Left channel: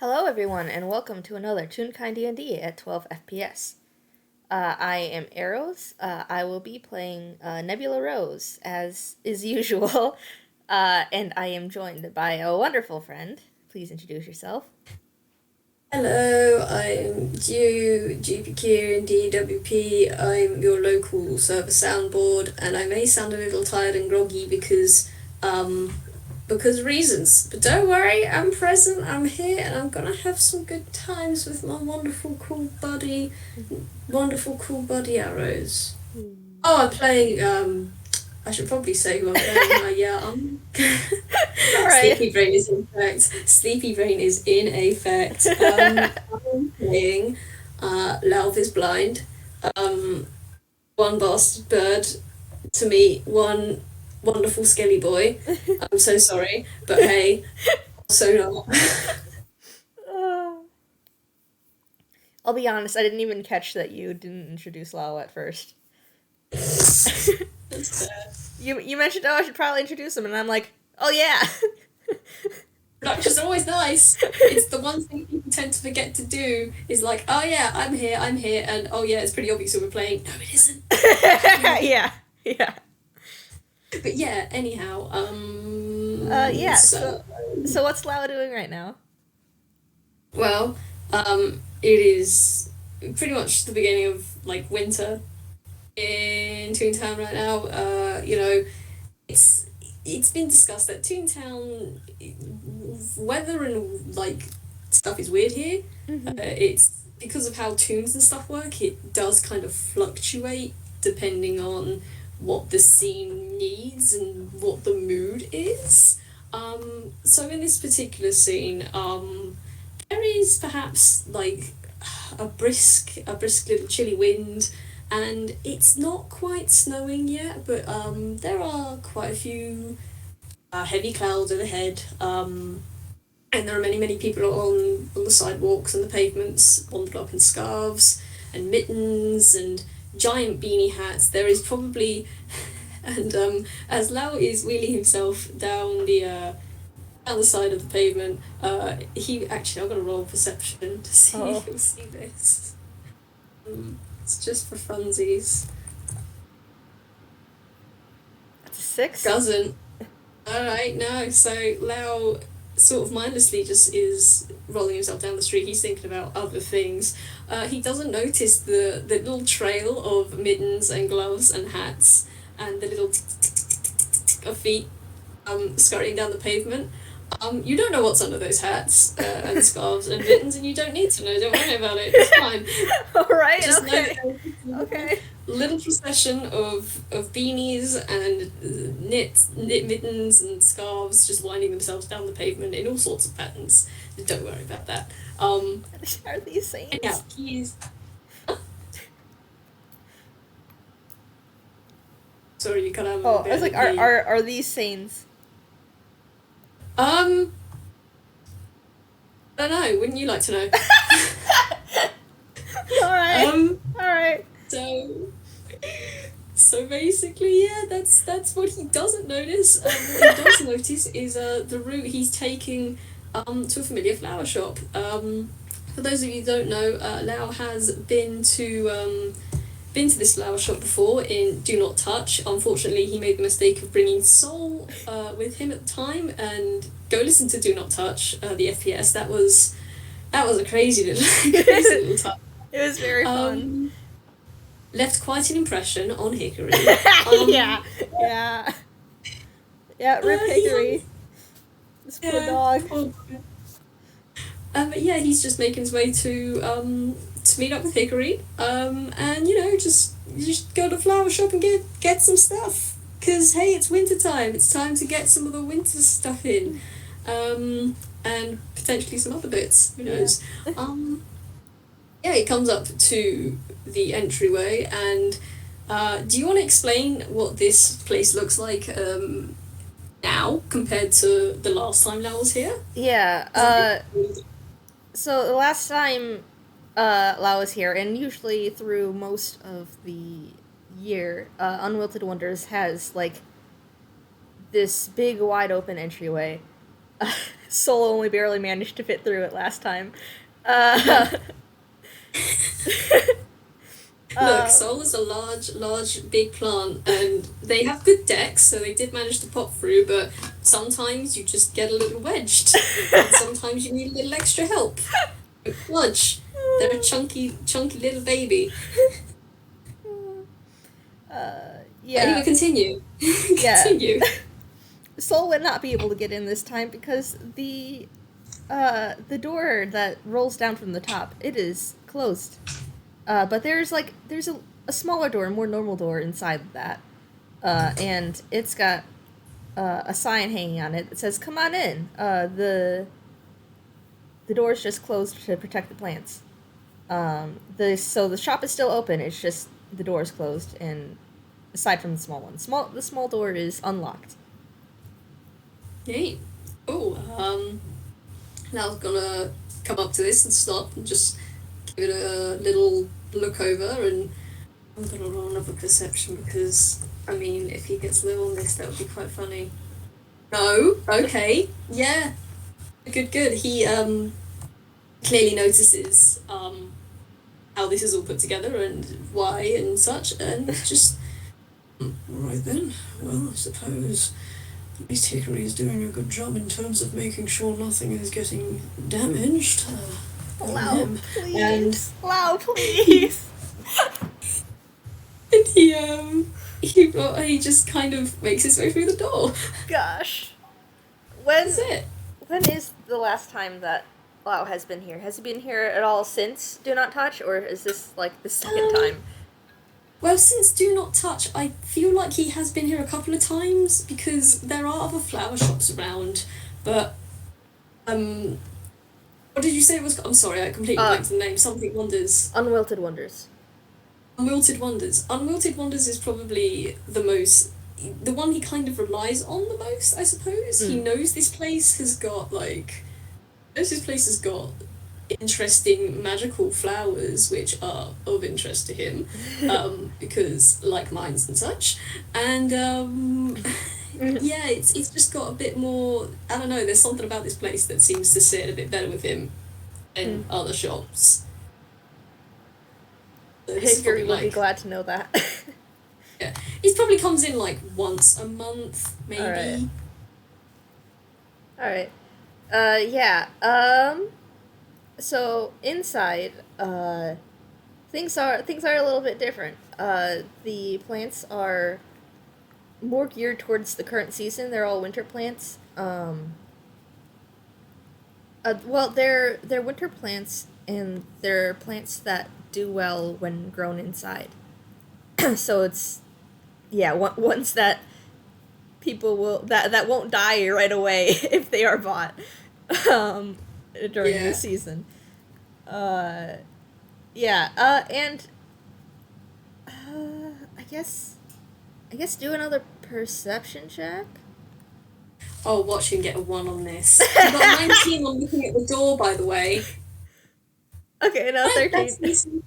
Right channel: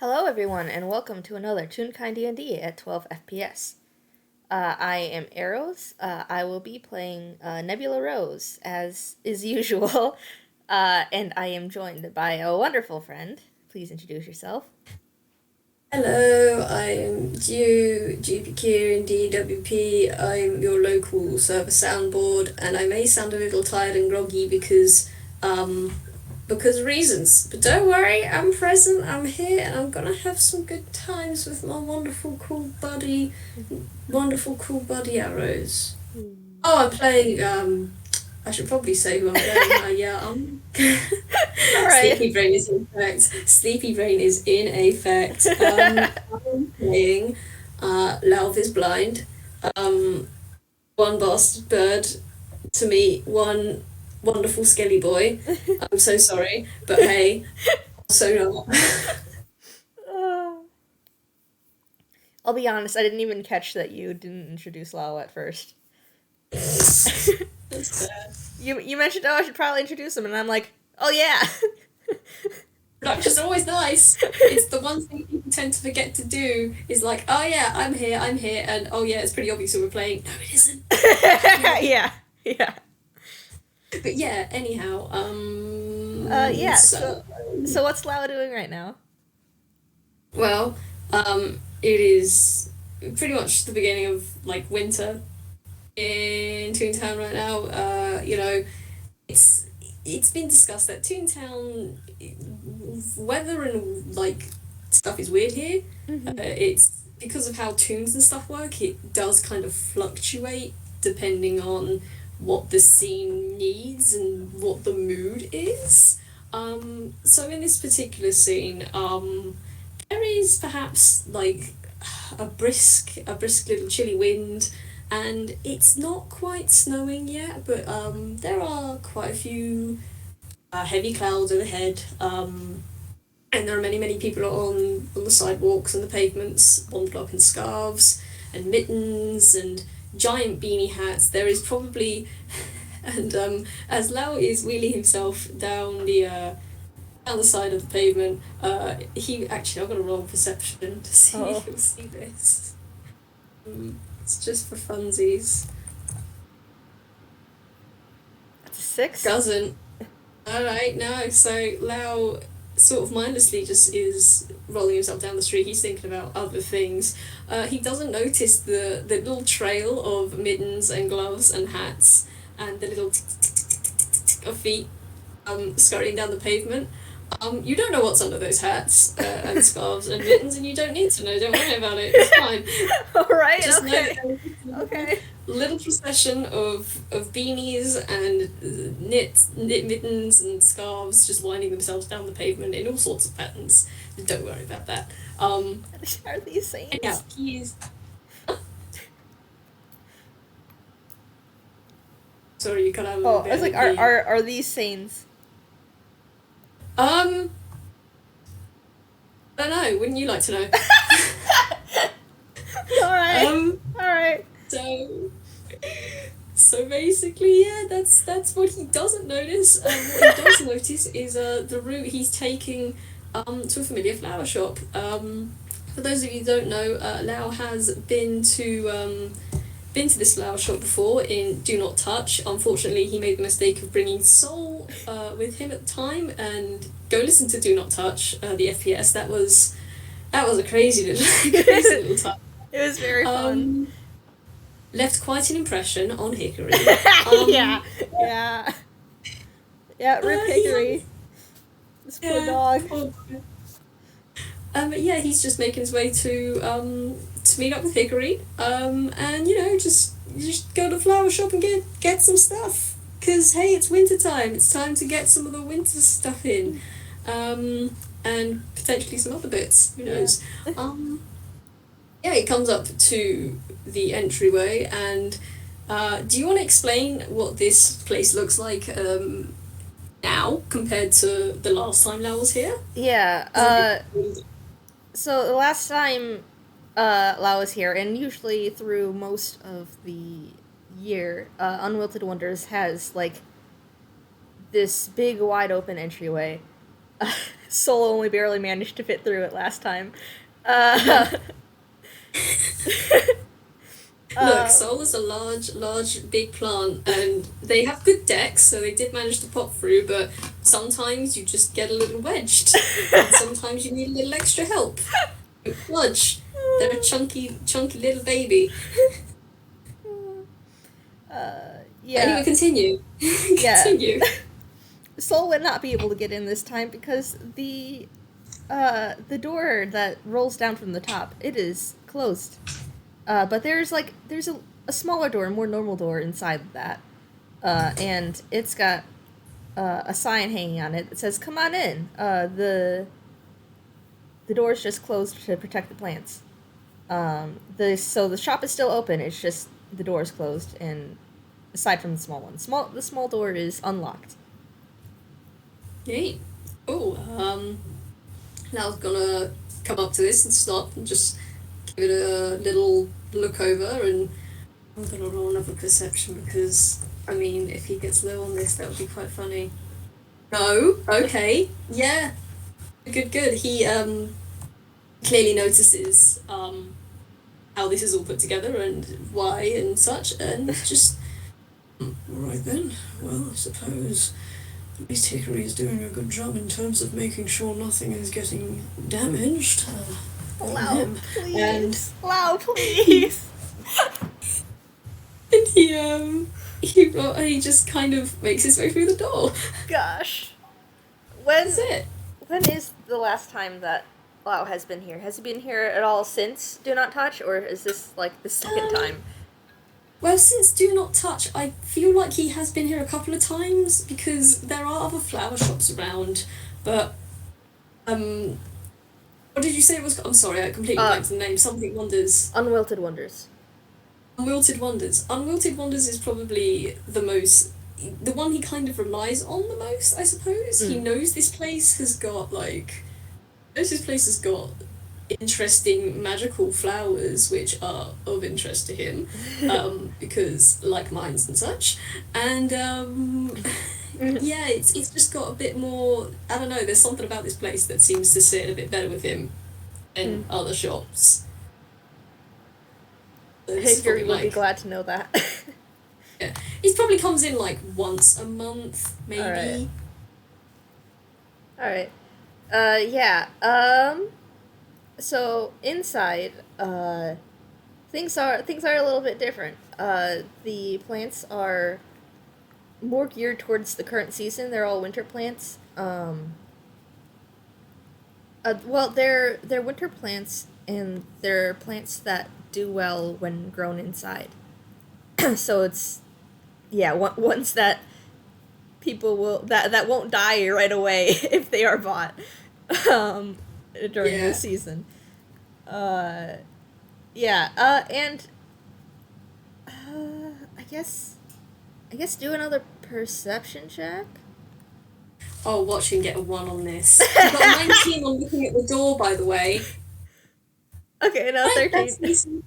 Hello everyone and welcome to another Toonkind D&D at 12 FPS. I am Arrows. I will be playing Nebula Rose as is usual, and I am joined by a wonderful friend. Please introduce yourself. Hello, I'm GPQ and DWP. I'm your local server soundboard, and I may sound a little tired and groggy because reasons. But don't worry, I'm present, I'm here, and I'm gonna have some good times with my wonderful cool buddy Arrows. Oh, I'm playing. I should probably say who I'm playing. All right. Sleepy Brain is in effect. Sleepy Brain is in effect. I'm playing Lauf is blind. Um, one bastard bird to meet one wonderful skelly boy. I'm so sorry, but hey, also not. I'll be honest, I didn't even catch that you didn't introduce Lao at first. That's fair. You mentioned, oh, I should probably introduce him, and I'm like, oh yeah. Production's always nice. It's the one thing people tend to forget to do is like, oh yeah, I'm here, and oh yeah, it's pretty obvious who we're playing. No, it isn't. Yeah, yeah. But yeah, anyhow, Yeah, so what's Lao doing right now? well, it is pretty much the beginning of like winter in Toontown right now. It's it's been discussed that Toontown weather and like stuff is weird here. Mm-hmm. It's because of how tunes and stuff work. It does kind of fluctuate depending on what the scene needs and what the mood is. So in this particular scene, there is perhaps like a brisk little chilly wind, and it's not quite snowing yet, but there are quite a few heavy clouds overhead. And there are many people on the sidewalks and the pavements, bundled up in scarves and mittens and giant beanie hats. There is probably, and as Lau is wheeling himself down the side of the pavement, he actually I'm gonna roll perception to see Oh, if he'll see this. It's just for funsies. that's a six? Doesn't. Alright, no. So Lau sort of mindlessly just is rolling himself down the street. He's thinking about other things. He doesn't notice the little trail of mittens and gloves and hats and the little tick tick tick tick tick tick of feet scurrying down the pavement. You don't know what's under those hats and scarves and mittens, and you don't need to know. Don't worry about it. It's fine. Alright, Just know okay. that there is Okay. a little procession of beanies and knit mittens and scarves just winding themselves down the pavement in all sorts of patterns. Don't worry about that. Are these Yeah, saints? he's sorry, you cut out a little Oh, I was bit like, at are, the are, are these saints? um. I don't know. Wouldn't you like to know? Alright, Um. alright. So So basically, yeah, that's what he doesn't notice. What he does notice is the route he's taking to a familiar flower shop. For those of you who don't know, Lau has been to this flower shop before in Do Not Touch. Unfortunately, he made the mistake of bringing Soul with him at the time, and go listen to Do Not Touch, the FPS. That was a crazy little crazy It little time. was very fun. Um, left quite an impression on Hickory. Um, Yeah, yeah. Yeah, Rip he Hickory. This poor Yeah. dog. Oh. But yeah, he's just making his way to meet up with Hickory. And just go to the flower shop and get some stuff. Cause hey, it's winter time. It's time to get some of the winter stuff in. And potentially some other bits. Who Yeah. knows? Yeah, he comes up to the entryway, and do you want to explain what this place looks like now compared to the last time Lau was here? Yeah, 'Cause I think so the last time Lao was here, and usually through most of the year, Unwilted Wonders has like this big wide open entryway Soul only barely managed to fit through it last time. Uh, Look, uh, Sol is a large, big plant, and they have good decks, so they did manage to pop through, but sometimes you just get a little wedged, and sometimes you need a little extra help. Fudge. They're a chunky little baby. yeah, Anyway, continue. yeah. Continue. Soul would not be able to get in this time because the door that rolls down from the top, it is closed. But there's a smaller door, a more normal door inside that, and it's got a sign hanging on it that says "Come on in." The door's just closed to protect the plants. So the shop is still open. It's just the door is closed, and aside from the small one, the small door is unlocked. Hey. Oh, now I'm gonna come up to this and stop and just give it a little look over, and I'm gonna roll another perception because, I mean, if he gets low on this, that would be quite funny. No? Okay. Yeah. Good. He, clearly notices, how this is all put together and why and such, and just. Alright then. Well, I suppose at least Hickory is doing a good job in terms of making sure nothing is getting damaged. Allow, please. And Allow, please. and he just kind of makes his way through the door. Gosh. That's it. When is the last time that Lau has been here? Has he been here at all since Do Not Touch, or is this like the second time? Well, since Do Not Touch, I feel like he has been here a couple of times because there are other flower shops around, but what did you say it was? I'm sorry, I completely blanked the name. Something Wonders. Unwilted Wonders. Unwilted Wonders. Unwilted Wonders is probably the one he kind of relies on the most, I suppose. He knows this place has got interesting magical flowers which are of interest to him, because like mines and such, and yeah, it's just got a bit more. I don't know. There's something about this place that seems to sit a bit better with him than other shops. So Hickory would be glad to know that. Yeah, he probably comes in like once a month, maybe. All right. Yeah. So inside, things are a little bit different. The plants are more geared towards the current season. They're all winter plants. Well, they're winter plants, and they're plants that do well when grown inside. So it's ones that people will that won't die right away if they are bought during the season. And I guess do another perception check. Oh, watch him get a 1 on this. I got 19 on looking at the door, by the way. Okay, no, 13. That's decent.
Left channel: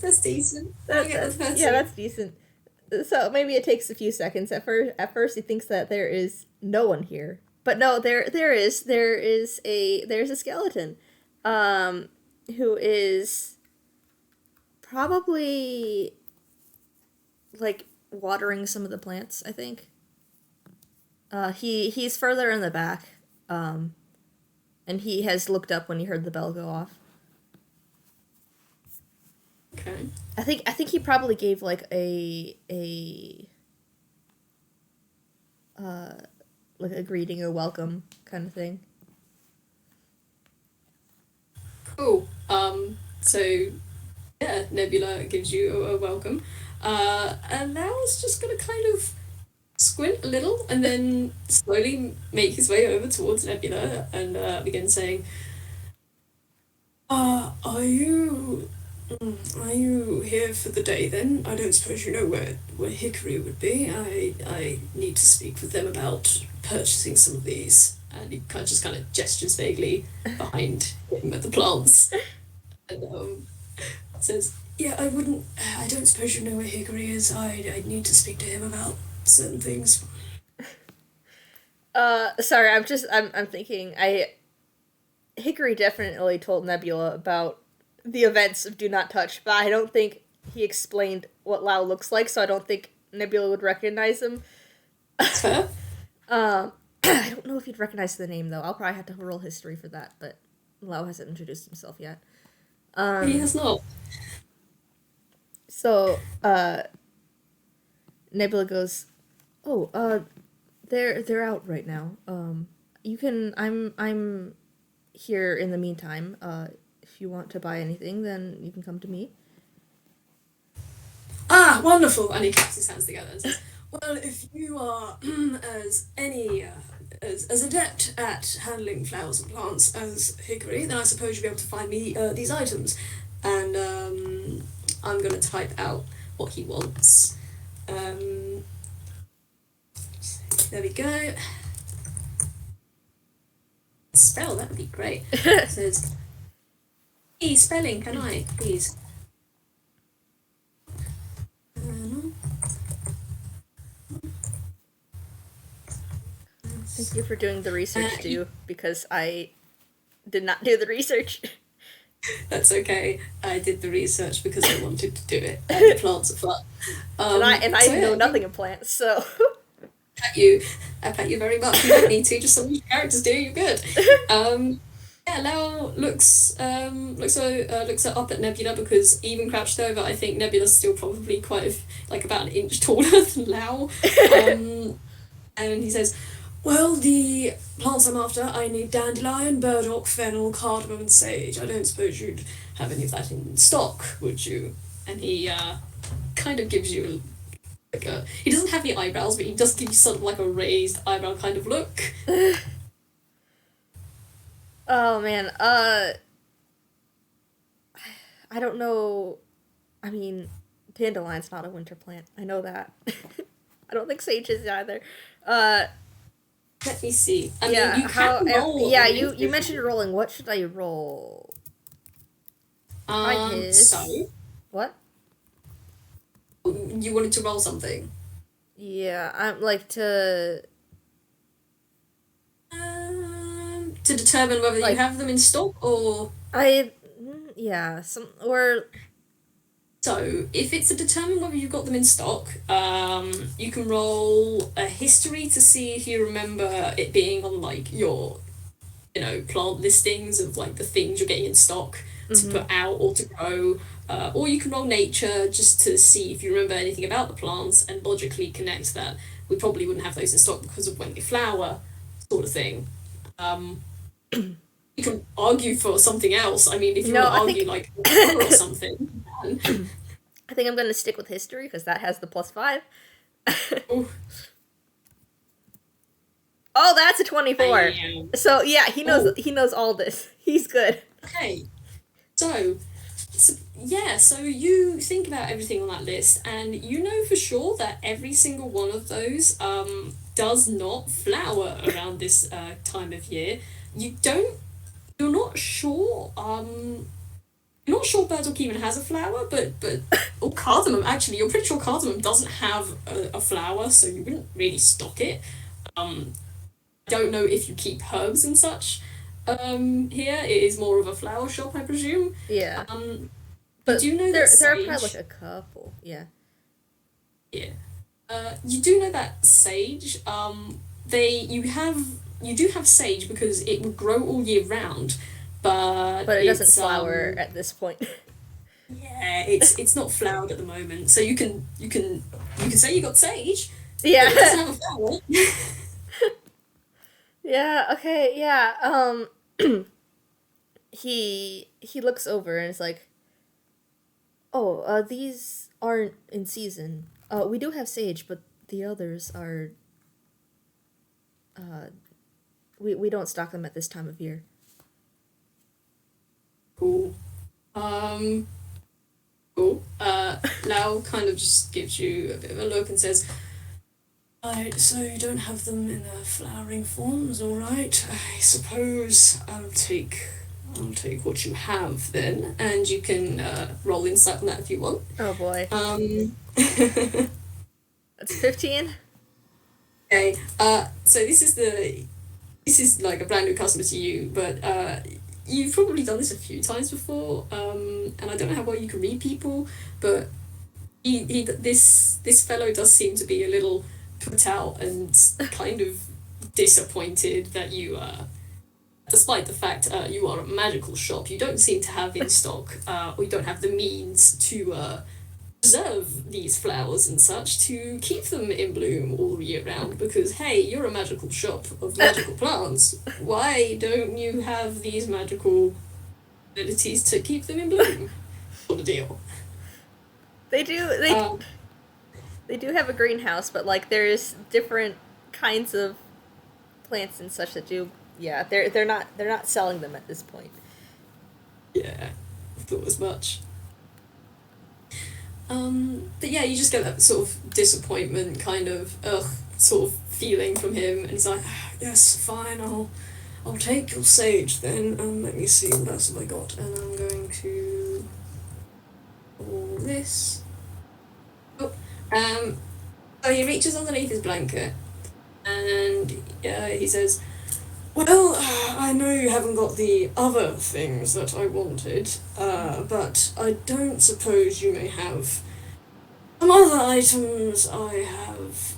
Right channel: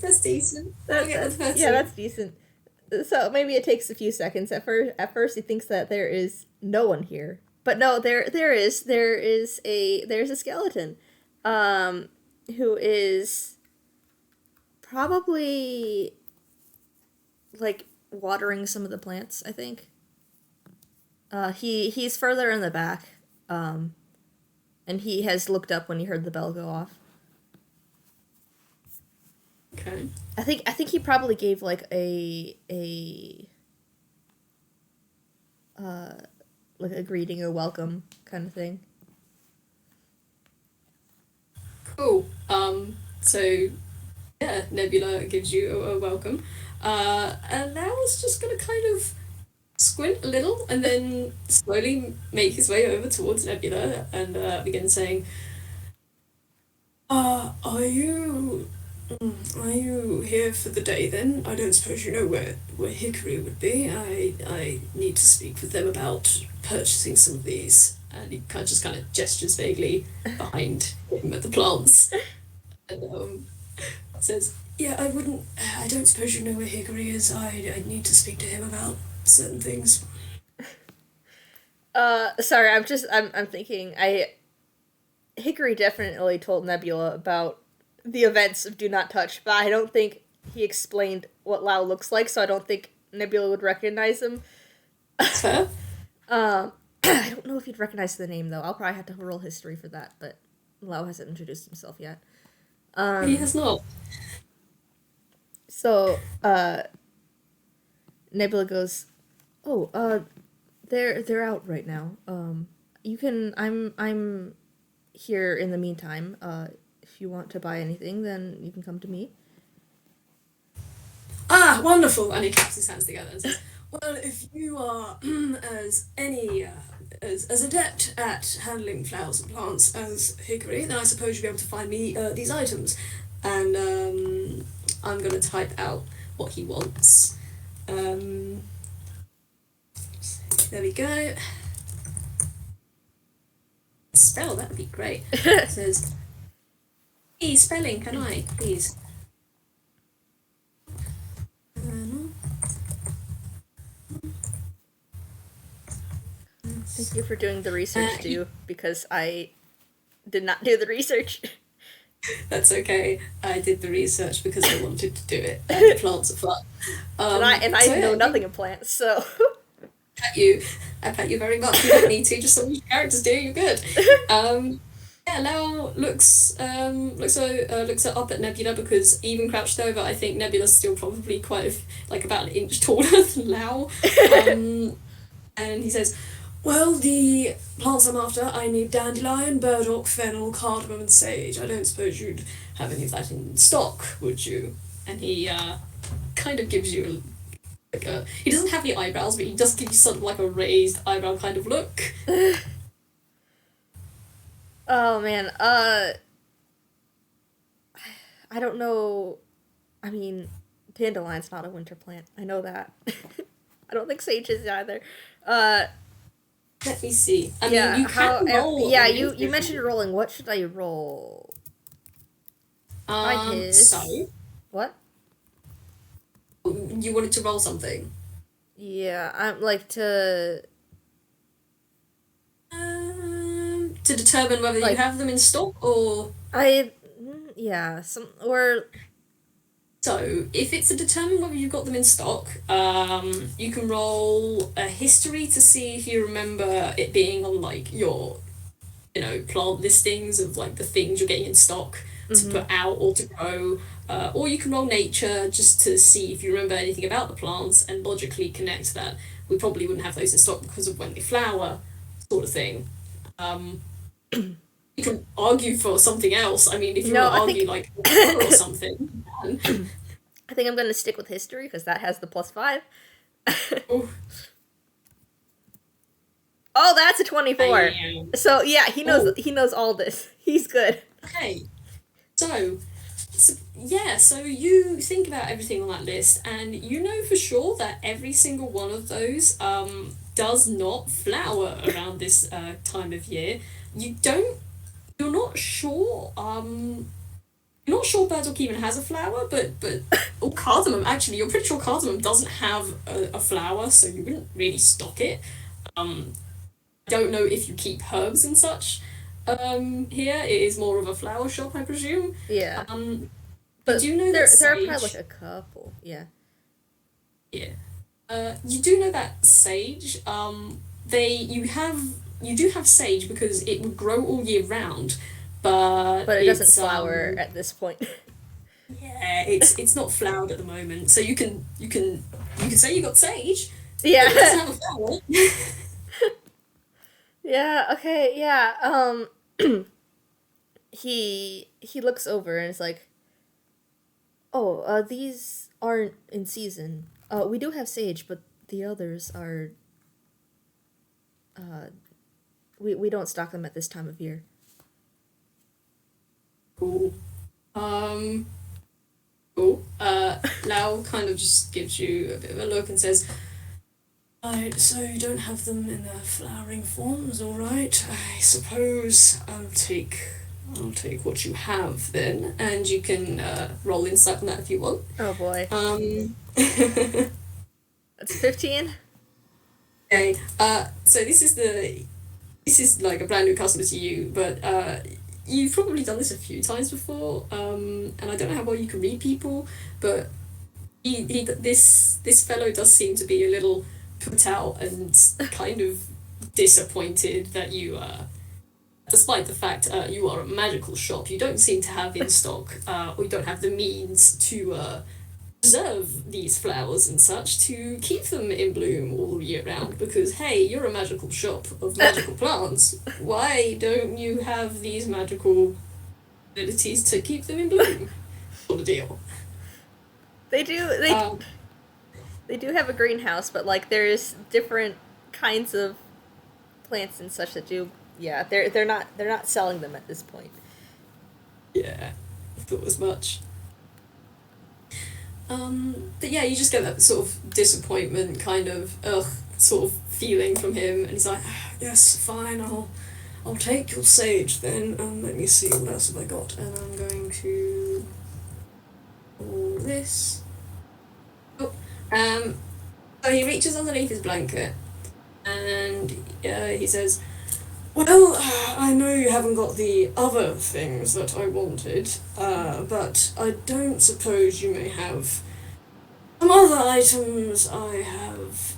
That's decent. That's decent. So maybe it takes a few seconds. At first he thinks that there is no one here, but no, there's a skeleton, who is probably like watering some of the plants. I think. He's further in the back, and he has looked up when he heard the bell go off. Okay. I think he probably gave like a like a greeting or welcome kind of thing. Cool. So yeah, Nebula gives you a welcome. And now it's just gonna kind of squint a little and then slowly make his way over towards Nebula and begin saying, are you here for the day then? I don't suppose you know where Hickory would be. I need to speak with them about purchasing some of these. And he kind of gestures vaguely behind him at the plants. And says, yeah, I don't suppose you know where Hickory is. I need to speak to him about certain things. Sorry, I'm thinking. Hickory definitely told Nebula about the events of Do Not Touch, but I don't think he explained what Lao looks like, so I don't think Nebula would recognize him. That's fair. I don't know if he'd recognize the name though. I'll probably have to roll history for that, but Lao hasn't introduced himself yet. He has not. So, Nebula goes, "Oh, they're out right now. You can. I'm here in the meantime. If you want to buy anything, then you can come to me." Ah, wonderful! And he claps his hands together and says, "Well, if you are as adept at handling flowers and plants as Hickory, then I suppose you'll be able to find me these items." And I'm gonna type out what he wants. There we go. Spell, that would be great. It says, "Please, spelling, can I, please?" Thank you for doing the research, too, because I did not do the research. That's okay. I did the research because I wanted to do it. And the plants are fun. And I know nothing of plants, so. I pat you very much. You don't need to. Just some of your characters do. You're good. Yeah, Lau looks up at Nebula because even crouched over, I think Nebula's still probably like about an inch taller than Lau. And he says, "Well, the plants I'm after, I need dandelion, burdock, fennel, cardamom, and sage. I don't suppose you'd have any of that in stock, would you?" And he kind of gives you he doesn't have any eyebrows, but he does give you sort of like a raised eyebrow kind of look. Oh man, I don't know. I mean, dandelion's not a winter plant. I know that. I don't think sage is either. Let me see. I yeah, mean, you mentioned rolling. What should I roll? So what? You wanted to roll something? Yeah, I'm like to determine whether you have them in stock or So if it's to determine whether you've got them in stock, you can roll a history to see if you remember it being on like your, plant listings of like the things you're getting in stock to put out or to grow. Or you can roll nature just to see if you remember anything about the plants and logically connect that we probably wouldn't have those in stock because of when they flower, sort of thing. You can argue for something else. I mean, if you want to argue like or something, you can. I think I'm going to stick with history because that has the +5. Oh, that's a 24. So yeah, he knows all this. He's good. Okay. So you think about everything on that list, and you know for sure that every single one of those does not flower around this time of year. You're not sure. You're not sure burdock even has a flower, but or cardamom. Actually, you're pretty sure cardamom doesn't have a flower, so you wouldn't really stock it. I don't know if you keep herbs and such. Here it is more of a flower shop, I presume. Yeah. But do you know there that are probably like a couple. Yeah. Yeah. You do know that sage. You do have sage because it would grow all year round, but it doesn't flower at this point. Yeah, it's not flowered at the moment, so you can say you got sage. Yeah. But it doesn't have a flower. Yeah. Okay. Yeah. He looks over and is like, "Oh, these aren't in season. We do have sage, but the others are. We don't stock them at this time of year." Cool. Cool. Lau kind of just gives you a bit of a look and says, "Right, so you don't have them in their flowering forms, all right? I suppose I'll take what you have then, and you can roll insight on that if you want." Oh boy. That's 15. Okay. So this is like a brand new customer to you, but you've probably done this a few times before. And I don't know how well you can read people, but this fellow does seem to be a little put out and kind of disappointed that you despite the fact you are a magical shop, you don't seem to have in stock, or you don't have the means to preserve these flowers and such to keep them in bloom all year round. Because hey, you're a magical shop of magical plants. Why don't you have these magical abilities to keep them in bloom? Sort of deal. They do. Um, They do have a greenhouse, but like there's different kinds of plants and such that do. Yeah, they're not selling them at this point. yeah, I thought as much. But yeah, you just get that sort of disappointment, kind of ugh, sort of feeling from him, and it's like, "Ah, yes, fine, I'll take your sage then. Let me see what else have I got, and I'm going to all this. Oh, so he reaches underneath his blanket, and he says, "Well, I know you haven't got the other things that I wanted, but I don't suppose you may have some other items I have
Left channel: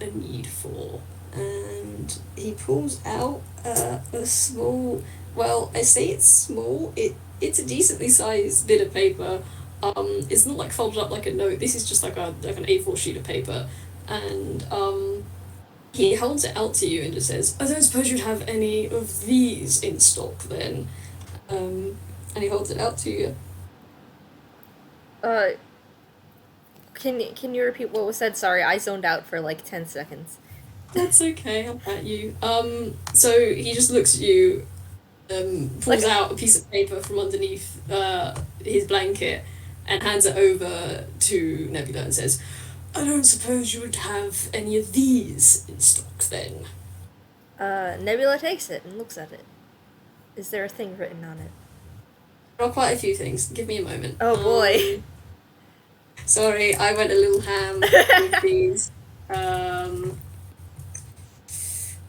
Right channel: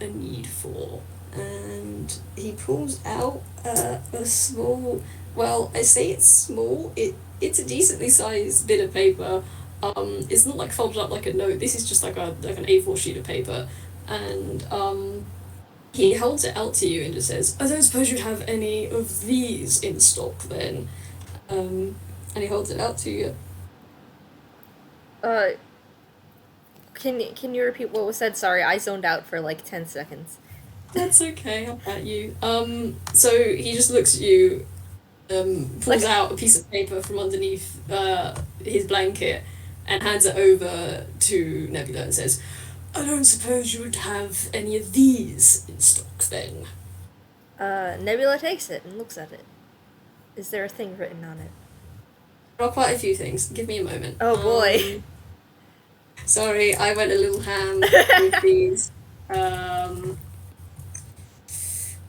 a need for." And he pulls out a small, well, I say it's small, it's a decently sized bit of paper. It's not like folded up like a note, this is just like an A4 sheet of paper. And he holds it out to you and just says, "I don't suppose you'd have any of these in stock then." And he holds it out to you. Uh, can you repeat what was said? Sorry, I zoned out for like 10 seconds. That's okay, I'll pat you. So he just looks at you, pulls Like, out a piece of paper from underneath his blanket and hands it over to Nebula and says, "I don't suppose you would have any of these in stock then." Nebula takes it and looks at it. Is there a thing written on it? There are quite a few things. Give me a moment. Oh boy. Sorry, I went a little ham with these.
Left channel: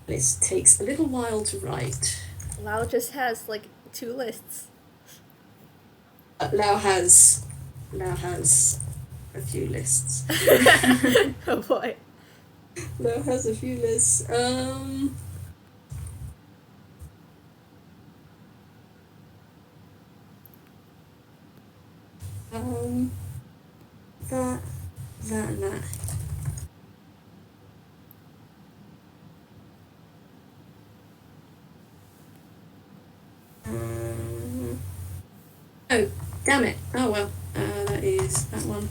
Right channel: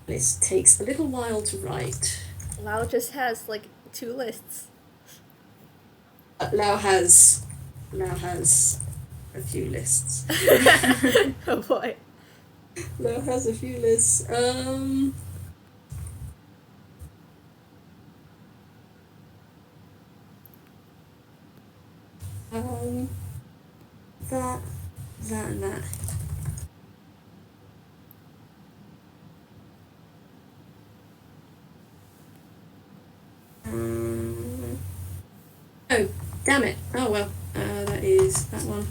This takes a little while to write. Lau just has like 2 lists. Lau has a few lists. Oh boy. Lau has a few lists. That, and that. Oh, damn it. Oh well, that is that one.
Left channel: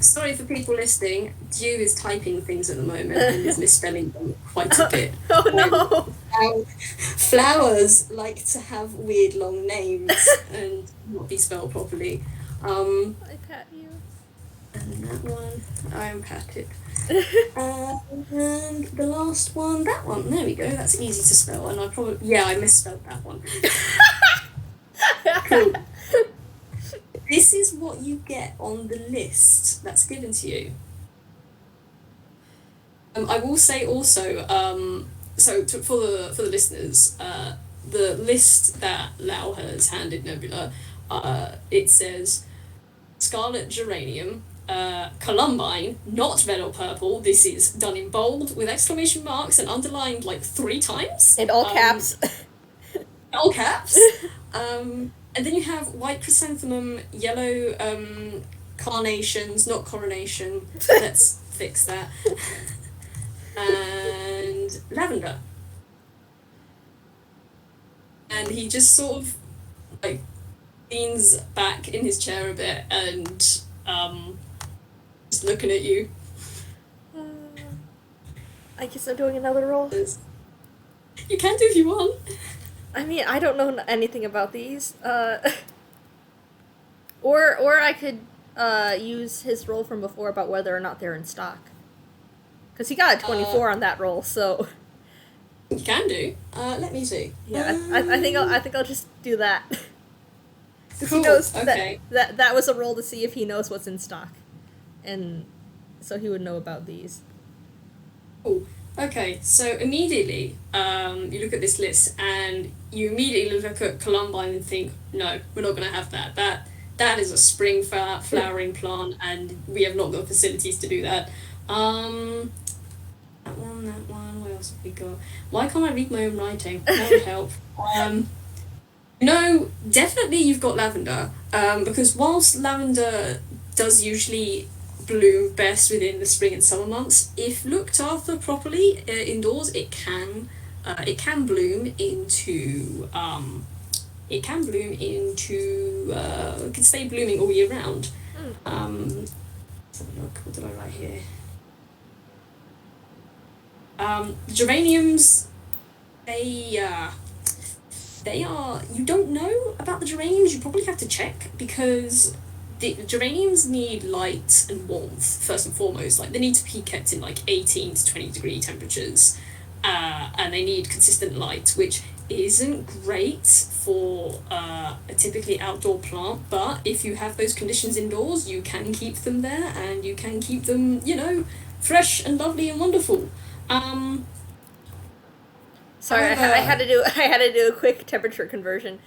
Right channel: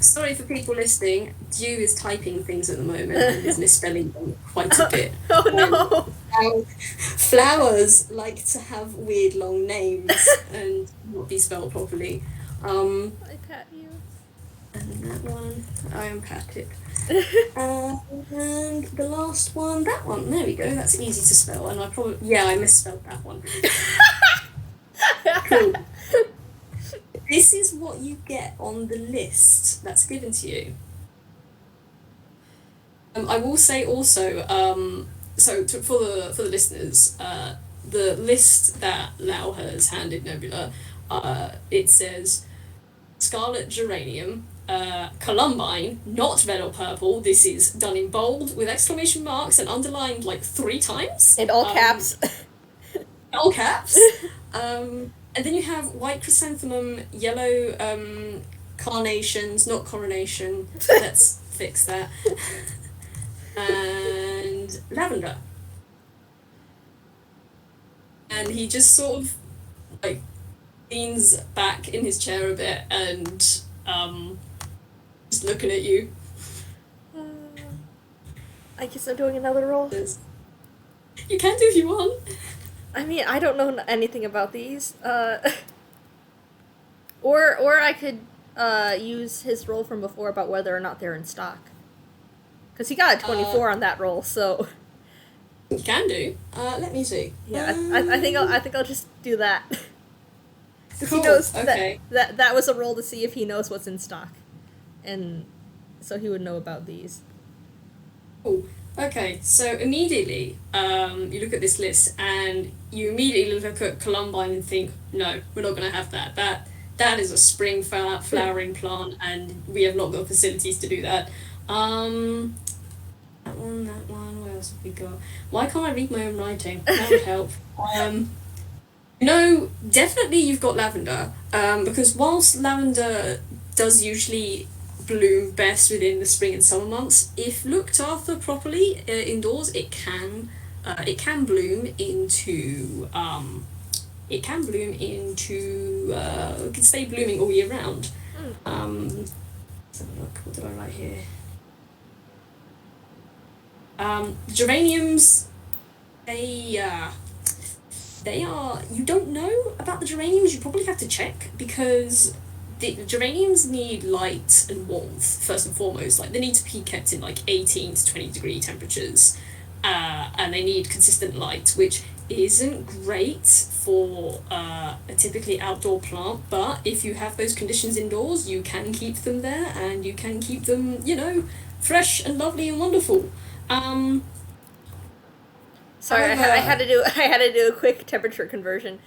Sorry for people listening. Dew is typing things at the moment and is misspelling them quite a bit. Oh no. Flowers like to have weird long names and not be spelled properly. I pat you. And that one, I unpacked it. And the last one, that one, there we go, that's easy to spell. And I misspelled that one. Cool. This is what you get on the list that's given to you. I will say also, for the listeners, the list that Lau has handed Nebula, it says Scarlet Geranium, Columbine, not red or purple. This is done in bold with exclamation marks and underlined like 3 times. In all caps. All caps. And then you have white chrysanthemum, yellow carnations, not coronation. Let's fix that. And lavender. And he just sort of like leans back in his chair a bit and just looking at you. I guess I'm doing another roll. You can do if you want. I mean, I don't know anything about these. Or I could use his roll from before about whether or not they're in stock. Because he got a 24 on that roll, so. You can do. Let me see. Yeah, I think I'll just do that. Because Cool, he knows okay. that was a roll to see if he knows what's in stock, and so he would know about these. Cool. Okay, so immediately, you look at this list and you immediately look at Columbine and think, no, we're not going to have that. That is a spring flowering plant, and we have not got facilities to do that. Um, that one, that one. Where else have we got? Why can't I read my own writing? That would help. Um, no, definitely you've got lavender. Because whilst lavender does usually bloom best within the spring and summer months, if looked after properly indoors, it can bloom into it can stay blooming all year round. Mm. Let's have a look. What did I write here? Geraniums, they they are, you don't know about the geraniums, you probably have to check, because the geraniums need light and warmth first and foremost. Like, they need to be kept in like 18 to 20 degree temperatures, and they need consistent light, which isn't great for a typically outdoor plant. But if you have those conditions indoors, you can keep them there, and you can keep them, fresh and lovely and wonderful. um Sorry, I However, had to do I had to do a quick temperature conversion.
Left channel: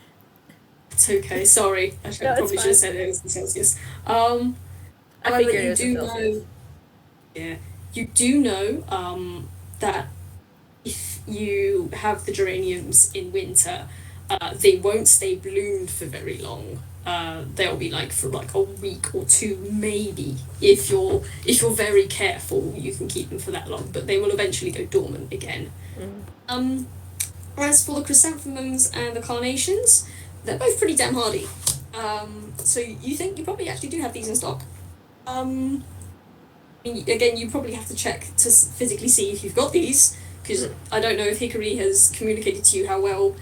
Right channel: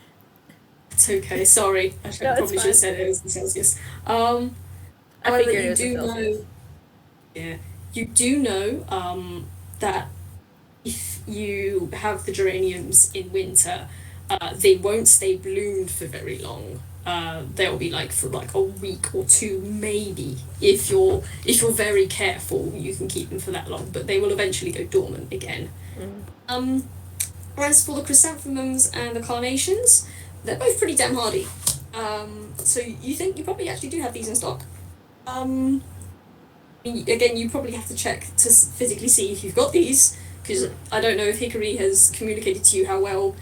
it's okay. Sorry, I No, it's probably should have fine. said it was in Celsius. Um, I However, figured it you was in do know, Celsius. yeah, you do know that if you have the geraniums in winter, they won't stay bloomed for very long. They'll be like for like a week or two, maybe. If you're very careful, you can keep them for that long, but they will eventually go dormant again. Mm. Um, as for the chrysanthemums and the carnations, they're both pretty damn hardy. So you think you probably actually do have these in stock. Um, Again, you probably have to check to physically see if you've got these, because Mm. I don't know if Hickory has communicated to you how well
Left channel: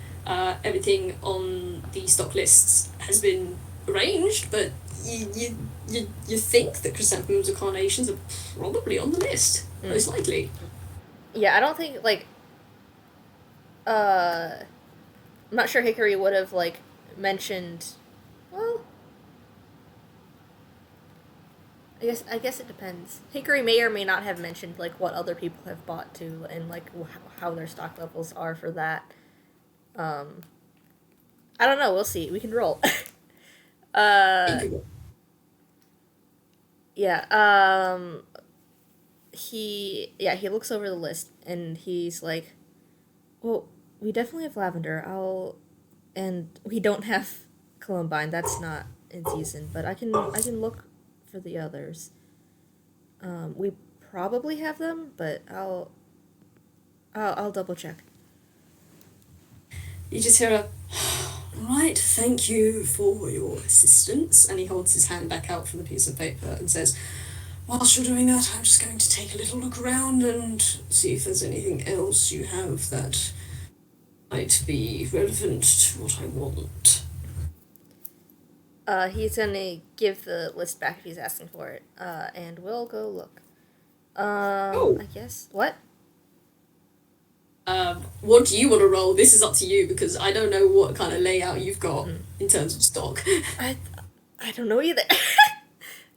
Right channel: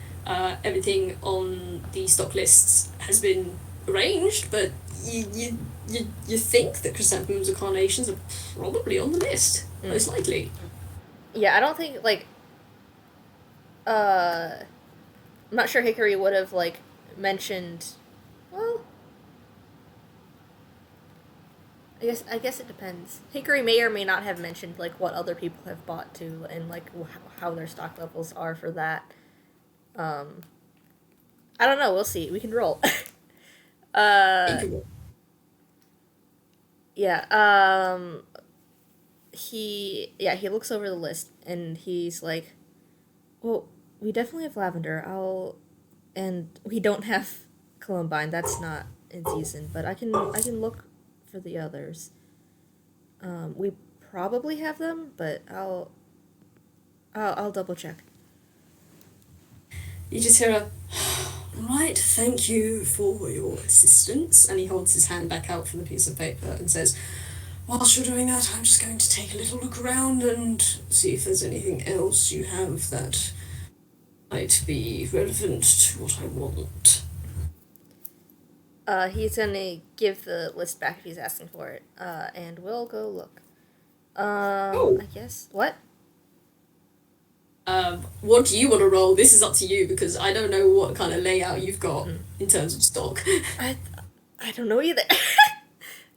everything on the stock lists has been arranged, but you think that chrysanthemums and carnations are probably on the list, Mm. most likely. Yeah, I don't think like I'm not sure Hickory would have like mentioned. Well, I guess it depends. Hickory may or may not have mentioned like what other people have bought too, and like how their stock levels are for that. Um, I don't know. We'll see. We can roll. uh, yeah. He looks over the list and he's like, well, we definitely have lavender. And we don't have columbine. That's not in season, but I can look for the others. We probably have them, but I'll double check. You just hear a, right, thank you for your assistance. And he holds his hand back out from the piece of paper and says, whilst you're doing that, I'm just going to take a little look around and see if there's anything else you have that might be relevant to what I want. He's gonna give the list back if he's asking for it. And we'll go look. Oh, I guess what? what do you want to roll? This is up to you, because I don't know what kind of layout you've got Mm. in terms of stock. I I don't know either.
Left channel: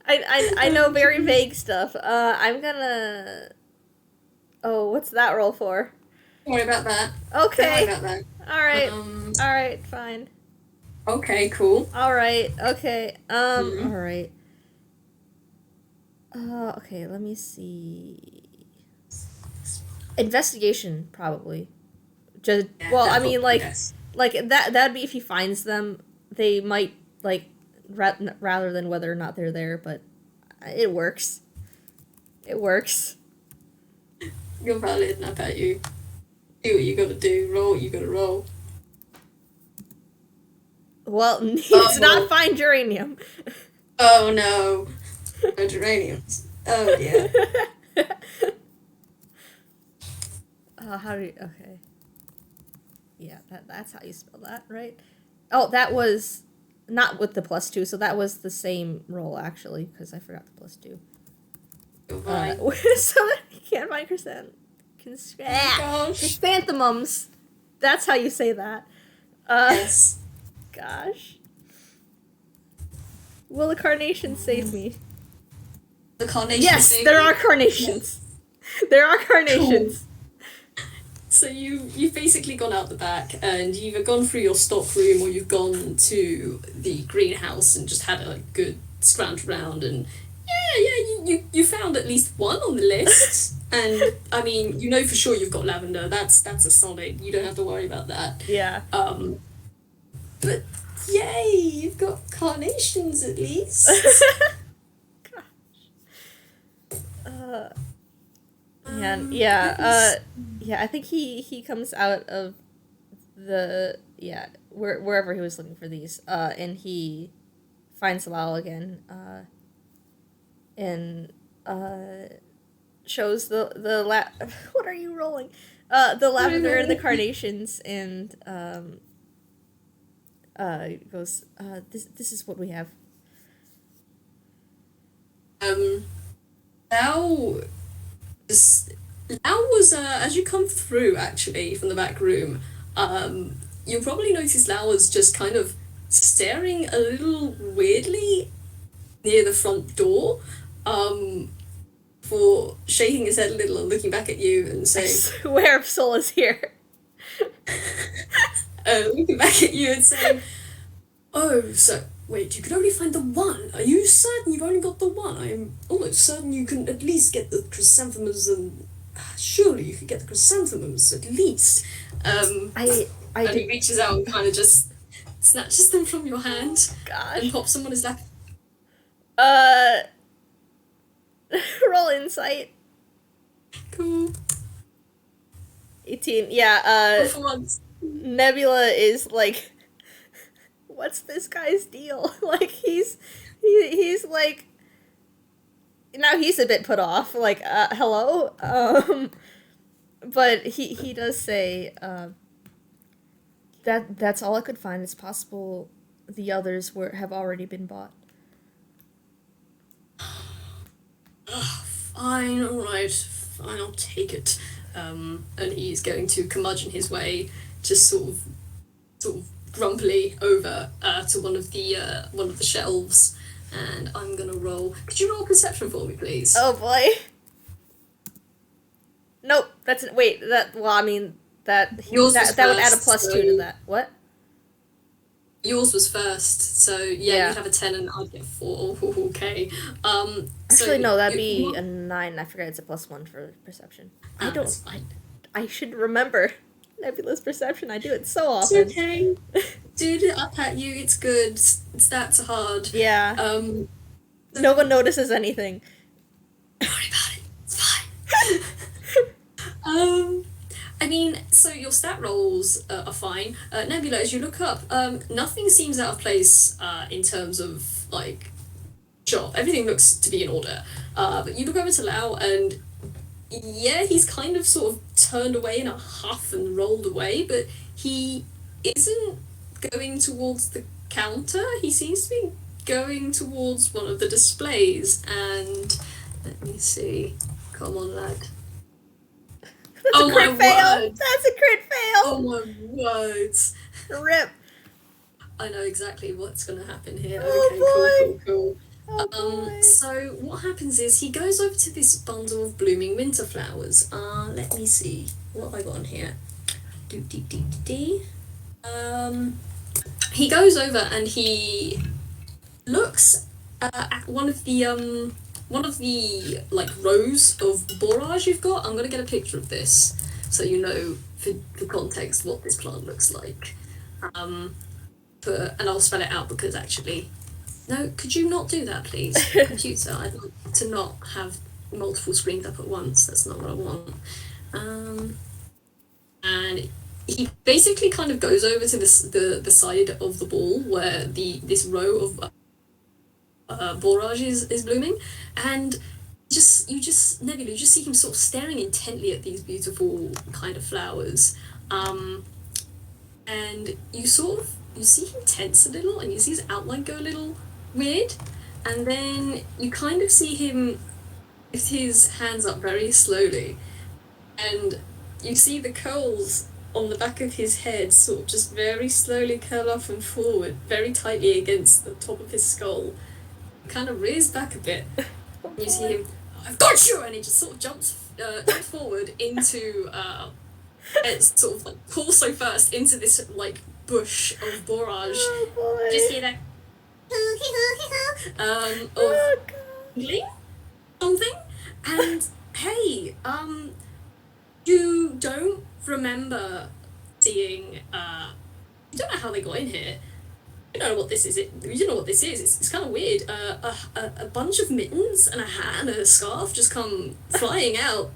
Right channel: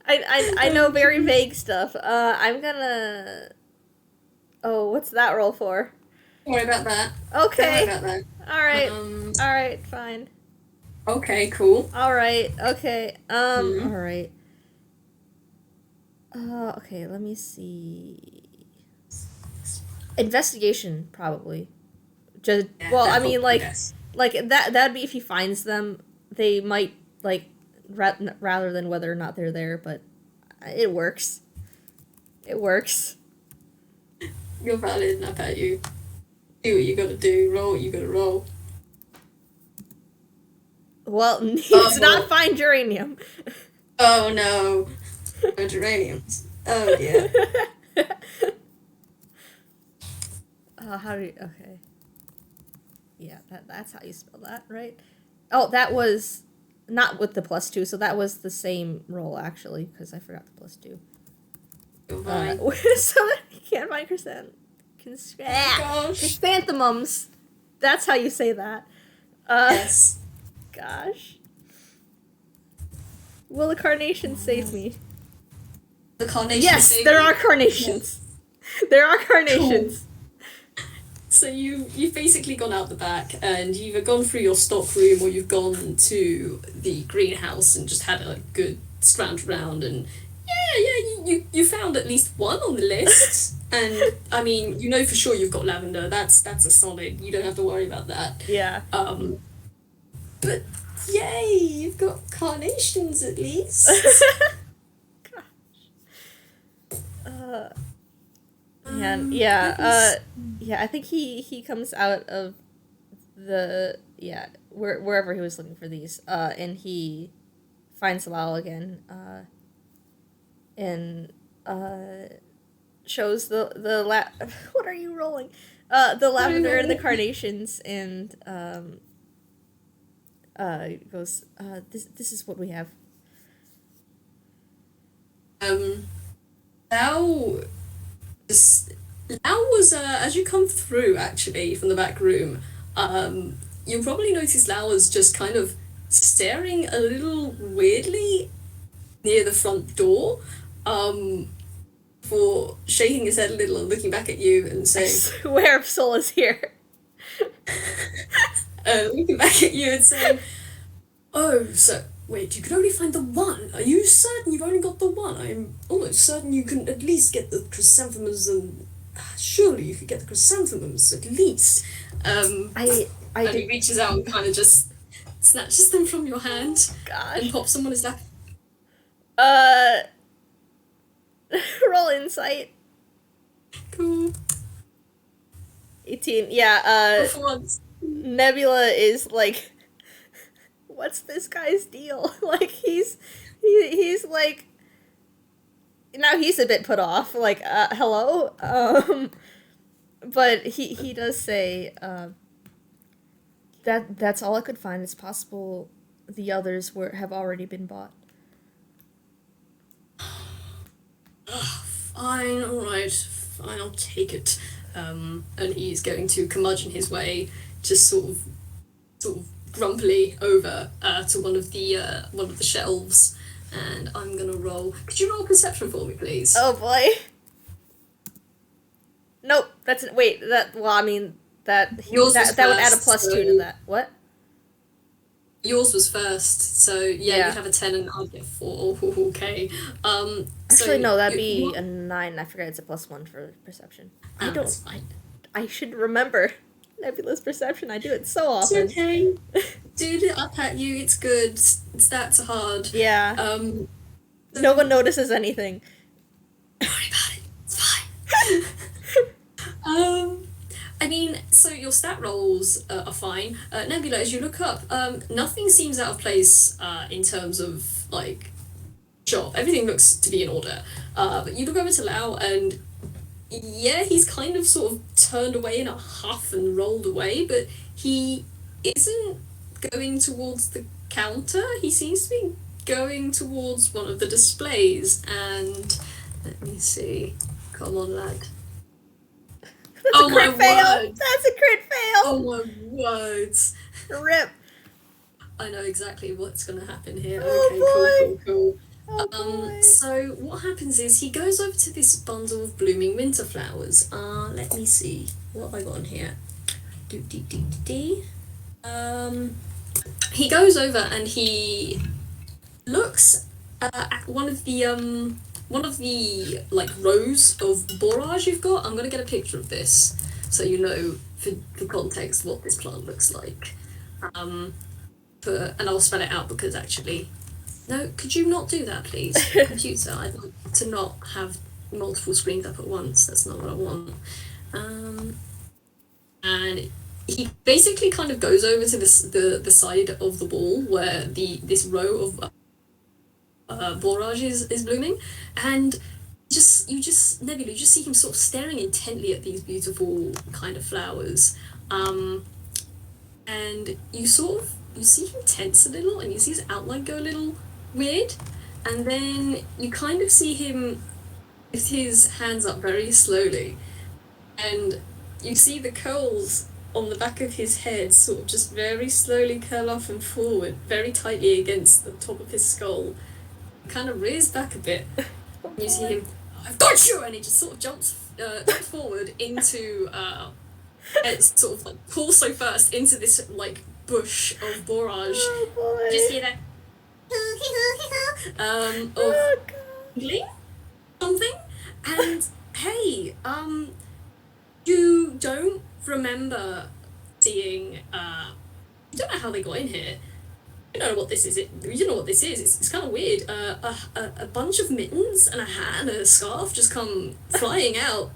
I know very vague stuff. I'm gonna. Oh, what's that roll for? Don't worry about that. Don't worry Okay. about that. All right. Um, All right. Fine. okay, cool. All right. Okay. Mm-hmm. All right. Okay. Let me see. Investigation, probably. Just Yeah, well, I that mean, probably yes. like that'd be if he finds them. They might like rather than whether or not they're there, but it works. It works. You're valid, and I bet you. Do what you gotta do, roll what you gotta roll. Well, it's not Oh, find geranium. oh no. No geraniums. Oh yeah. How do you? Okay. Yeah, that's how you spell that, right? Oh, that was not with the +2, so that was the same roll actually, because I forgot the +2. You're fine. So you can't find Gosh. chrysanthemums. That's how you say that. Uh, Yes. gosh. Will the carnations save me? The carnation Yes, saved there you? are carnations. There are carnations. So you've basically gone out the back and you've either gone through your stock room or you've gone to the greenhouse and just had a good scrounge around and you found at least one on the list. And I mean, you know for sure you've got lavender. That's a solid. You don't have to worry about that. Yeah. But yay, you've got carnations at least. Man, yeah, yeah, I think he comes out of the, wherever he was looking for these, and he finds Lau again, and, shows what are you rolling? The lavender and the carnations, and, goes, this is what we have. Lau was, as you come through actually from the back room, you'll probably notice Lau was just kind of staring a little weirdly near the front door, for shaking his head a little and looking back at you and saying, I swear Soul is here. Looking back at you and saying, oh, so wait, you can only find the one. Are you certain you've only got the one? I'm almost certain you can at least get the chrysanthemums and surely you could get the chrysanthemums at least. I and he reaches out and kind of just snatches them from your hand. Gosh. And pops them on his lap. Roll insight. Cool. 18. Yeah, For once. Nebula is like, what's this guy's deal? Like, he's like, now he's a bit put off, like, hello? But he does say, that's all I could find. It's possible the others have already been bought. Fine, alright, fine, I'll take it. And he's going to curmudgeon his way, just sort of grumpily over to one of the shelves, and I'm gonna roll. Could you roll perception for me, please? Oh boy. Nope. That would add a +2 to that. What? Yours was first, so yeah. You'd have a 10 and I'd get 4. Okay. Actually, no, that'd be a 9. I forget it's a +1 for perception. I should remember Nebula's perception. I do it so often. It's okay. Dude, up at you. It's good. Stats are hard. Yeah. No one notices anything. Don't worry about it. It's fine. I mean, so your stat rolls are fine. Nebula, as you look up, nothing seems out of place in terms of, like, sure, everything looks to be in order. But you look over to Lau and, yeah, he's kind of sort of turned away in a huff and rolled away, but he isn't going towards the counter. He seems to be going towards one of the displays, and let me see. Come on, lad. That's a crit fail! Word. That's a crit fail! Oh my words. Rip. I know exactly what's going to happen here. Oh okay, cool. Oh boy. So what happens is he goes over to this bundle of blooming winter flowers. Let me see. What have I got on here? He goes over and he looks at one of the like rows of borage you've got. I'm gonna get a picture of this so you know for context what this plant looks like. And I'll spell it out because actually, no, could you not do that, please, computer? I'd like to not have multiple screens up at once. That's not what I want. And he basically kind of goes over to the side of the wall where this row of borage is blooming, and you just Nebula, you just see him sort of staring intently at these beautiful kind of flowers, and you see him tense a little, and you see his outline go a little weird, and then you kind of see him lift his hands up very slowly, and you see the curls on the back of his head sort of just very slowly curl off and forward, very tightly against the top of his skull. Kind of rears back a bit. You see him, I've got you! And he just sort of jumps forward into, it's sort of like torso first into this like bush of borage. Oh boy. Just hear that Oh of god. something, and hey, you don't remember seeing, you don't know how they got in here. You don't know what this is. You don't know what this is. It's kind of weird. A bunch of mittens and a hat and a scarf just come flying out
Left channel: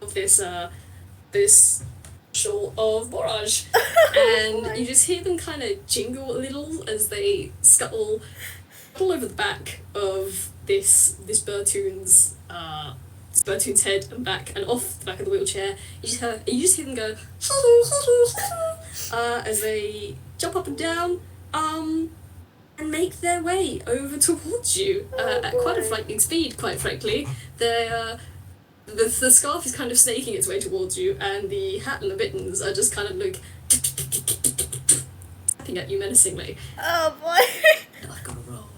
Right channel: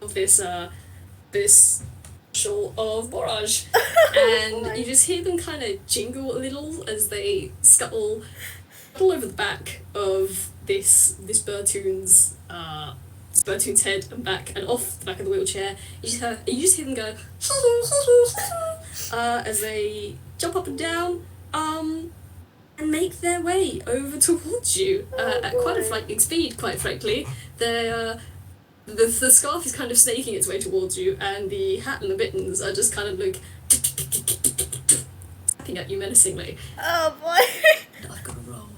of this shore of borage, and you just hear them kind of jingle a little as they scuttle all over the back of this Birtoon's head and back and off the back of the wheelchair. You just hear them go as they jump up and down and make their way over towards you at quite a frightening speed. Quite frankly, the scarf is kind of snaking its way towards you, and the hat and the mittens are just kind of like tapping at you menacingly. Oh boy. I've got to roll.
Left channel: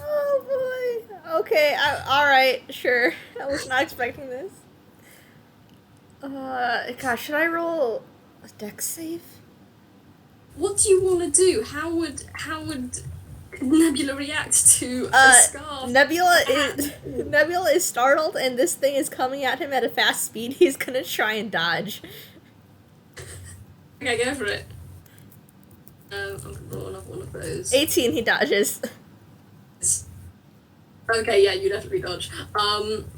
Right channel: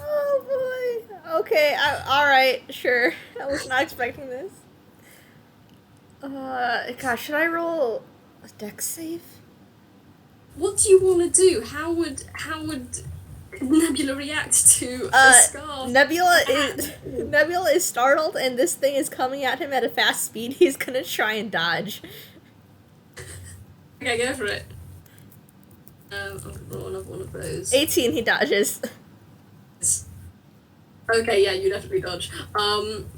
Oh boy. Okay, alright, sure. I was not expecting this. Gosh, should I roll a dex save? What do you want to do? How would Nebula react to a scarf? Nebula is startled, and this thing is coming at him at a fast speed. He's gonna try and dodge. Okay, go for it. I'm gonna roll another one of those. 18, he dodges. Okay, yeah, you definitely dodge.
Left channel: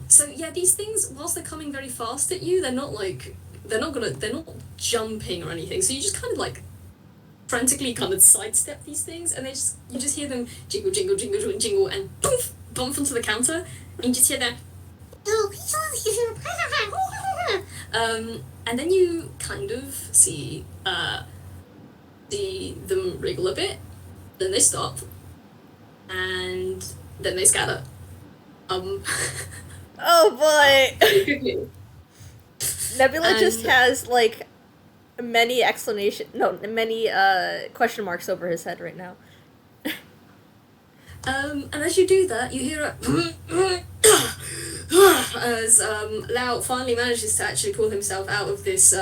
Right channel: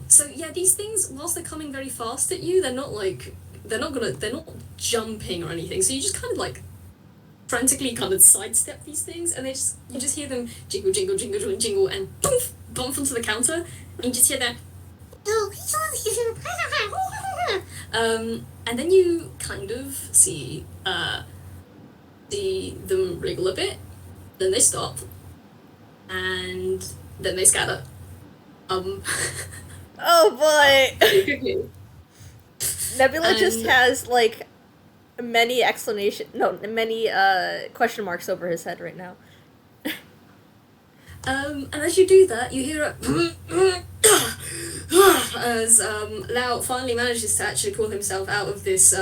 So yeah, these things, whilst they're coming very fast at you, they're not jumping or anything. So you just kind of like frantically kind of sidestep these things, and you just hear them jingle, jingle, jingle, jingle, jingle, and boof, bump onto the counter, and you just hear that. And then you kind of see them wriggle a bit, then they stop, and then they scatter. Oh boy! Nebula just has like many question marks over his head right now. And as you do that, you hear as Lau finally manages to actually pull himself out of this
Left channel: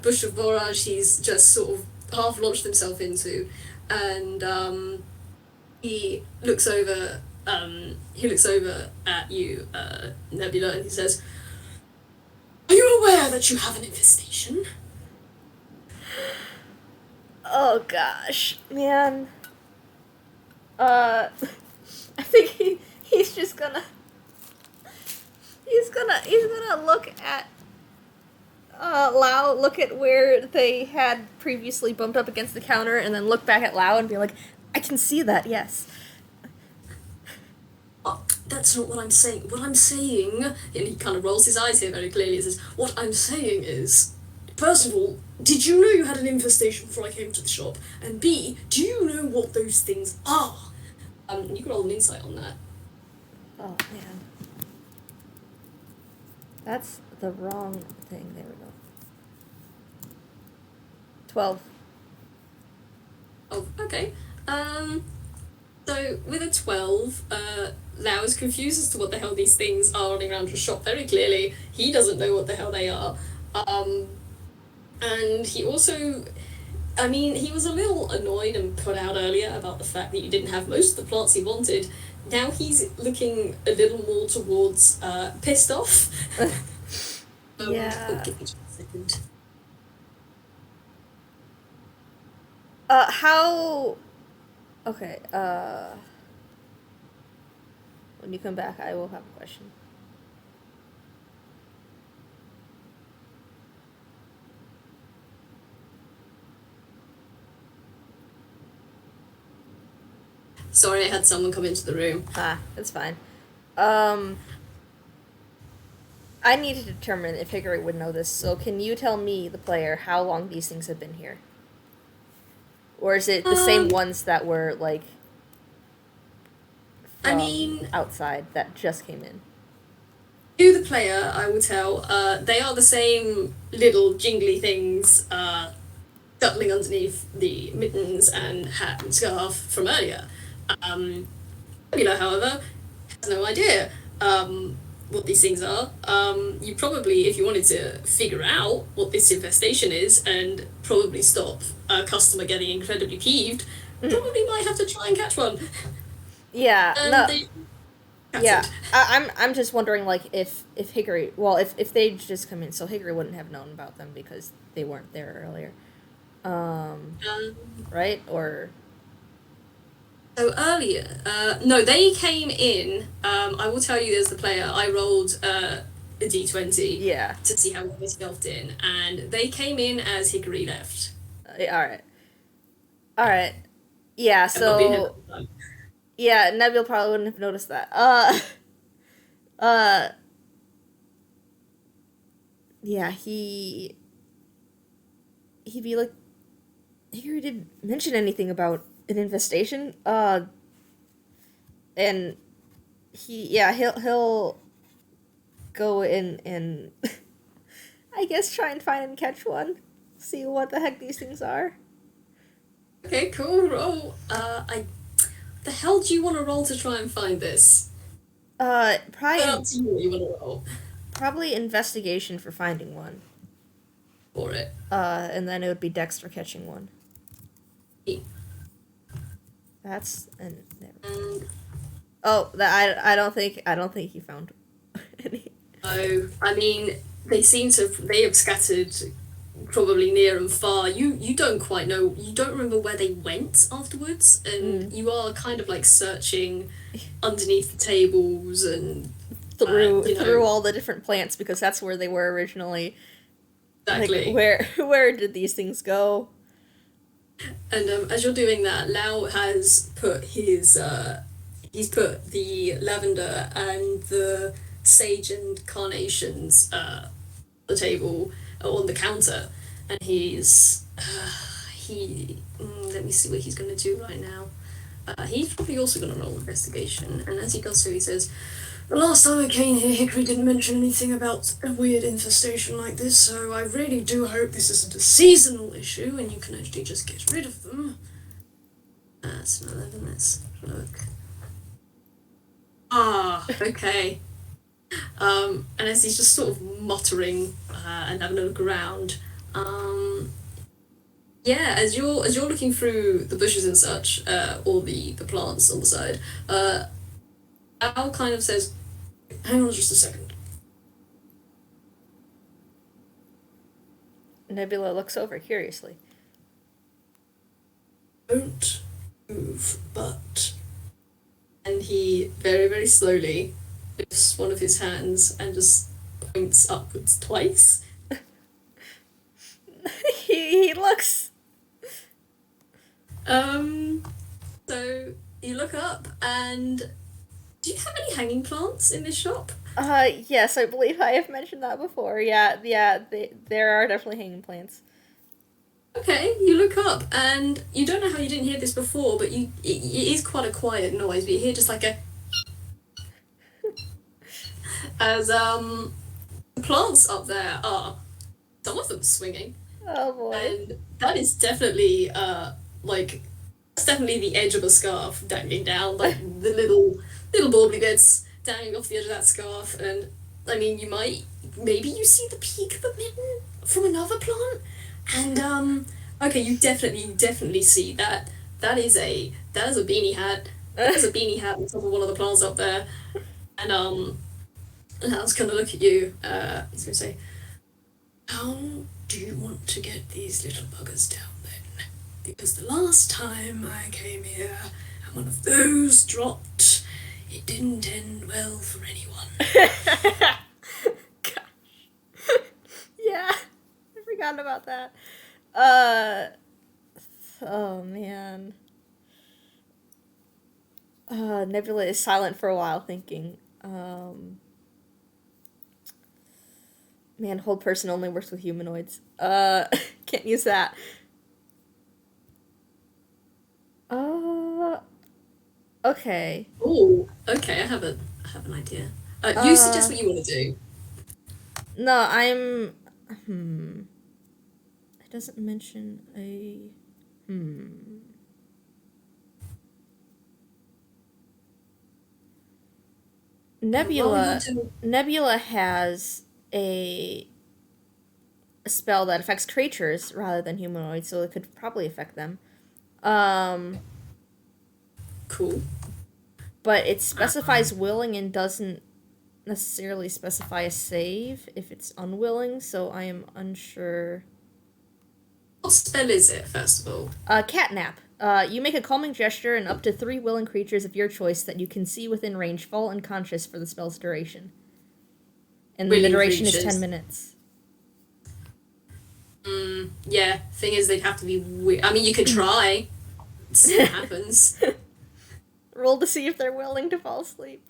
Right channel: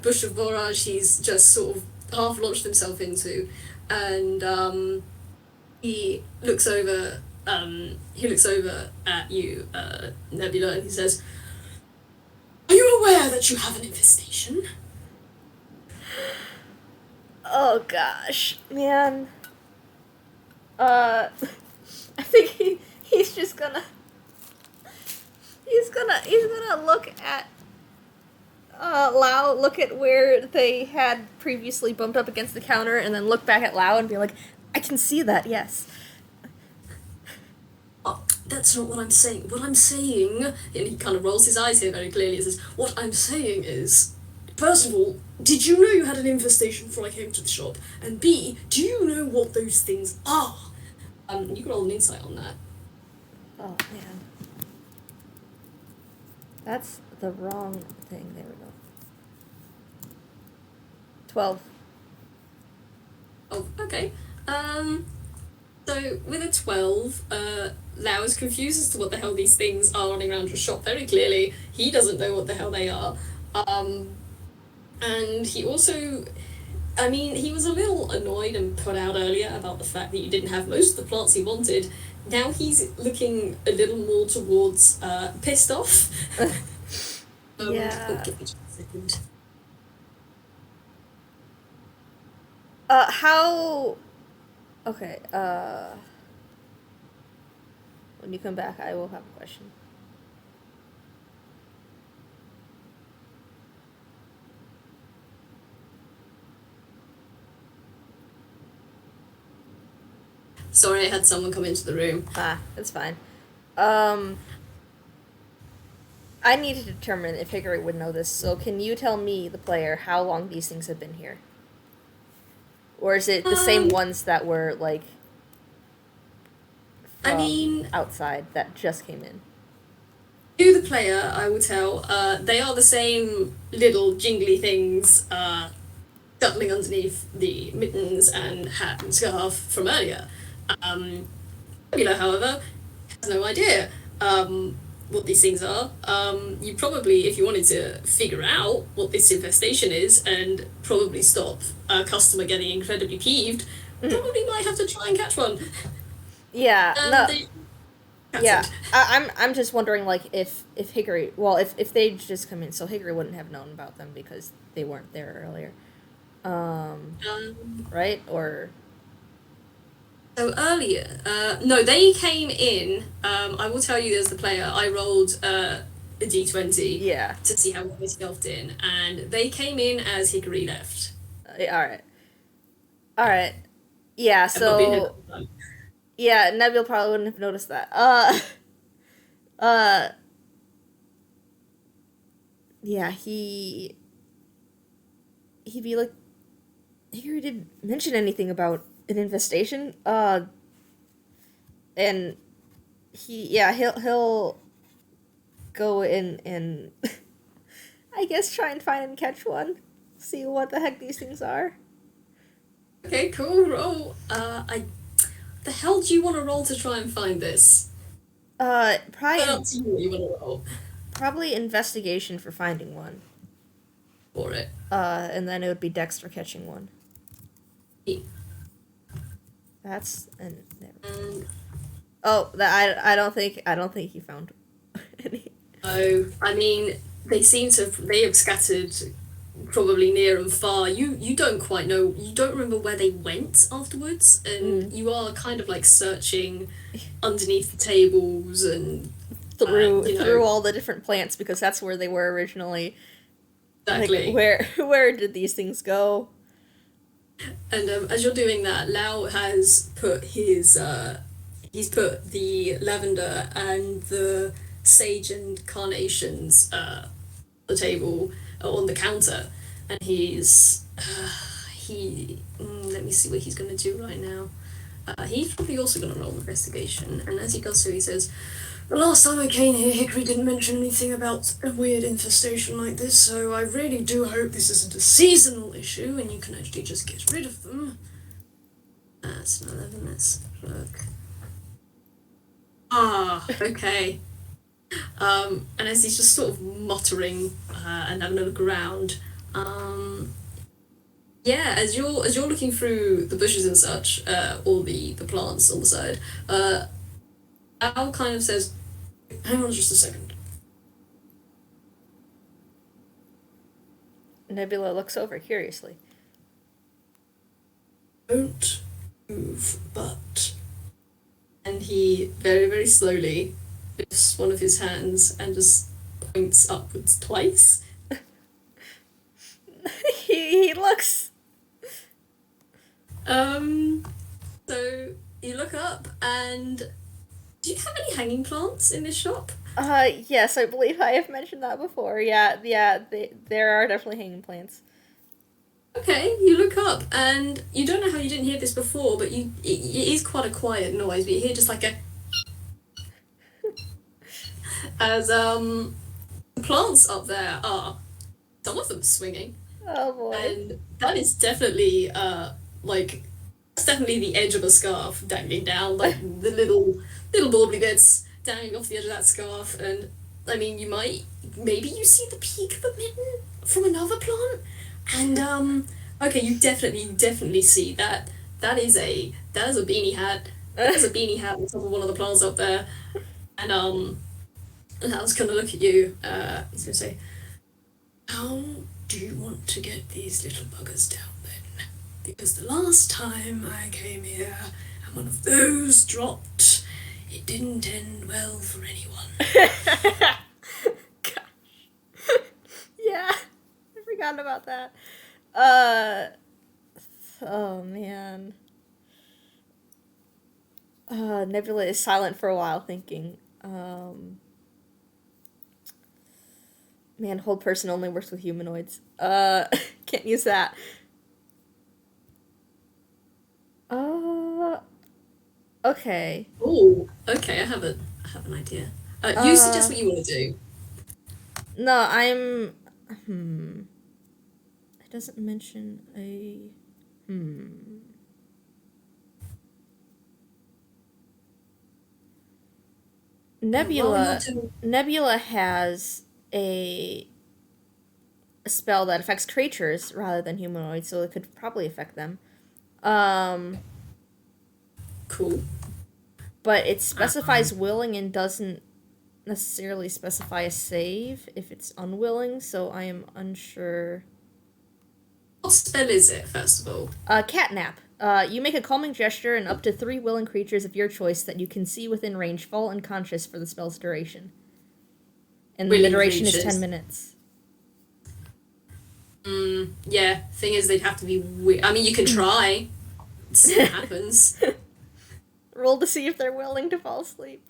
bush of borage he's just sort of half launched himself into, and he looks over at you, Nebula, and he says, "Are you aware that you have an infestation?" Oh gosh, man. I think he's just gonna look at Lau, look at where they had previously bumped up against the counter, and then look back at Lau and be like, I can see that, yes. That's not what I'm saying. What I'm saying, and he kind of rolls his eyes here very clearly, and says, what I'm saying is, first of all, did you know you had an infestation before I came to the shop? And B, do you know what those things are? You can roll an insight on that. Oh, man. That's the wrong thing. There we go. 12. Oh, okay. So, with a 12, Lau is confused as to what the hell these things are running around your shop very clearly. He doesn't know what the hell they are. And he also... I mean, he was a little annoyed and put out earlier about the fact that you didn't have most of the plants he wanted. Now he's looking a little more towards pissed off. Yeah. Give me just a second. How... Okay, when you come back, I will have a question. Sorry, I had someone come into the room. That's fine. I need to determine if Hickory would know this, so can you tell me, the player, how long these things have been here? Or is it the same ones that were, like, from outside that just came in? To the player, I will tell, they are the same little jingly things scuttling underneath the mittens and hat and scarf from earlier. Nebula, however, has no idea. what these things are. You probably, if you wanted to figure out what this infestation is and probably stop a customer getting incredibly peeved, probably might have to try and catch one. Yeah, And no, they yeah. scattered. I'm just wondering, like, if Hickory, well, if they just come in, so Hickory wouldn't have known about them because they weren't there earlier, Um, right? Or so earlier, no, they came in. I will tell you, as the player, I rolled a d20 yeah. to see how they stealthed in, and they came in as Hickory left. All right, all right. Yeah. I've not been here that So whole time. yeah, Nebula probably wouldn't have noticed that. Uh, yeah. He'd be like, Hickory didn't mention anything about an infestation. And he'll go in and I guess try and find and catch one. See what the heck these things are. Okay, cool. Roll. The hell do you want to roll to try and find this? Up to you what you want to roll Probably investigation for finding one. for it. And then it would be Dex for catching one. E. That's and there. Um, Oh, that I don't think he found any. oh, I mean, they have scattered probably near and far. You don't quite know. You don't remember where they went afterwards, and you are kind of like searching underneath the tables and Through all the different plants because that's where they were originally. exactly. Like where did these things go? And as you're doing that, Lau has put he's put the lavender and the sage and carnations the table on the counter, and let me see what he's going to do right now. He's probably also going to roll investigation, and as he does so, he says, "The last time I came here, Hickory didn't mention anything about a weird infestation like this, so I really do hope this isn't a seasonal issue and you can actually just get rid of them." That's an 11, let's look. Okay. And as he's just sort of muttering and having a look around, yeah, as you're looking through the bushes and such, or the plants on the side, Al kind of says, "Hang on just a second." Nebula looks over curiously. "Don't move, but..." And he very, very slowly lifts one of his hands and just points upwards twice. he looks. So you look up, and do you have any hanging plants in this shop? Yes, I believe I have mentioned that before. Yeah, there are definitely hanging plants. Okay, you look up, and you don't know how you didn't hear this before, but it is quite a quiet noise, but you hear just like a as the plants up there are, some of them swinging, Oh boy. and that is definitely like that's definitely the edge of a scarf dangling down, like the little bauble bits dangling off the edge of that scarf. And I mean, maybe you see the peak of a mitten from another plant, and okay, you definitely see that that is a beanie hat. There's a beanie hat on top of one of the plants up there, and I was gonna look at you. He's gonna say, "How do you want to get these little buggers down then? Because the last time I came here and one of those dropped, it didn't end well for anyone." Gosh. Yeah, I forgot about that. Oh man. Nebula is silent for a while, thinking. Man, hold person only works with humanoids. Can't use that. Uh, okay. Oh, okay. I have an idea. You suggest what you want to do. No, I'm. It doesn't mention a. Well, we want Nebula to. Nebula has a a spell that affects creatures rather than humanoids, so it could probably affect them. Um, Cool. but it specifies Um, willing and doesn't necessarily specify a save if it's unwilling, so I am unsure. what spell is it, first of all? Catnap. You make a calming gesture, and up to three willing creatures of your choice that you can see within range fall unconscious for the spell's duration. And then the Willing duration is 10 creatures. minutes. Yeah, thing is, they'd have to be. I mean, you can try. See what happens. Roll to see if they're willing to fall asleep.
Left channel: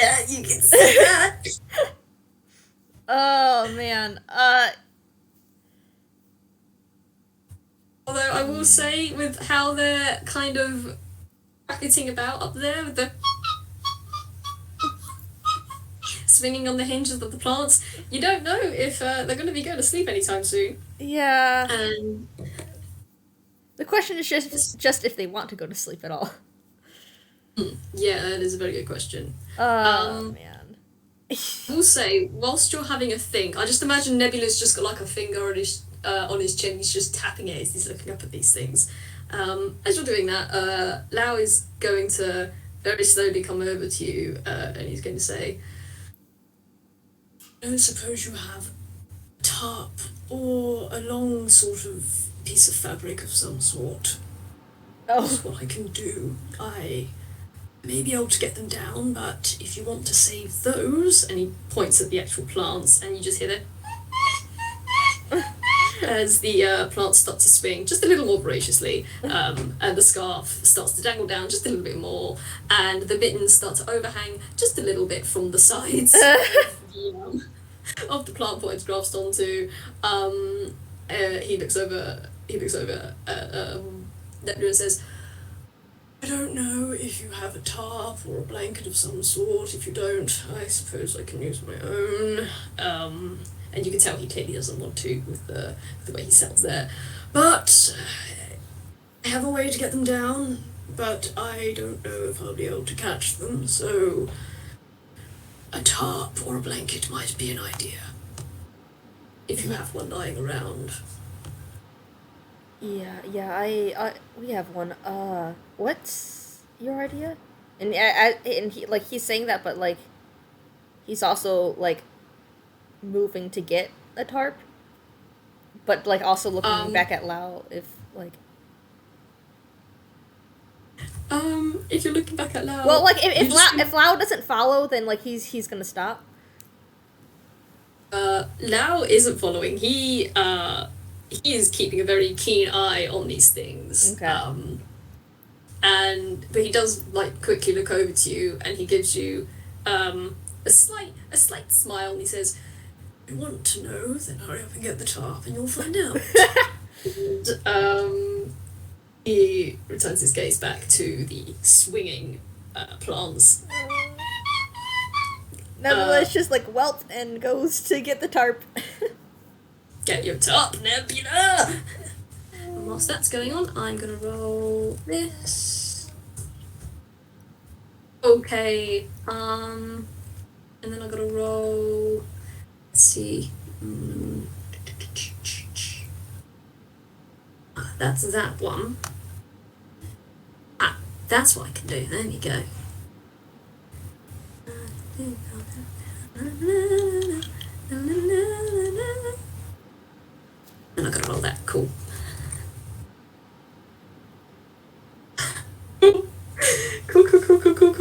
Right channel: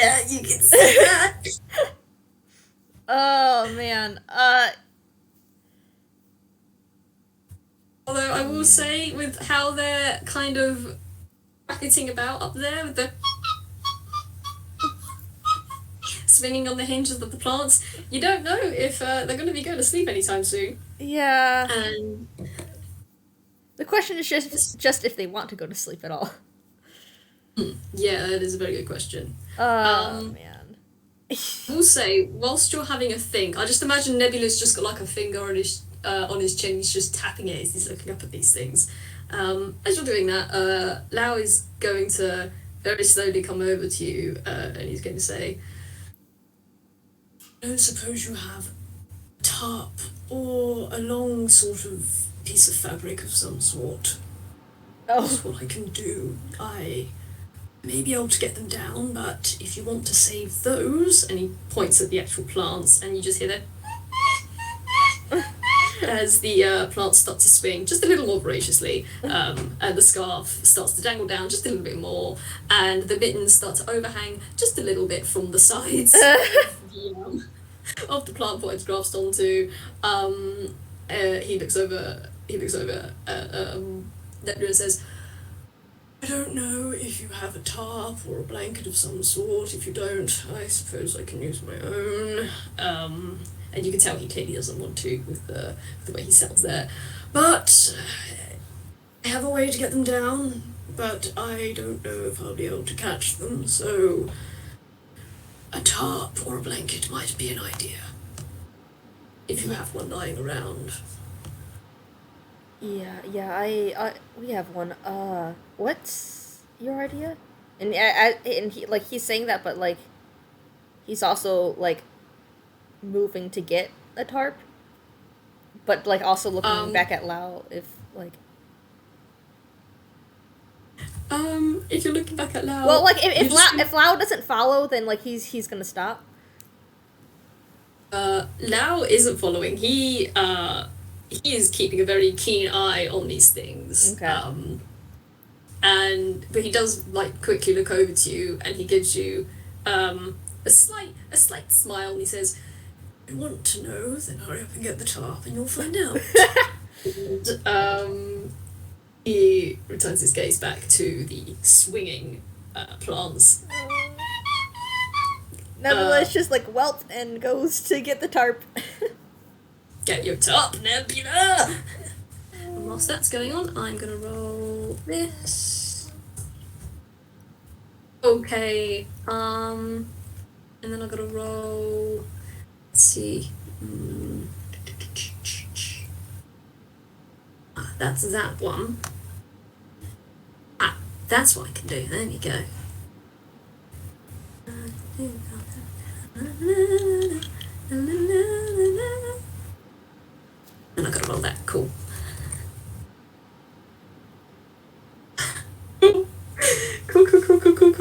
Yeah, you can see that. Oh, man. Although I will say, with how they're kind of racketing about up there, with the swinging on the hinges of the plants, you don't know if they're going to be going to sleep anytime soon. Yeah. And The question is this, just if they want to go to sleep at all. yeah, that is a very good question. Oh, Um, man. I will say, whilst you're having a think, I just imagine Nebula's just got like a finger on his chin. He's just tapping it as he's looking up at these things. As you're doing that, Lau is going to very slowly come over to you, and he's going to say, "I don't suppose you have a tarp or a long sort of piece of fabric of some sort. That's Oh. what I can do. I may be able to get them down, but if you want to save those," and he points at the actual plants, and you just hear the as the plants start to swing just a little more voraciously, and the scarf starts to dangle down just a little bit more, and the mittens start to overhang just a little bit from the sides of the plant pot it's grasped onto. He looks over. Nebula and says, "I don't know if you have a tarp or a blanket of some sort. If you don't, I suppose I can use my own." And you can tell he clearly doesn't want to with the way he sounds there. "But I have a way to get them down, but I don't know if I'll be able to catch them, so a tarp or a blanket might be an idea. If you have one lying around." Yeah, we have one. What's your idea? And and he like he's saying that, but like he's also like moving to get a tarp, but like also looking Um, back at Lao if like. if you're looking back at Well, Lau, like you just If Lao doesn't follow, then like he's gonna stop. Lau isn't following. He is keeping a very keen eye on these things. Okay. But he does like quickly look over to you, and he gives you a slight smile, and he says, "You want to know? Then hurry up and get the tarp, and you'll find out." And, he returns his gaze back to the swinging plants. Nebula is just like whelp and goes to get the tarp. Get your tarp, Nebula! And whilst that's going on, I'm gonna roll this. Okay, and then I gotta roll. Let's see. That's that one. That's what I can do. There we go. And I gotta roll that. Cool. Cool.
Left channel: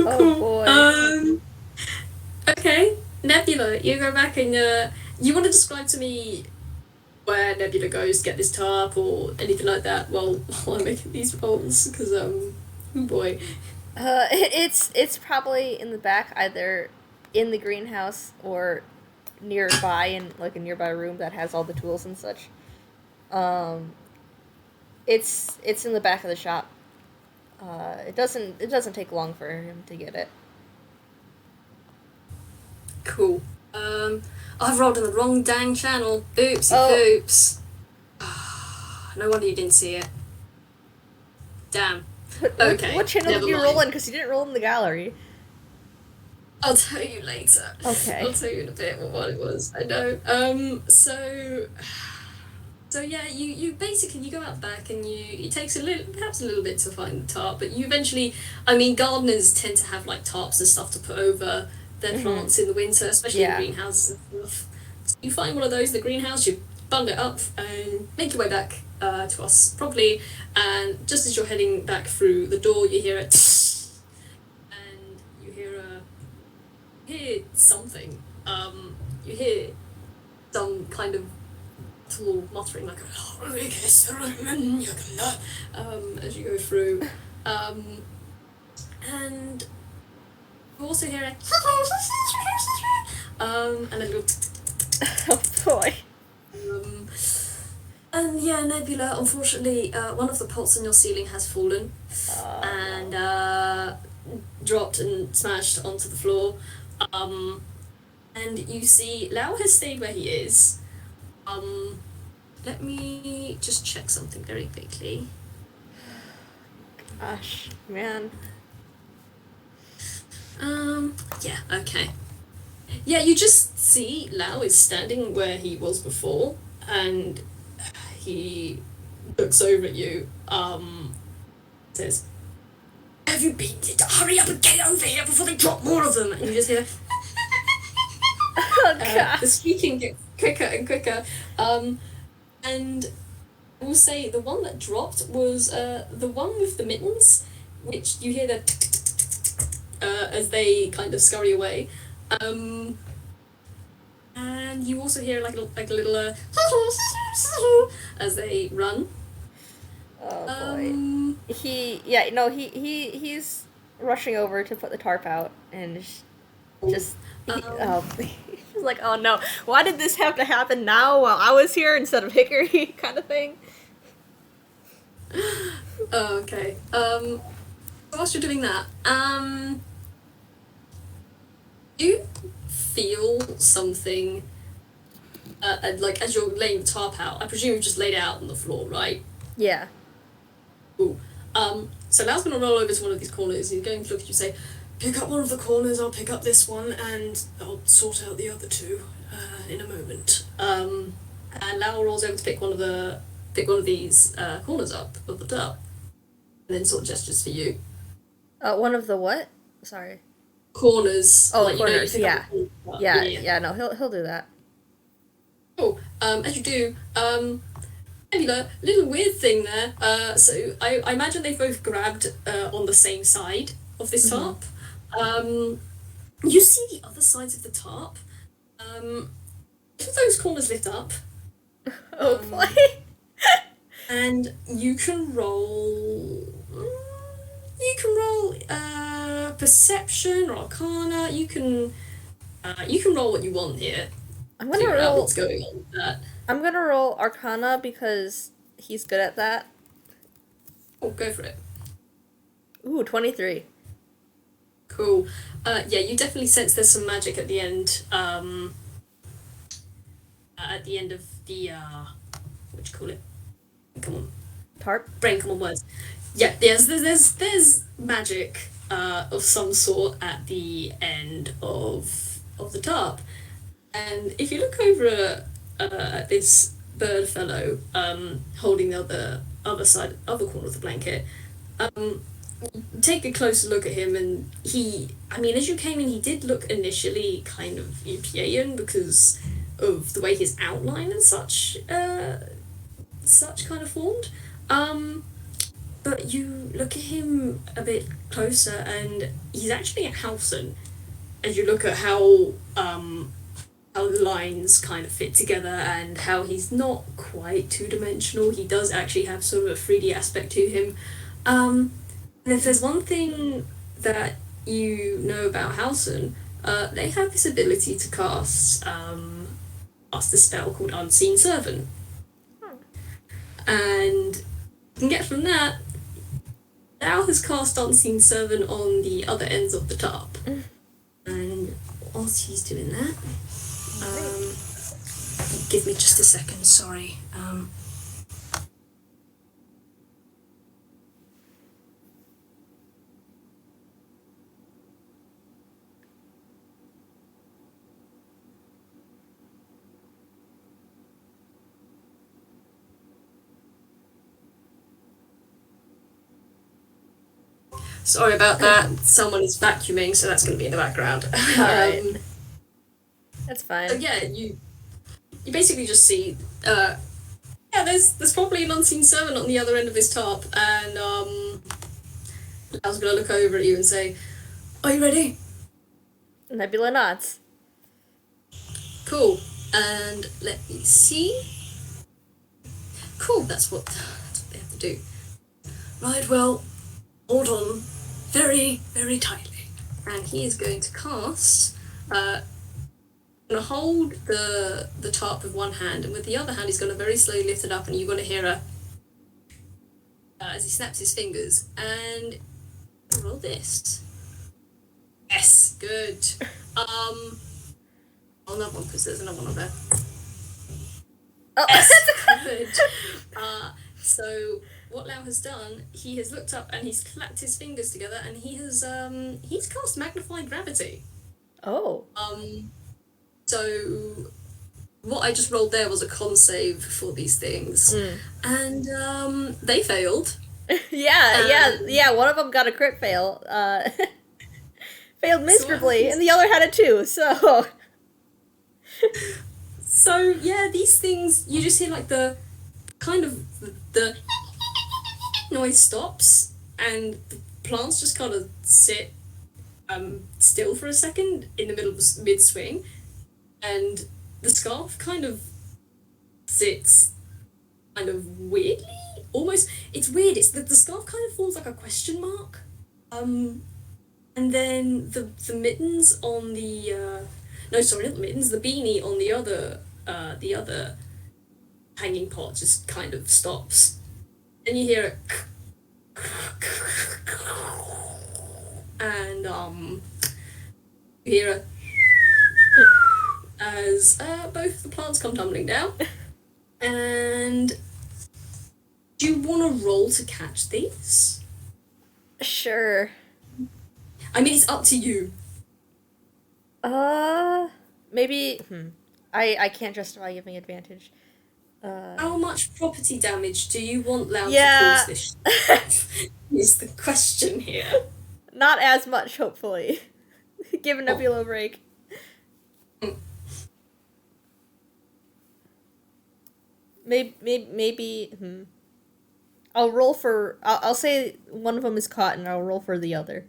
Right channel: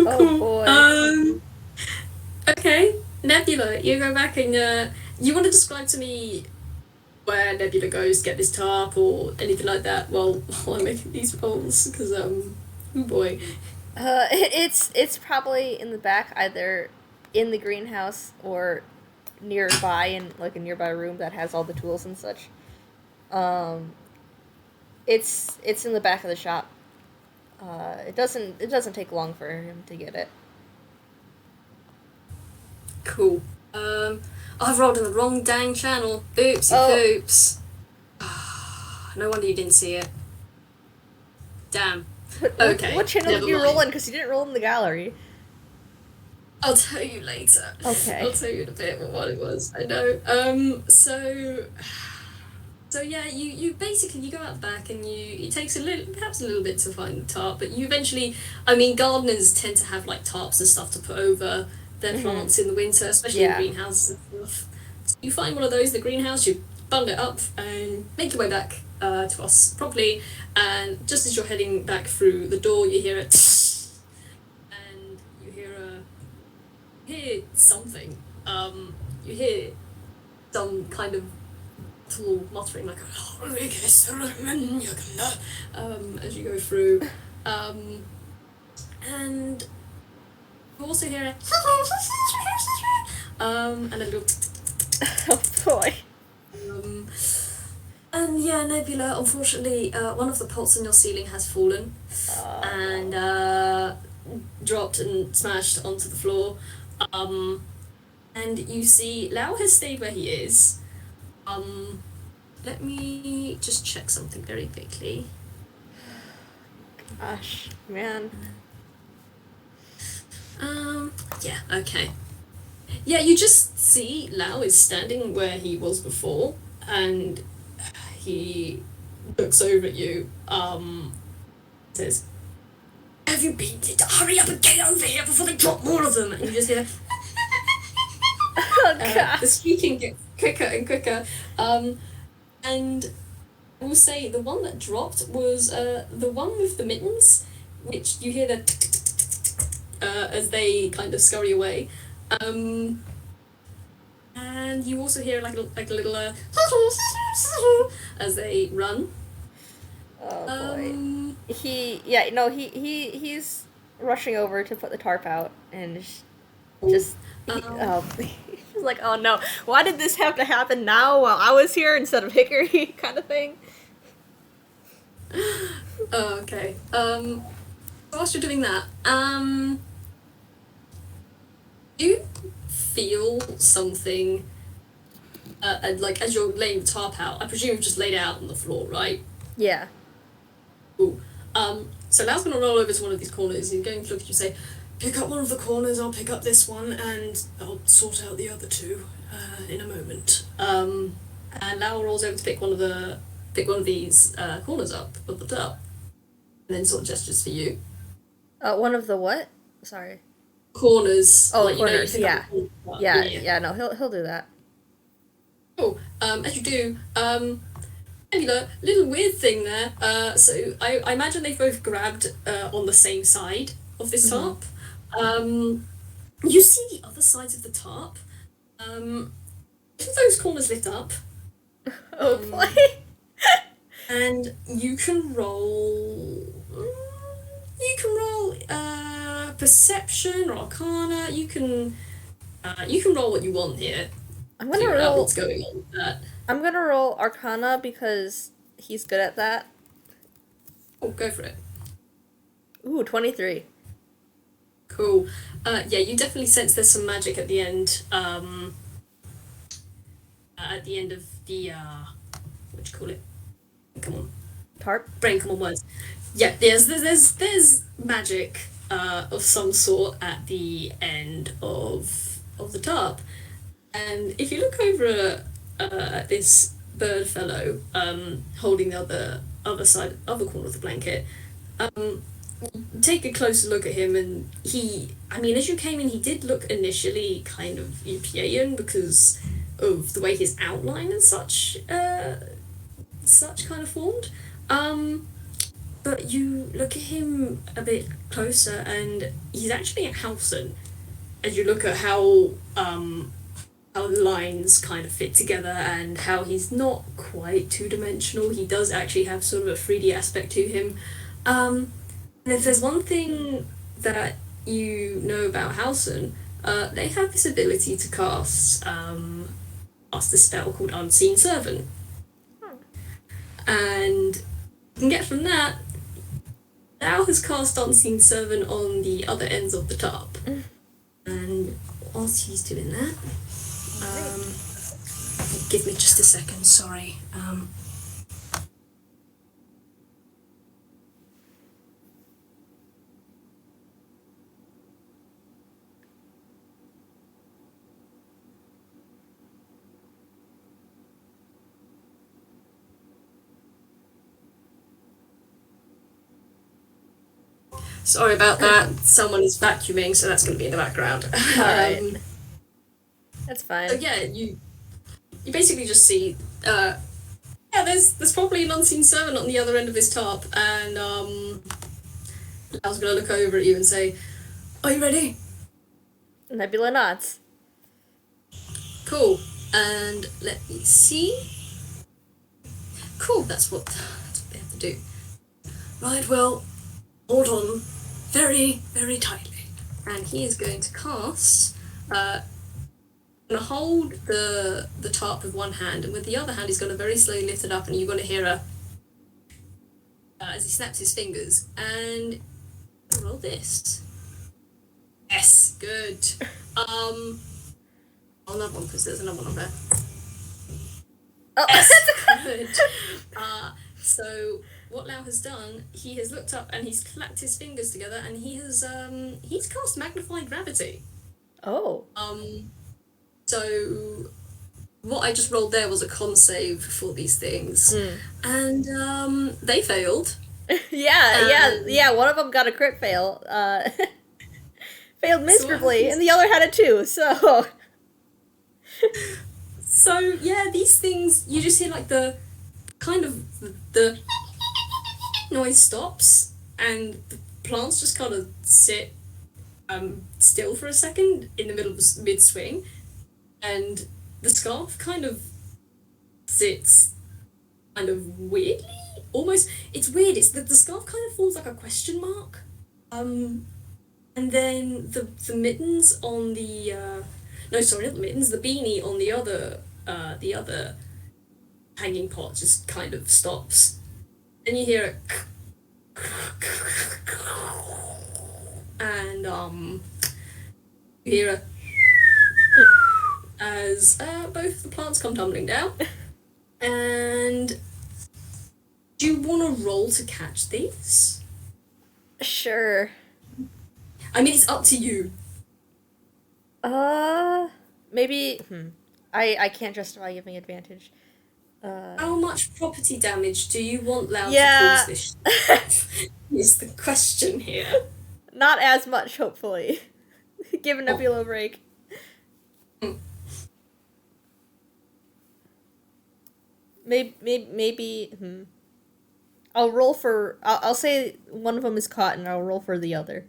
Oh boy. Okay, Nebula, you go back and you want to describe to me where Nebula goes to get this tarp or anything like that while I'm making these rolls, because oh boy. It's probably in the back, either in the greenhouse or nearby in like a nearby room that has all the tools and such. Um, it's in the back of the shop. It doesn't take long for him to get it. Cool. I've rolled in the wrong dang channel. Oopsie Oh. poops. No wonder you didn't see it. Damn. Okay, What channel did never you mind. roll in? Because you didn't roll in the gallery. I'll tell you later. Okay. I'll tell you in a bit what it was. I know. So yeah, you basically you go out back and it takes perhaps a little bit to find the tarp, but you eventually, I mean, gardeners tend to have like tarps and stuff to put over their Mm-hmm. plants in the winter, especially in Yeah. greenhouses and stuff. So you find one of those in the greenhouse, you bung it up and make your way back to us properly, and just as you're heading back through the door, you hear it, and you hear something. You hear some kind of little muttering like as you go through, and you also hear it, and then go, Oh boy. um, and yeah, Nebula. Unfortunately, one of the pots in your ceiling has fallen and No. dropped and smashed onto the floor. Um, and you see Lau has stayed where he is. Let me just check something very quickly. Gosh, man. Yeah, okay. Yeah, you just see Lau is standing where he was before, and he looks over at you, says, "Have you been? Hurry up and get over here before they drop more of them!" And you just hear, Oh god. the squeaking gets quicker and quicker. And I will say the one that dropped was the one with the mittens, which you hear the as they kind of scurry away. And you also hear like a little as they run. Oh boy. Um, He's rushing over to put the tarp out and just um, he's like, oh no, why did this have to happen now while I was here instead of Hickory kind of thing? oh, okay. Whilst you're doing that, you feel something, and like as you're laying the tarp out, I presume you've just laid it out on the floor, right? Yeah. Cool. So Lau's gonna roll over to one of these corners. He's going to look at you and say, "Pick up one of the corners. I'll pick up this one, and I'll sort out the other two in a moment." And Lau rolls over to pick one of these corners up of the tub, and then sort of gestures for you. One of the what? Sorry. Corners, Oh, like you corners. pick up Yeah. a corner. Yeah, Yeah. yeah. Yeah. No, he'll do that. Cool. As you do, Nebula, little weird thing there. So I imagine they've both grabbed on the same side of this Hmm. tarp. You see the other sides of the tarp. If those corners lit up, Oh boy. um, and you can roll. You can roll perception or arcana. You can roll what you want here. I'm gonna Figure out what's roll. going on with that. I'm gonna roll Arcana because he's good at that. Oh, go for it. Ooh, 23. Cool. Yeah, you definitely sense there's some magic at the end. At the end of the what do you call it? Come on, Tarp. brain, come on, words. Yeah, there's magic of some sort at the end of the tarp, and if you look over at this bird fellow holding the other corner of the blanket, take a closer look at him, and I mean, as you came in, he did look initially kind of European because of the way his outline and such kind of formed. But you look at him a bit closer, and he's actually a Hausen. As you look at how the lines kind of fit together and how he's not quite two dimensional, he does actually have sort of a 3D aspect to him. And if there's one thing that you know about Hausen, they have this ability to cast a spell called Unseen Servant. And you can get from that, Al has cast Unseen Servant on the other ends of the tarp. And whilst he's doing that, give me just a second, sorry. Sorry about that. Someone is vacuuming, so that's going to be in the background. Alright. That's fine. So yeah, you basically just see, yeah, there's probably an unseen servant on the other end of this tarp, and I was going to look over at you and say, "Are you ready?" Nebula nods. Cool. And let me see. Cool, that's what they have to do. Right, well, hold on very, very tightly. And he is going to cast, gonna hold the tarp with one hand, and with the other hand he's gonna very slowly lift it up, and you're gonna hear a as he snaps his fingers, and roll this. Yes, good. Another one, because there's another one on there. Oh. Yes, good. So what Lau has done, he has looked up and he's clapped his fingers together, and he's cast magnified gravity. Oh. So what I just rolled there was a con save for these things, and they failed. Yeah. One of them got a crit fail. Failed miserably, and the other had it too. So. So yeah, these things, you just hear like the kind of the noise stops, and the plants just kind of sit still for a second in the middle of mid swing, and the scarf kind of sits kind of weirdly, almost. It's weird. It's the scarf kind of forms like a question mark, and then the mittens on the no, sorry, not the mittens. The beanie on the other hanging pot just kind of stops. Then you hear it, and you hear it as both the plants come tumbling down. And do you want to roll to catch these? Sure. I mean, it's up to you. Maybe. I can't justify giving advantage. How much property damage do you want Loud Yeah. to cause this? Is the question here. Not as much, hopefully. Give Nebula a break. Maybe. I'll roll for. I'll say one of them is caught, and I'll roll for the other.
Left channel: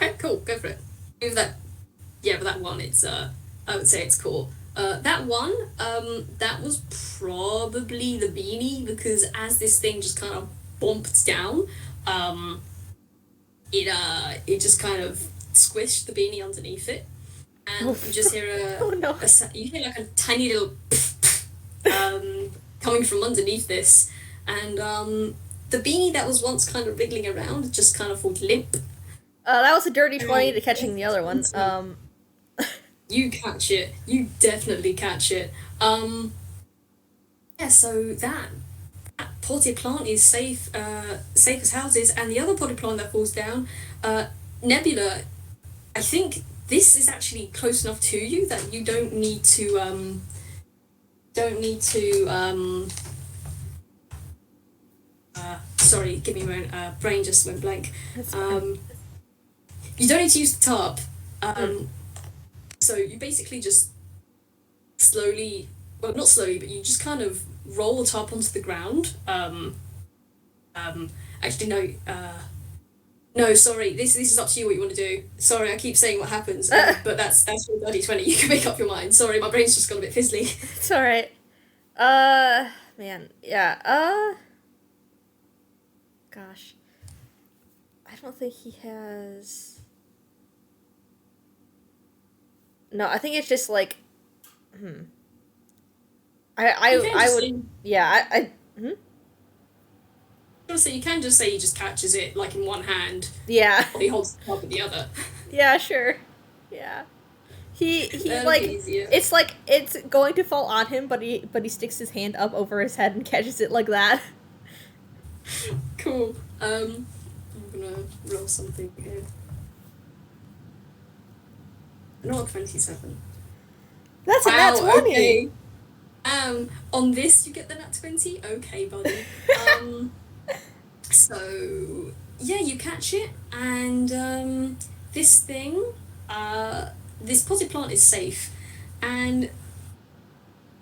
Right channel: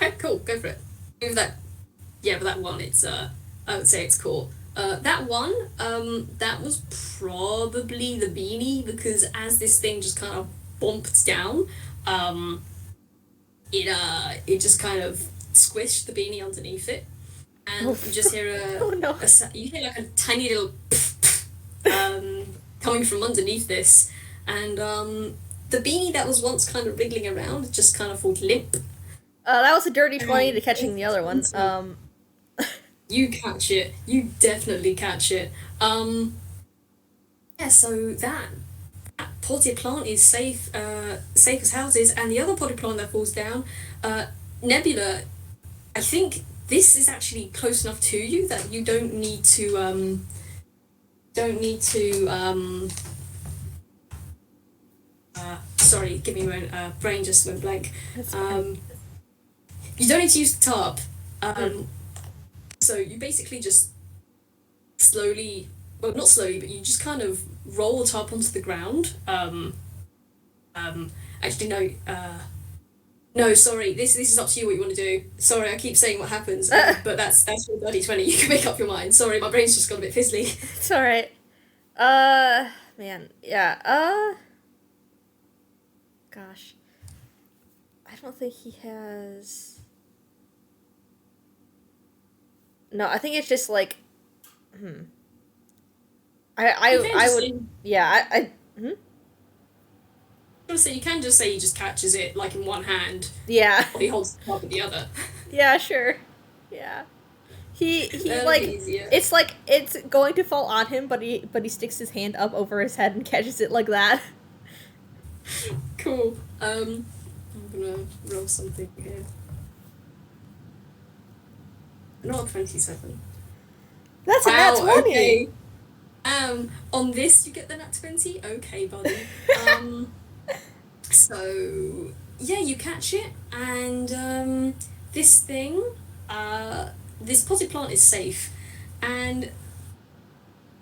Okay, cool. Go for it. Move that. Yeah, but that one, it's I would say it's cool. That one, that was probably the beanie, because as this thing just kind of bumped down, it just kind of squished the beanie underneath it, and you just hear you hear like a tiny little coming from underneath this, and the beanie that was once kind of wriggling around just kind of falls limp. That was a dirty 20 to catching the other one. You catch it. You definitely catch it. Yeah, so that potted plant is safe as houses, and the other potted plant that falls down, Nebula, I think this is actually close enough to you that you don't need to sorry, give me a moment, brain just went blank. You don't need to use the tarp. So you basically just slowly, well, not slowly, but you just kind of roll the tarp onto the ground. Actually, no, sorry, this is up to you what you want to do. Sorry, I keep saying what happens, but that's your bloody 20. You can make up your mind. Sorry, my brain's just got a bit fizzly. It's alright. Man, yeah, gosh. I don't think he has... No, I think it's just like, I would, yeah, I was gonna say, you can just say he just catches it like in one hand. Yeah. He holds the top with the other. Yeah, sure. Yeah. He like easier. It's like it's going to fall on him, but he sticks his hand up over his head and catches it like that. Cool. I'm gonna roll something here. Not 27. That's a nat 20. Okay. On this you get the nat 20? Okay, buddy. So yeah, you catch it, and this thing, this potted plant is safe, and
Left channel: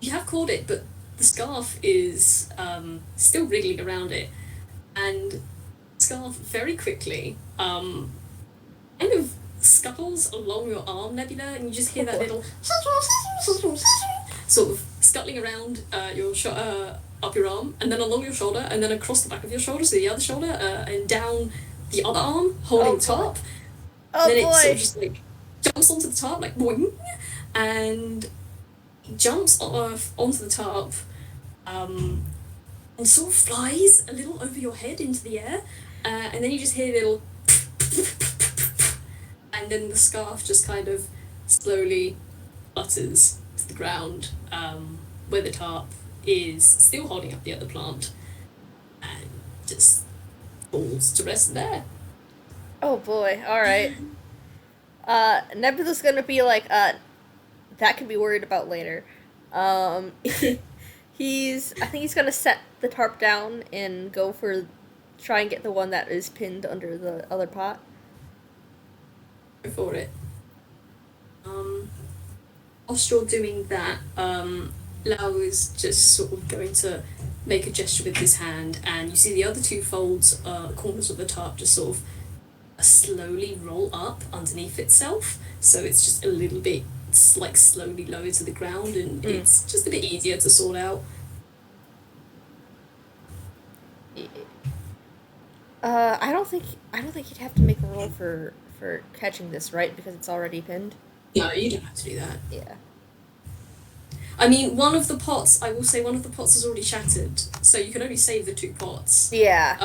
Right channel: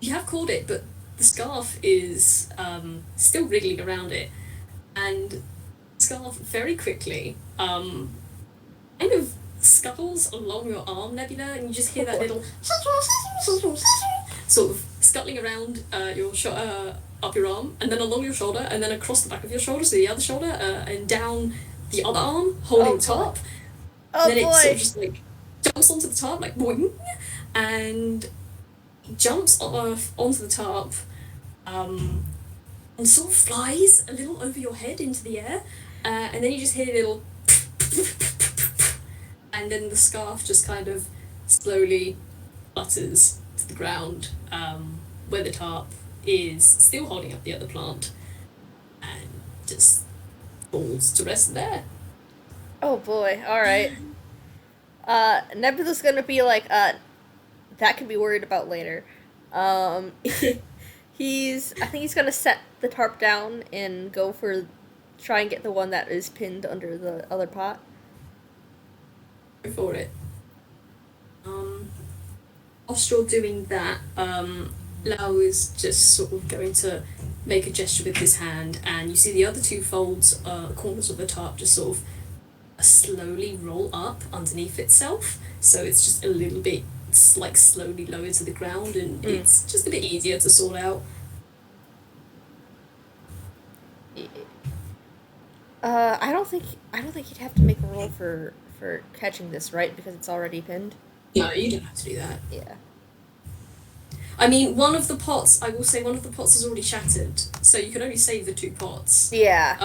you have caught it, but the scarf is still wriggling around it, and scarf very quickly kind of scuttles along your arm, Nebula, and you just hear that little sort of scuttling around up your arm, and then along your shoulder, and then across the back of your shoulder, so the other shoulder, and down the other arm, holding the top. Oh then boy! It sort of just like jumps onto the top, like boing, and jumps off onto the top, and sort of flies a little over your head into the air, and then you just hear a little, and then the scarf just kind of slowly flutters to the ground, where the tarp is still holding up the other plant, and just falls to rest there. Oh boy! All right. Nebula's gonna be like, that can be worried about later. Um, I think he's gonna set the tarp down and try and get the one that is pinned under the other pot. Go for it. Whilst you're doing that, Lau is just sort of going to make a gesture with his hand, and you see the other two corners of the tarp just sort of slowly roll up underneath itself, so it's just a little bit like slowly lowered to the ground, and it's just a bit easier to sort out. I don't think you'd have to make a roll for catching this, right? Because it's already pinned. No, you don't have to do that. Yeah. I mean, I will say one of the pots is already shattered, so you can only save the two pots. Yeah.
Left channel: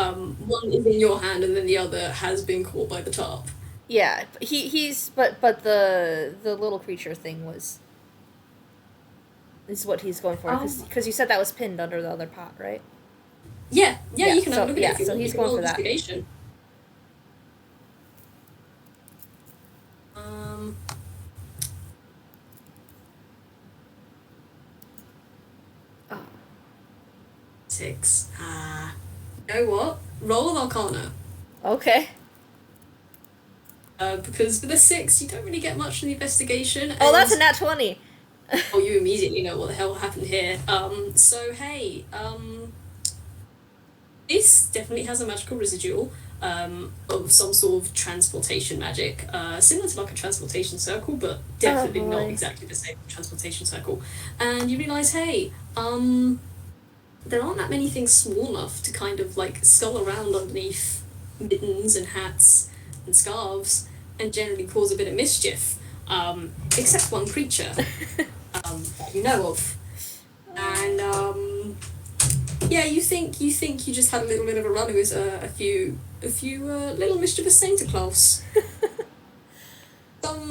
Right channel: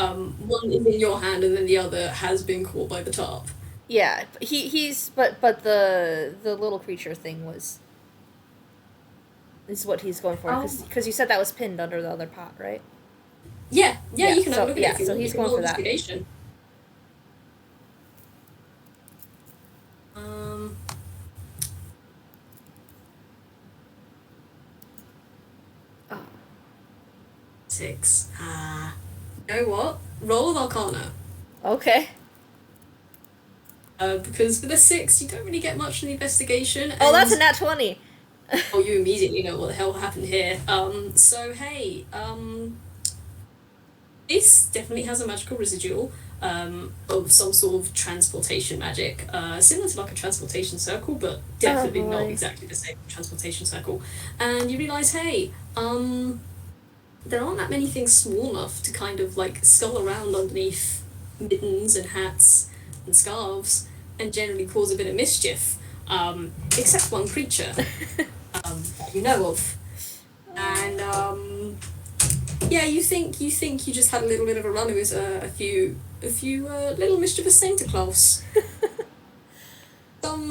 One is in your hand, and then the other has been caught by the tarp. Yeah, but the little creature thing is what he's going for, because you said that was pinned under the other pot, right? Yeah, you can have a look at it. So he's going for that. Oh. 6. You know what? Roll of Arcana. Okay. Because with a 6, you don't really get much from the investigation. Oh, that's a nat 20. Oh, you immediately know what the hell happened here. So hey, this definitely has a magical residual of some sort of transportation magic, similar to like a transportation circle, but definitely not exactly the same transportation circle. And you realise, hey, there aren't that many things small enough to kind of like skull around underneath mittens and hats and scarves and generally cause a bit of mischief, except one creature that you know of. And yeah, you think you just had a little bit of a run with a few little mischievous Santa Claus.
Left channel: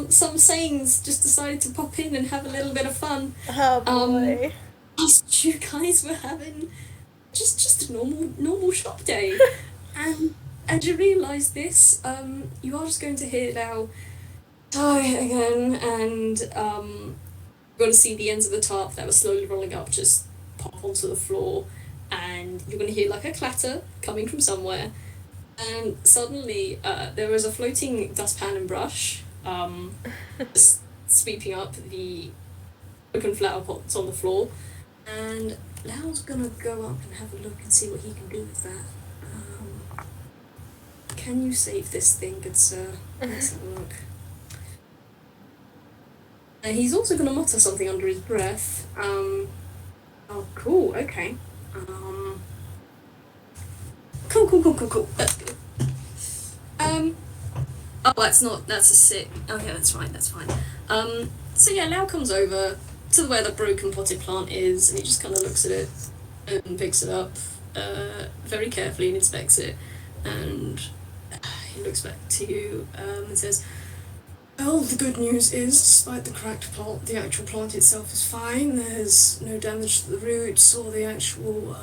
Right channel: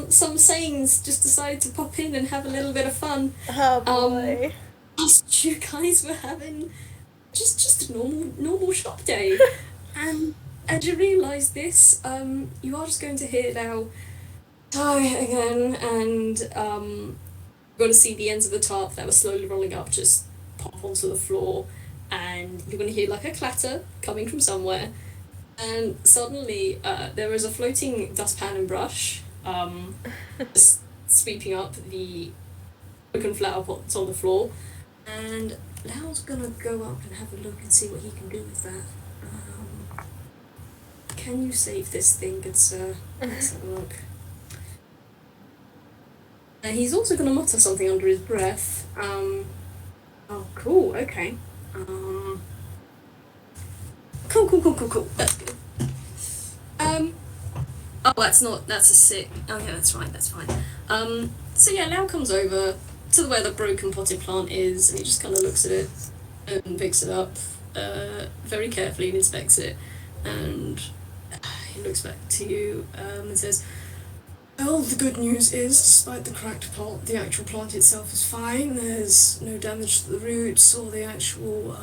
Some Saints just decided to pop in and have a little bit of fun. Oh boy. Whilst you guys were having just a normal shop day. And you realise this, you are just going to hear now die again, and you're going to see the ends of the tarp that were slowly rolling up just pop onto the floor, and you're going to hear like a clatter coming from somewhere, and suddenly there is a floating dustpan and brush just sweeping up the broken flower pots on the floor, and Lau's going to go up and have a look and see what he can do with that. Can you save this thing, good sir? Let's have a look. And he's also going to mutter something under his breath. Oh, cool, okay. Cool. That's good. Oh, that's a 6. Okay, that's fine. So yeah, Lau comes over to where the broken potted plant is, and he just kind of looks at it and picks it up very carefully and inspects it, and he looks back to you and says, well, the good news is, despite the cracked plant, the actual plant itself is fine. There's no damage to the roots or the actual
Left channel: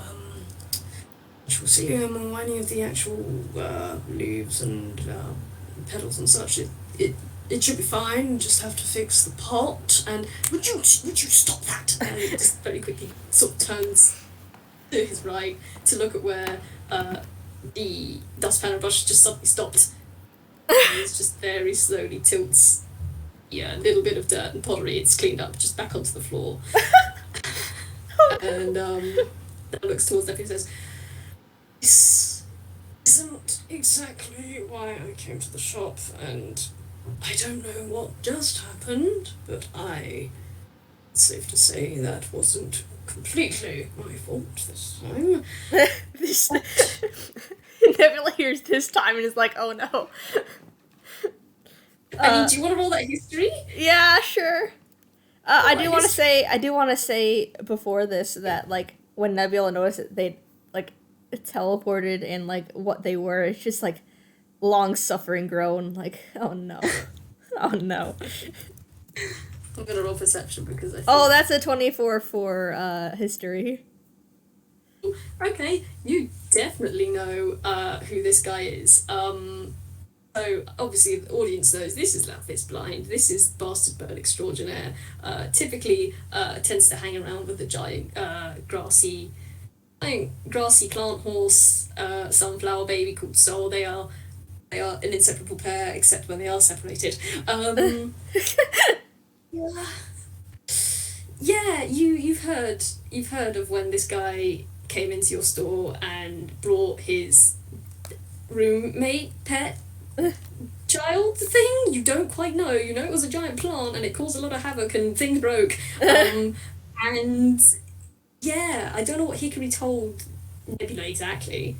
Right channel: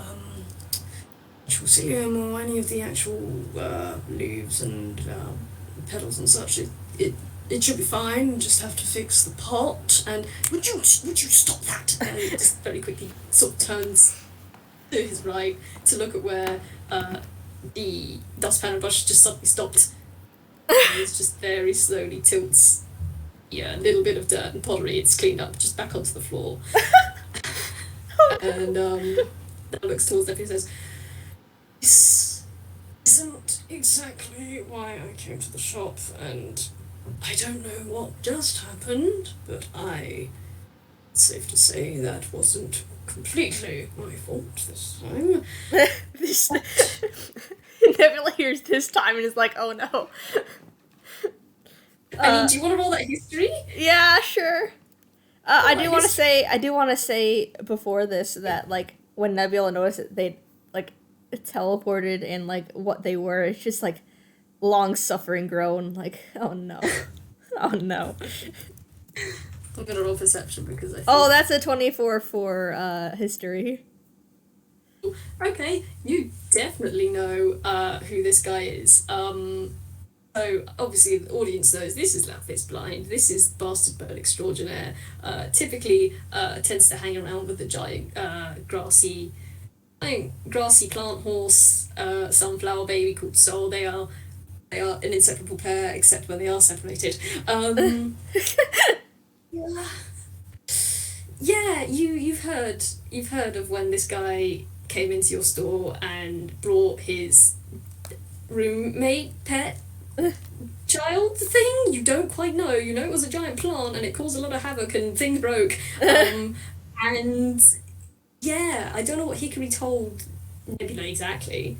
cilium or any of the actual leaves and petals and such. It should be fine. You just have to fix the pot. And would you stop that? And he just very quickly sort of turns to his right to look at where the dustpan and brush just suddenly stopped, and it just very slowly tilts. Yeah, a little bit of dirt and pottery it's cleaned up just back onto the floor. And then looks towards Nebula and says, "This isn't exactly why I came to the shop, and I don't know what just happened, but it's safe to say that wasn't completely my fault this time." This Nebula hears this time and is like, "Oh no." I mean, do you want to roll that history? Yeah, sure. I do want to history. say, before this that like when Nebula noticed that they like teleported and like what they were, it's just like long suffering groan, like, oh no, oh no. I'm gonna roll perception because I think... Oh, that's a 24 for history. Okay, you definitely know who this guy is. So obviously the audience knows this is Lapis Blind. This is Bastard Bird Extraordinaire. Typically tends to hang around with the giant grassy plant horse, sunflower baby called Soul. They are an inseparable pair, except when they are separated. Yeah, you've heard of when this guy came into your store and brought his roommate pet child thing. You don't quite know. You know it was a giant plant and it caused a lot of havoc and things broke. And yeah, I don't know what Hickory told Nebula exactly.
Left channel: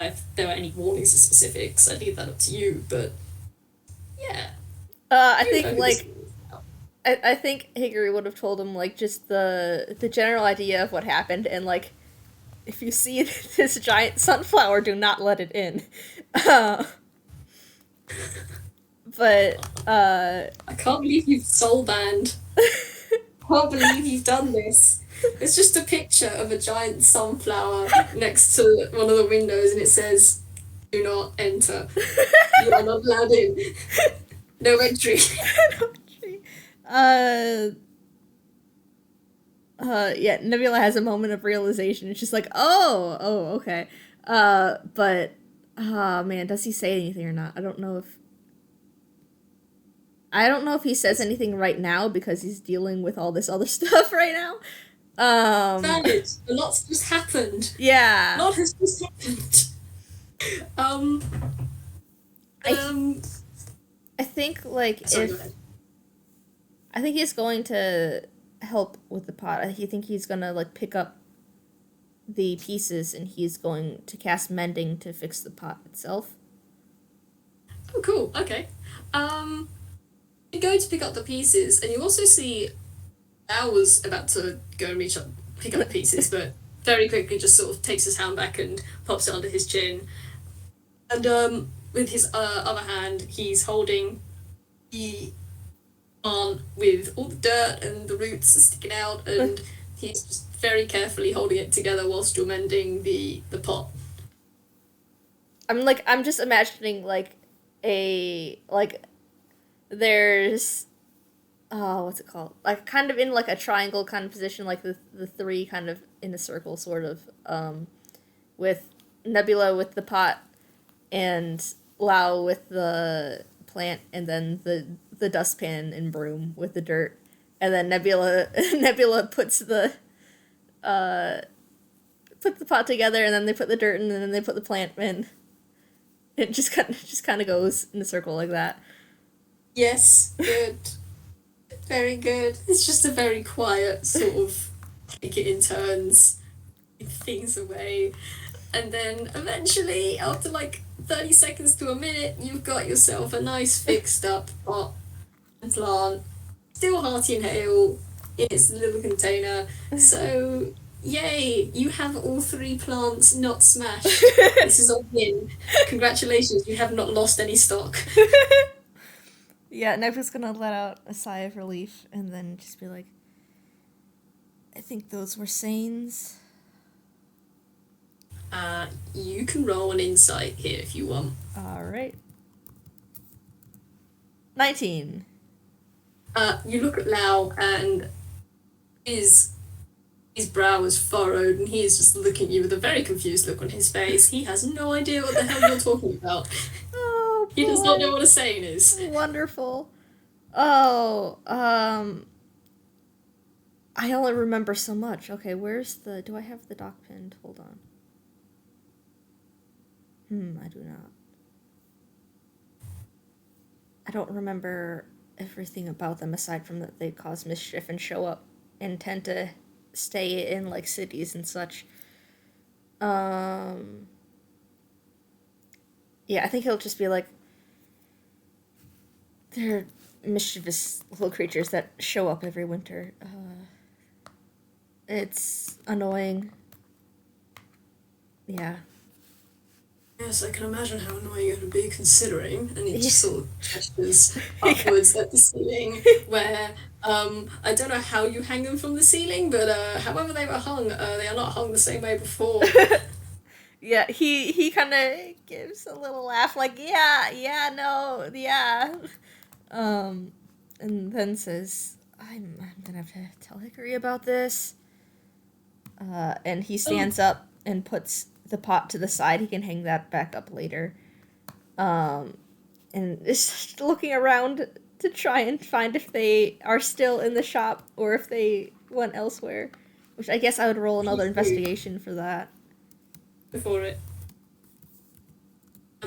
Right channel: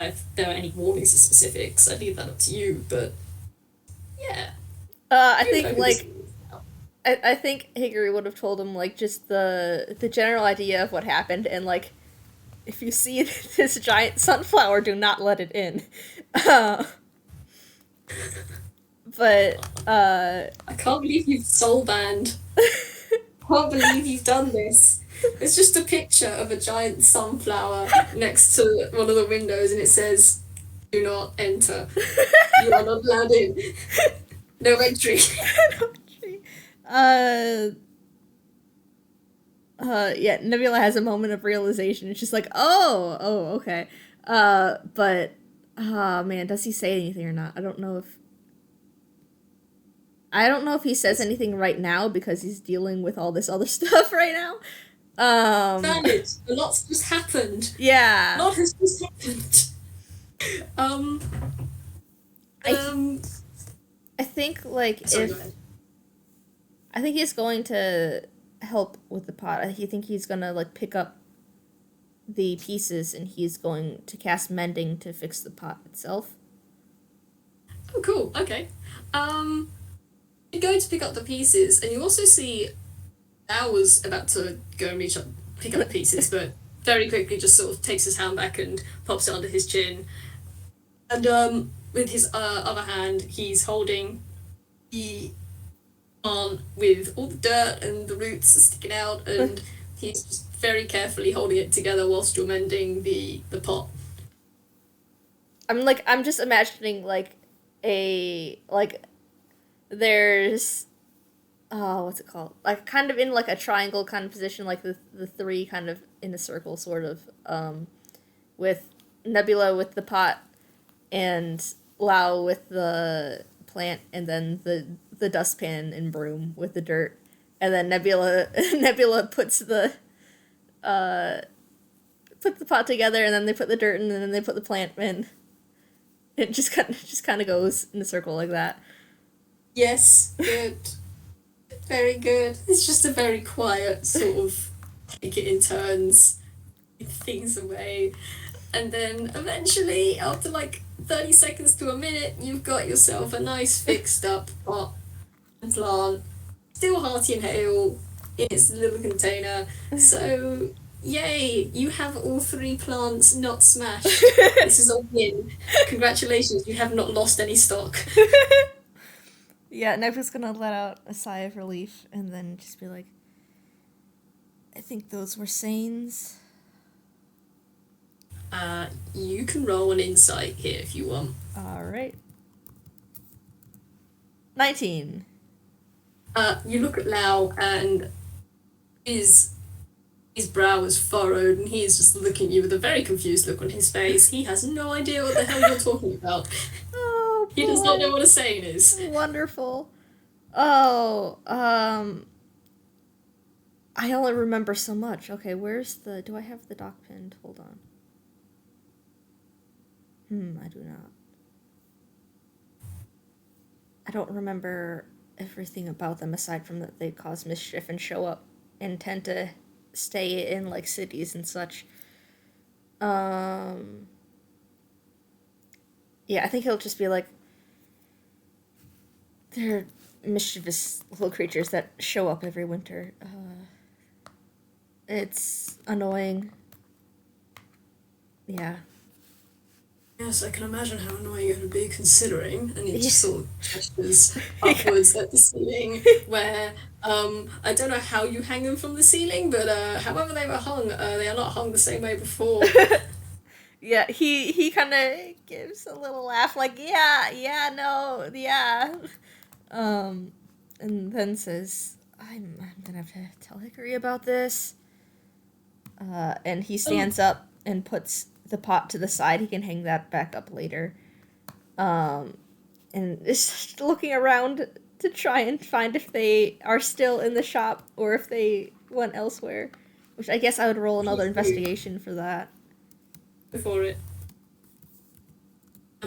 If there are any warnings or specifics, I'd leave that up to you. But yeah, I you know think who this is. I think Hickory would have told him like just the general idea of what happened, and like if you see this giant sunflower, do not let it in. But I can't believe you've soul banned. Can't believe you've done this. It's just a picture of a giant sunflower next to one of the windows, and it says, "Do not enter. You are not allowed in. No entry." uh yeah, Nebula has a moment of realization. It's just like, oh, okay. But oh man, does he say anything or not? I don't know if he says anything right now because he's dealing with all this other stuff right now. Valid. A lot's just happened. A Yeah. lot has just happened. Um. I Um. I think like Sorry, go if ahead. I think he's going to help with the pot. I think he's gonna like pick up the pieces and he's going to cast mending to fix the pot itself. Oh, cool. Okay. Um. You go to pick up the pieces, and you also see Al was about to go and pick up the pieces, but very quickly just sort of takes his hand back and pops it under his chin. And with his other hand, he's holding the plant with all the dirt and the roots are sticking out, and he's just very carefully holding it together whilst you're mending the pot. I'm just imagining like a like there's what's it called? Like kind of in like a triangle kind of position, like the three kind of in a circle sort of, with Nebula with the pot and Lao with the plant, and then the dustpan and broom with the dirt, and then Nebula Nebula puts the pot together, and then they put the dirt in, and then they put the plant in. It just kind of goes in a circle like that. Yes, good. Very good. It's just a very quiet sort of take it in turns, take things away. And then eventually, after like 30 seconds to a minute, you've got yourself a nice fixed up pot and plant, still hearty and hale in its little container. So, yay, you have all three plants not smashed. This is a win. Congratulations, you have not lost any stock. Yeah, Nebula's gonna let out a sigh of relief and then just be like, I think those were Sanes. You can roll an insight here if you want. Alright. 19. You look at Lau and is His brow is furrowed, and he is just looking at you with a very confused look on his face. He has no idea what the hell you're talking about. Oh He does not know boy. what a saying is. Wonderful. Oh, I only remember so much. Okay, do I have the doc pinned? Hold on. I do not. I don't remember everything about them aside from that they cause mischief and show up and tend to stay in like cities and such. Um yeah, I think he'll just be like they're mischievous little creatures that show up every winter. It's annoying. Yeah. Yes, I can imagine how annoying it would be considering, and he Yeah. just sort of gestures upwards at the ceiling, where I don't know how you hang them from the ceiling, but however they were hung, they are not hung the same way before. Yeah, he kind of gives a little laugh, like yeah, no, yeah, um, and then says, I'm gonna have to tell Hickory about this." And he Oh, stands up and puts the pot to the side. He can hang that back up later. Um, and is just looking around to try and find if they are still in the shop or if they went elsewhere. Which I guess I would roll another please do investigation for that. before it.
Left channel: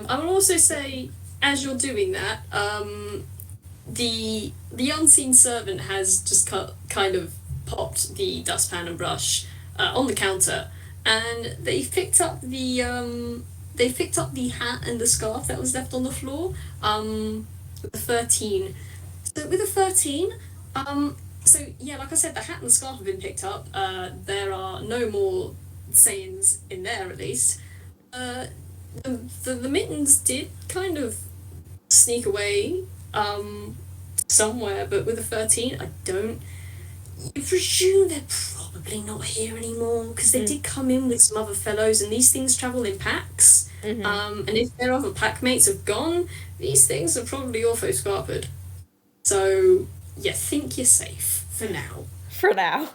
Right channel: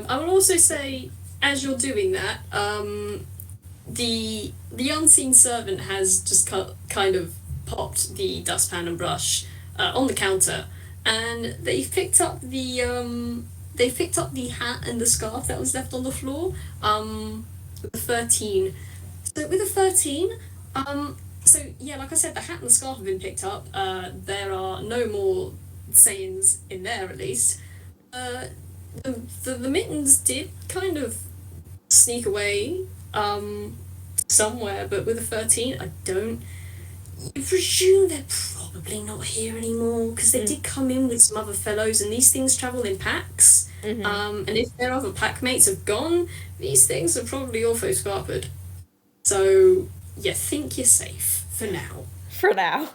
I will also say, as you're doing that, the unseen servant has just kind of popped the dustpan and brush on the counter, and they've picked up the hat and the scarf that was left on the floor. With a 13. So with a 13, so yeah, like I said, the hat and the scarf have been picked up. There are no more sayings in there, at least. Uh, the mittens did kind of sneak away somewhere, but with a 13, I don't. You presume they're probably not here anymore because they Mm. did come in with some other fellows, and these things travel in packs. Mm-hmm. And if their other pack mates have gone, these things are probably also scarpered. So you think you're safe for now. For now.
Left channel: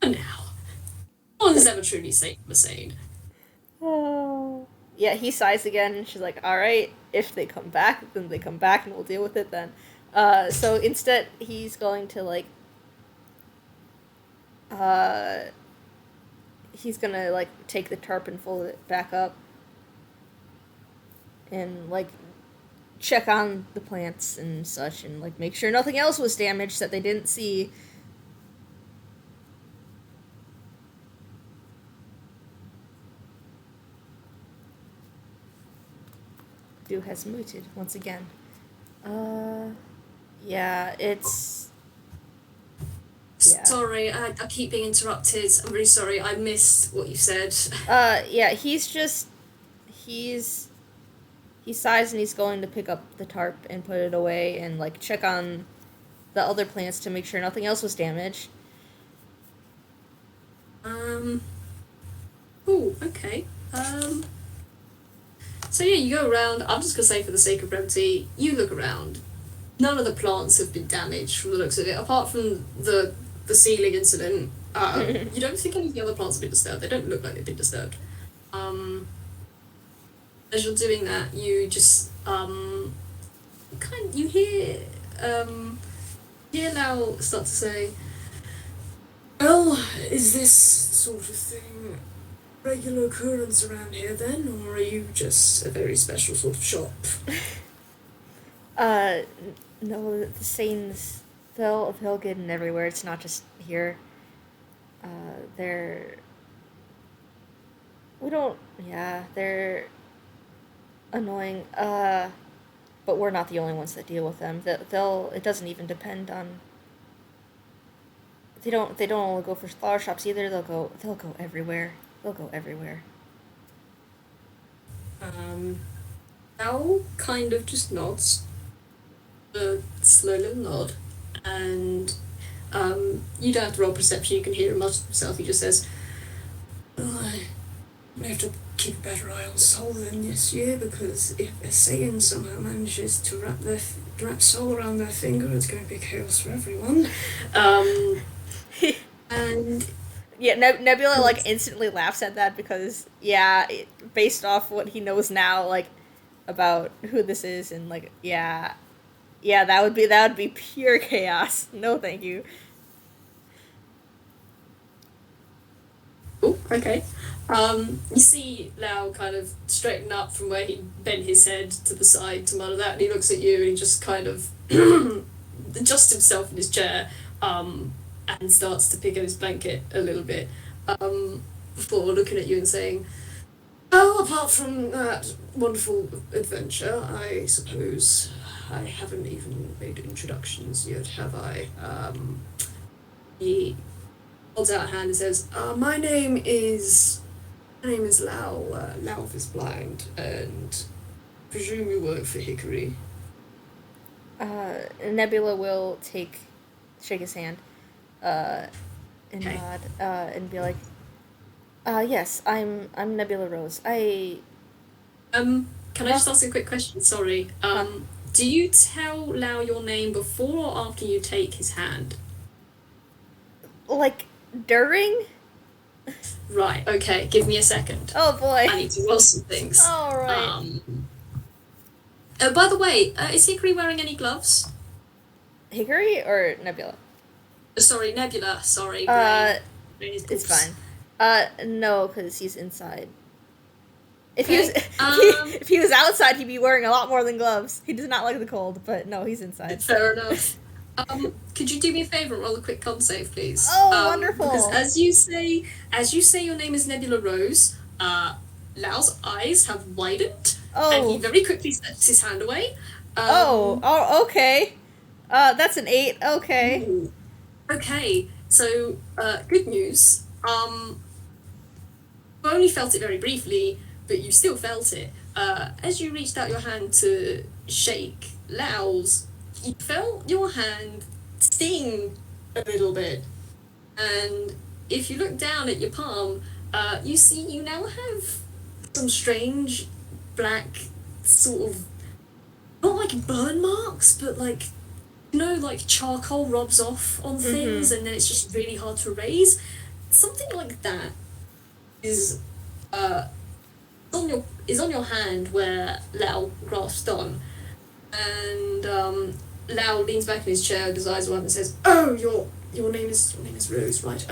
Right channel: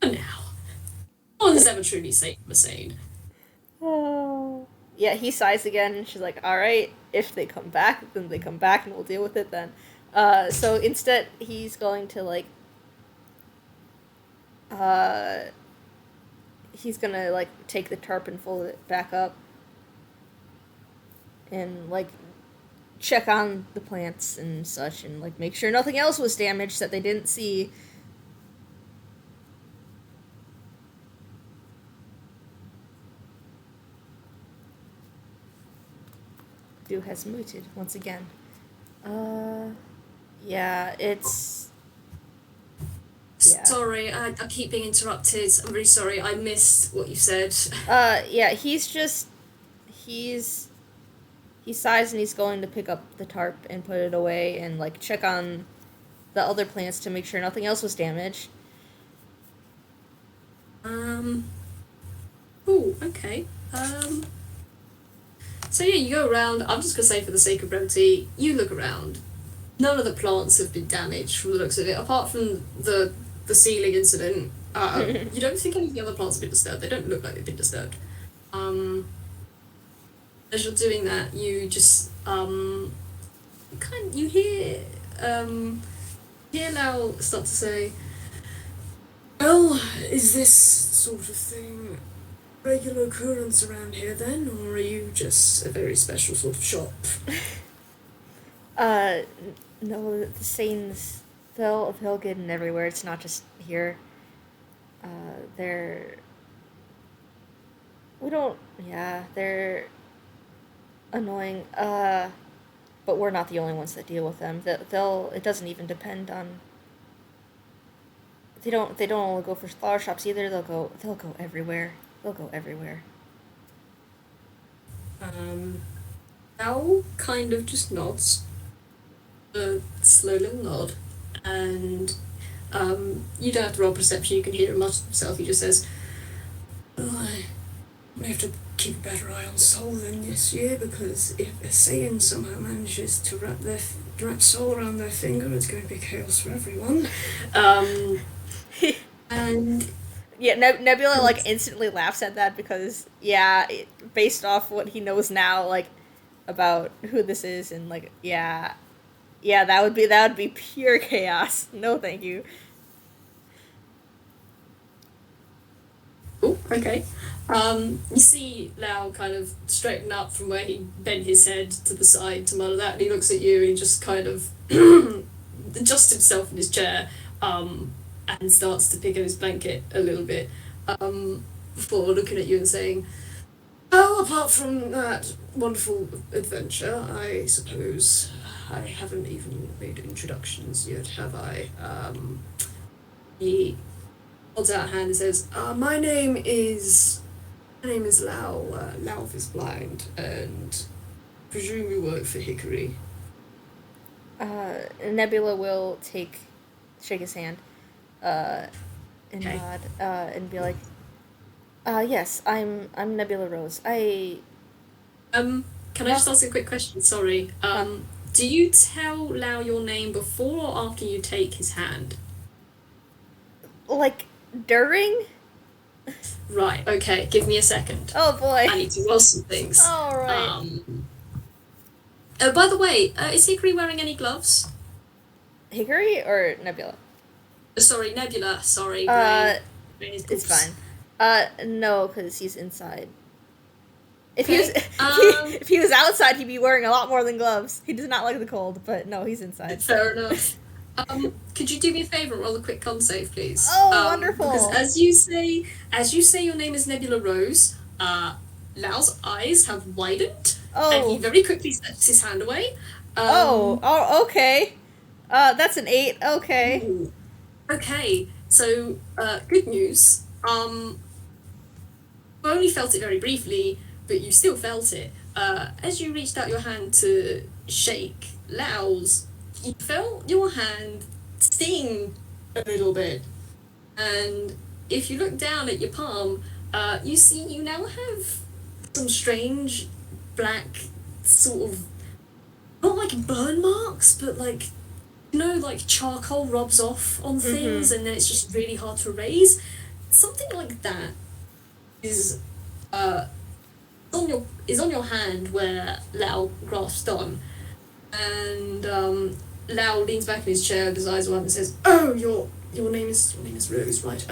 For now. No one's ever truly safe from a sane. Oh. Yeah, he sighs again, and she's like, "Alright, if they come back, then they come back, and we'll deal with it then." So instead, he's going to, like, uh, he's gonna, like, take the tarp and fold it back up, and, like, check on the plants and such, and, like, make sure nothing else was damaged that they didn't see. Do has muted once again. Uh, yeah, it's yeah. Sorry, I keep being interrupted. I'm really sorry. I missed what you said. Yeah, he's he sighs and he's going to pick up the tarp and put it away and like check on the other plants to make sure nothing else was damaged. Um. Oh, okay. So yeah, you go around. I'm just gonna say, for the sake of brevity, you look around. None of the plants have been damaged from the looks of it, apart from the ceiling incident. You don't think any of the other plants have been disturbed. They don't look like they've been disturbed. Um, as you're doing that, you just you hear Lau start to say, "Well, is this sort of thing regular occurrence around here then, or are you just a very special sort of shop?" Uh, no, the Saints, they'll get in everywhere. It's not just here. They're we don't yeah they're annoying. But we're not the only ones that deal with them. They'll it doesn't even depend on. They don't only go for flower shops either. They'll go everywhere. They'll go everywhere. Lau kind of just nods, a slow little nod, and you don't have to roll perception, you can hear him much himself. He just says, "Well, I may have to keep a better eye on Soul than this year, because if a Saiyan somehow manages to wrap Soul around their finger, it's going to be chaos for everyone." And Yeah, Nebula like instantly laughs at that because based off what he knows now, like about who this is, and like that would be pure chaos. No, thank you. Oh, okay. You see Lau kind of straighten up from where he bent his head to the side to mutter that, and he looks at you and he just kind of adjusts himself in his chair, and starts to pick at his blanket a little bit, before looking at you and saying, "Oh, apart from that wonderful adventure, I suppose I haven't even made introductions yet, have I?" He holds out a hand and says, My name is Lau. Lau is blind, and presume you work for Hickory." Nebula will shake his hand, and Okay. nod, and be like, yes, I'm Nebula Rose. Can I just ask a quick question? Sorry. Huh, Do you tell Lau your name before or after you take his hand? like during. Right. Okay. Give me a second. Oh boy. I need to roll some things. All right. By the way, is Hickory wearing any gloves? Hickory or Nebula? Sorry, Nebula. Sorry, Uh, brain is it's oops. fine. No, because he's inside. If he was Okay. if he was outside, he'd be wearing a lot more than gloves. He does not like the cold, but no, he's inside. Fair enough. Could you do me a favour and roll a quick con save, please? Oh, Because wonderful. as you say your name is Nebula Rose, Lau's eyes have widened, and he Oh, very quickly sets his hand away. okay. That's an 8. Okay. Ooh. Okay, so good news. You only felt it very briefly, but you still felt it. As you reached out your hand to shake Lau's, you felt your hand sting a little bit. And if you look down at your palm, you see you now have some strange black sort of, not like burn marks, but like, like charcoal rubs off on Mm-hmm. things and then it's just really hard to erase. Something like that is uh on your hand where Lau grasped on, and Lau leans back in his chair with his eyes wide and says, "Oh, your name is Rose, right?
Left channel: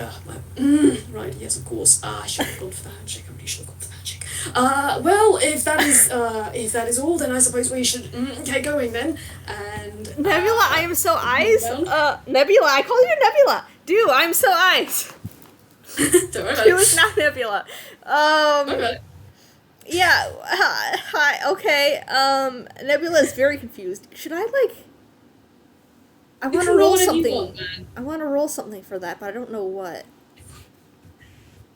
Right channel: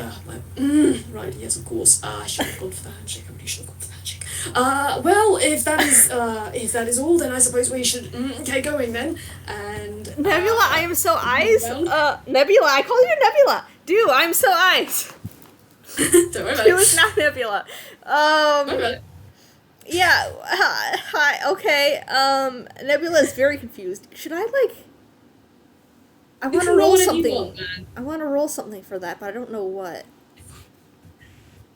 Right, yes, of course. I should have gone for the handshake. I really should have gone for the handshake. Well, if that is all, then I suppose we should get going then." And Nebula, I am so eyes. well, Nebula, I call you Nebula. Dude, I'm so eyes. don't worry about Dude, it's it. not Nebula. Don't worry about it. Yeah. Hi. Okay. Nebula is very confused. Should I like? I You want to can roll roll whatever you something. want, man. I want to roll something for that, but I don't know what.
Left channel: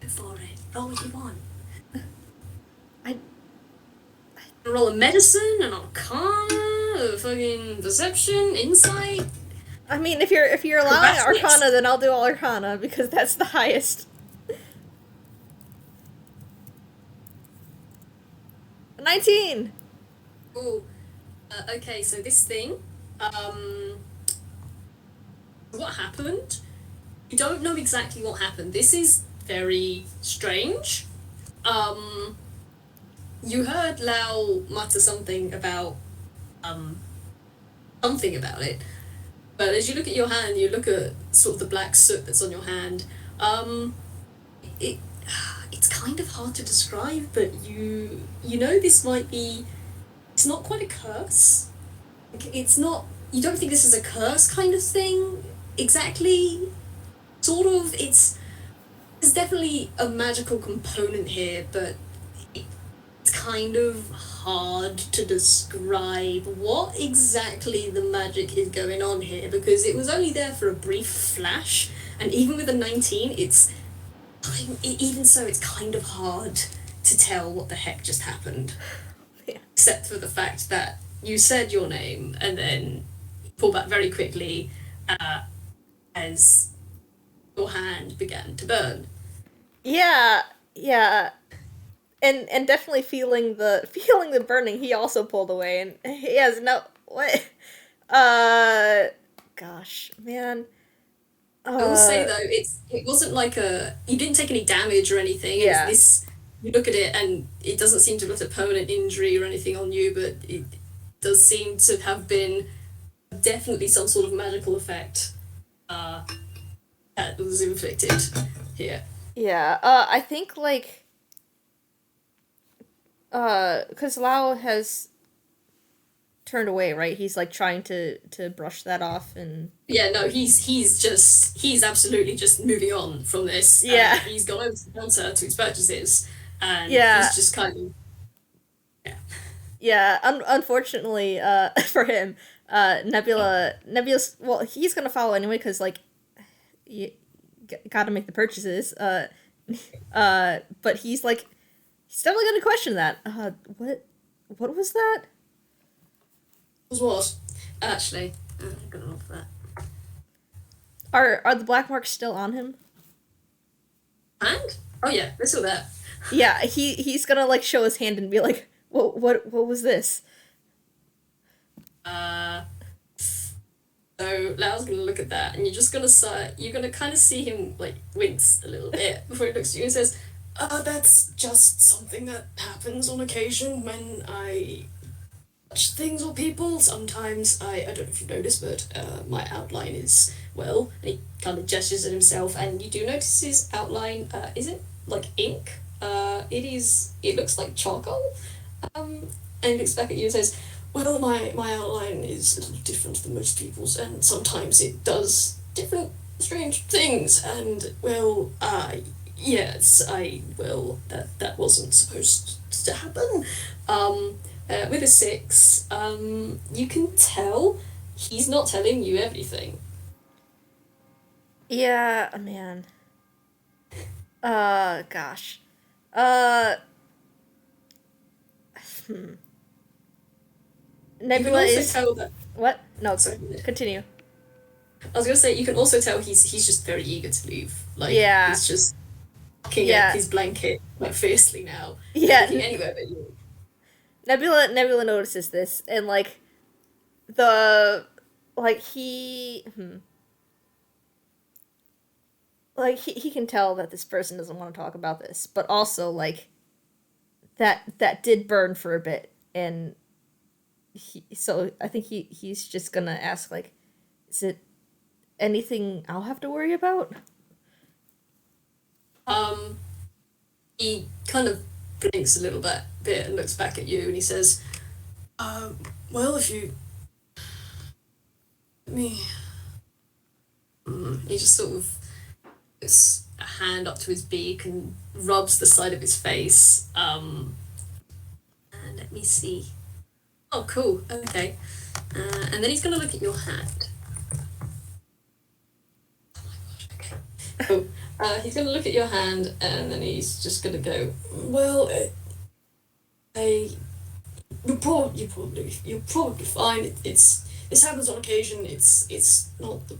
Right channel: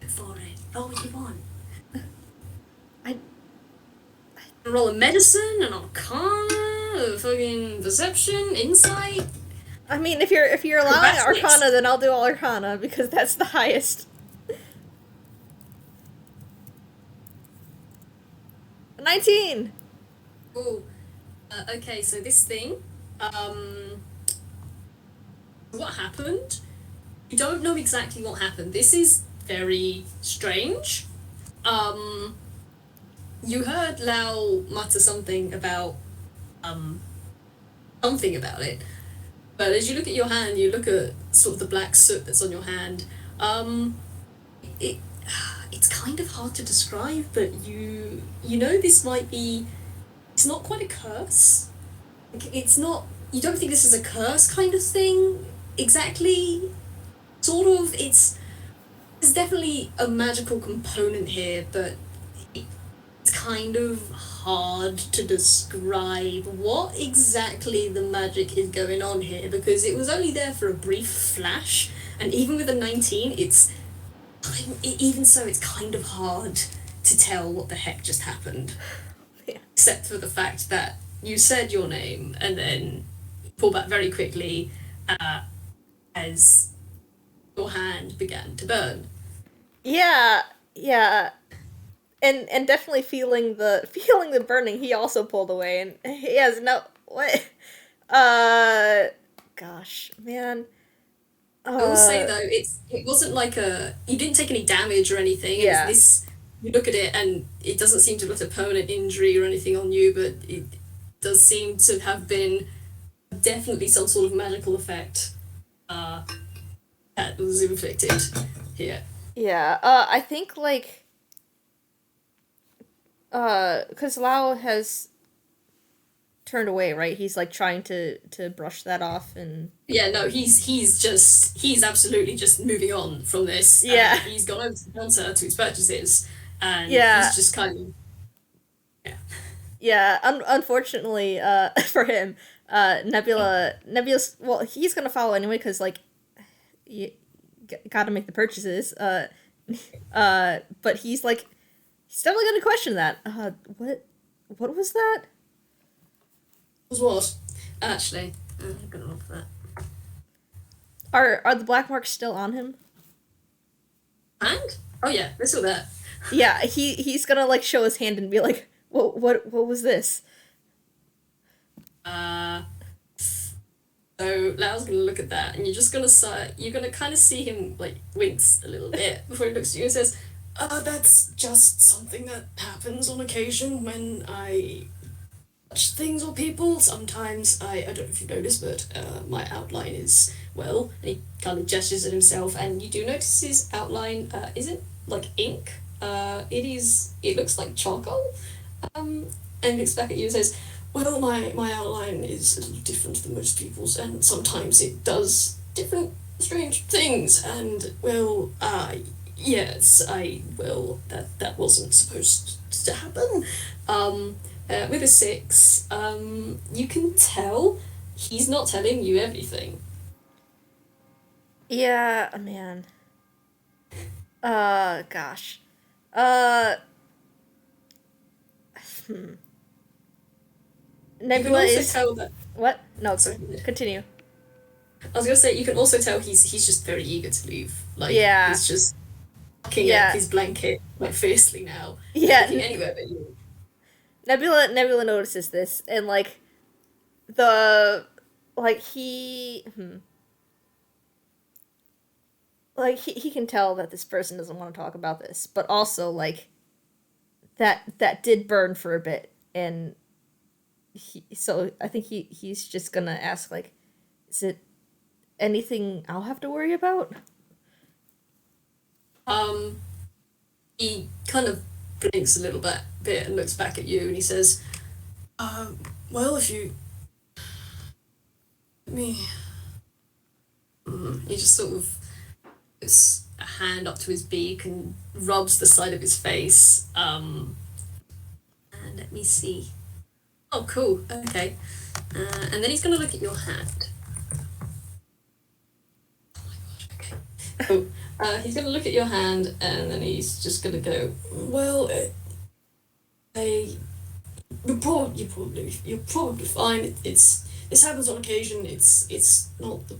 Go for it. Roll what you want. I. Roll a medicine, an arcana, a fucking deception, insight, I mean, if you're allowing acrobatics. Arcana, then I'll do Arcana because that's the highest. 19. Oh, okay. So this thing, what happened? You don't know exactly what happened. This is very strange. Um, you heard Lau mutter um, something about it. But as you look at your hand, you look at sort of the black soot that's on your hand. It it's kind of hard to describe, but you know this might be. It's not quite a curse. Like, it's not. You don't think this is a curse kind of thing exactly. Sort of. There's definitely a magical component here, but it's kind of hard to describe what exactly the magic is going on here because it was only there for a brief flash, and even with a 19, even so, it's kind of hard to tell what the heck just happened, Yeah. except for the fact that you said your name and then pull back very quickly as your hand began to burn. Yeah. Yeah. And definitely feeling the burning. He also pulled away, and he has no what. Uh, gosh, man. I will say Uh, though, it wasn't like a you didn't take any damage or anything. It's yeah. this you look at it and it doesn't seem to have left a permanent injury or anything on you, but it does seem to have been definitely some sort of magical effect uh, that was inflicted here. Yeah. I think like cuz Lao has turned away, right? He's like trying to brush that off and Yeah, no, he's absolutely just moving on from this. yeah. He's gone over to the counter to his purchases, and Yeah. he's just kind of yeah. Yeah, unfortunately, for him, Nebula's well, he's gonna follow anyway because like you gotta make the purchases. But he's definitely gonna question that. What was that? Was what actually? I'm gonna look for that. Are the black marks still on him? And oh yeah, they're still there. Yeah, he's gonna like show his hand and be like, what was this? Uh, so Lau's gonna look at that, and you're gonna kind of see him like wince a little bit before he looks at you and says, "That's just something that happens on occasion when I touch things or people. Sometimes I don't know if you noticed, but my outline is well." And he kind of gestures at himself, and you do notice his outline isn't like ink. It looks like charcoal. And he looks back at you and says, well, my outline is a little different than most people's, and sometimes it does different strange things, and, well, yes, that wasn't supposed to happen. With a six, you can tell he's not telling you everything. Yeah, man. Gosh. Uh, hmm. You can Nebula also is tell that, what? No, sorry, continue. I was gonna say, you can also tell he's just very eager to leave. Like, Yeah, he's just looking at yeah, his blanket, like, fiercely now, yeah. looking anywhere but you. Nebula notices this and the like he can tell that this person doesn't want to talk about this, but also like that did burn for a bit, and so I think he's just gonna ask like, is it anything I'll have to worry about? Um, he kind of blinks a little bit and looks back at you, and he says, well, if you let me. He just sort of puts a hand up to his beak and rubs the side of his face. And let me see. Oh, cool. Okay. And then he's gonna look at your hand. Oh my gosh. Okay. Cool. He's gonna look at your hand, and then he's just gonna go. Well, I you're probably fine. It's this happens on occasion. It's not the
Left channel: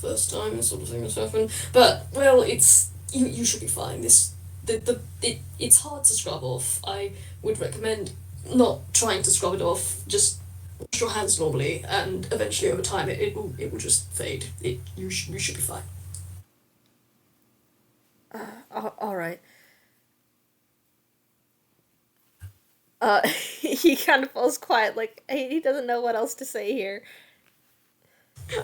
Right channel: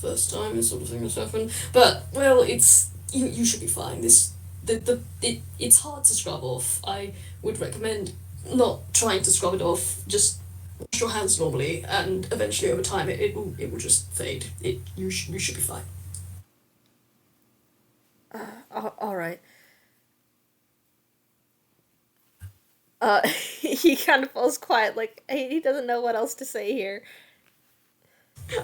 first time this sort of thing has happened. But well, you should be fine. It's hard to scrub off. I would recommend not trying to scrub it off. Just wash your hands normally, and eventually over time it will just fade. You should be fine. All right. He kind of falls quiet, like he doesn't know what else to say here.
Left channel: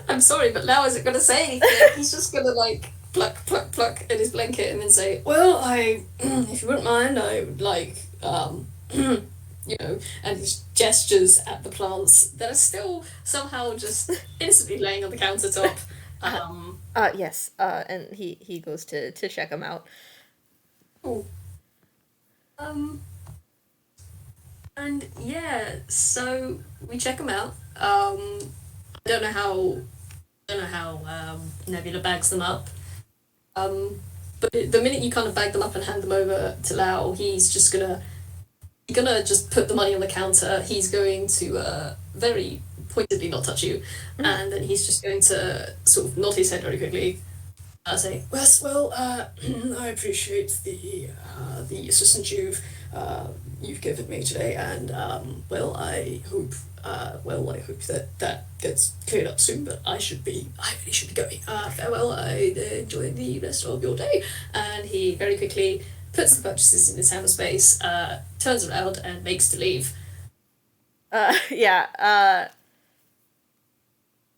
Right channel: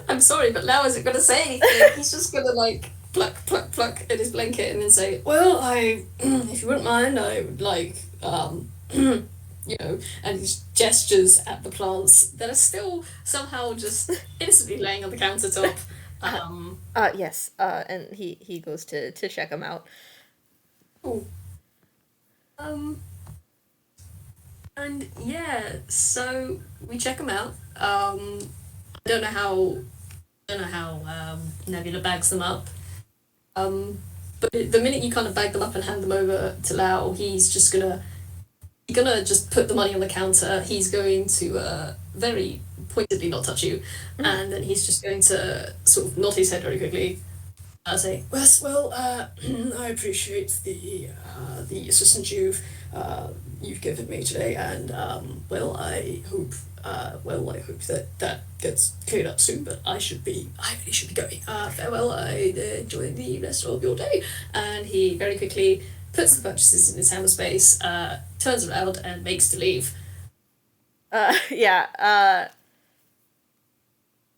I'm sorry, but Lau isn't gonna say anything. He's just gonna like pluck at his blanket and then say, "Well, if you wouldn't mind, I would like, and he gestures at the plants that are still somehow just innocently laying on the countertop. Uh, Um, yes. And he goes to check him out. oh, um, and yeah, so we check them out. I don't know how Nebula bags them up. Um, but the minute you kind of bag them up and hand them over to Lau, he's gonna just put the money on the counter. He's going to very pointedly not touch you, and then he's just going to sort of nod his head very quickly. Say, well, I appreciate the assistance you've given me today, and well, I hope well, I hope that gets cleared up soon, but I really should be going. Farewell, I enjoy the rest of your day. And he very quickly puts the purchases in his hammer space, turns around and makes to leave. Yeah,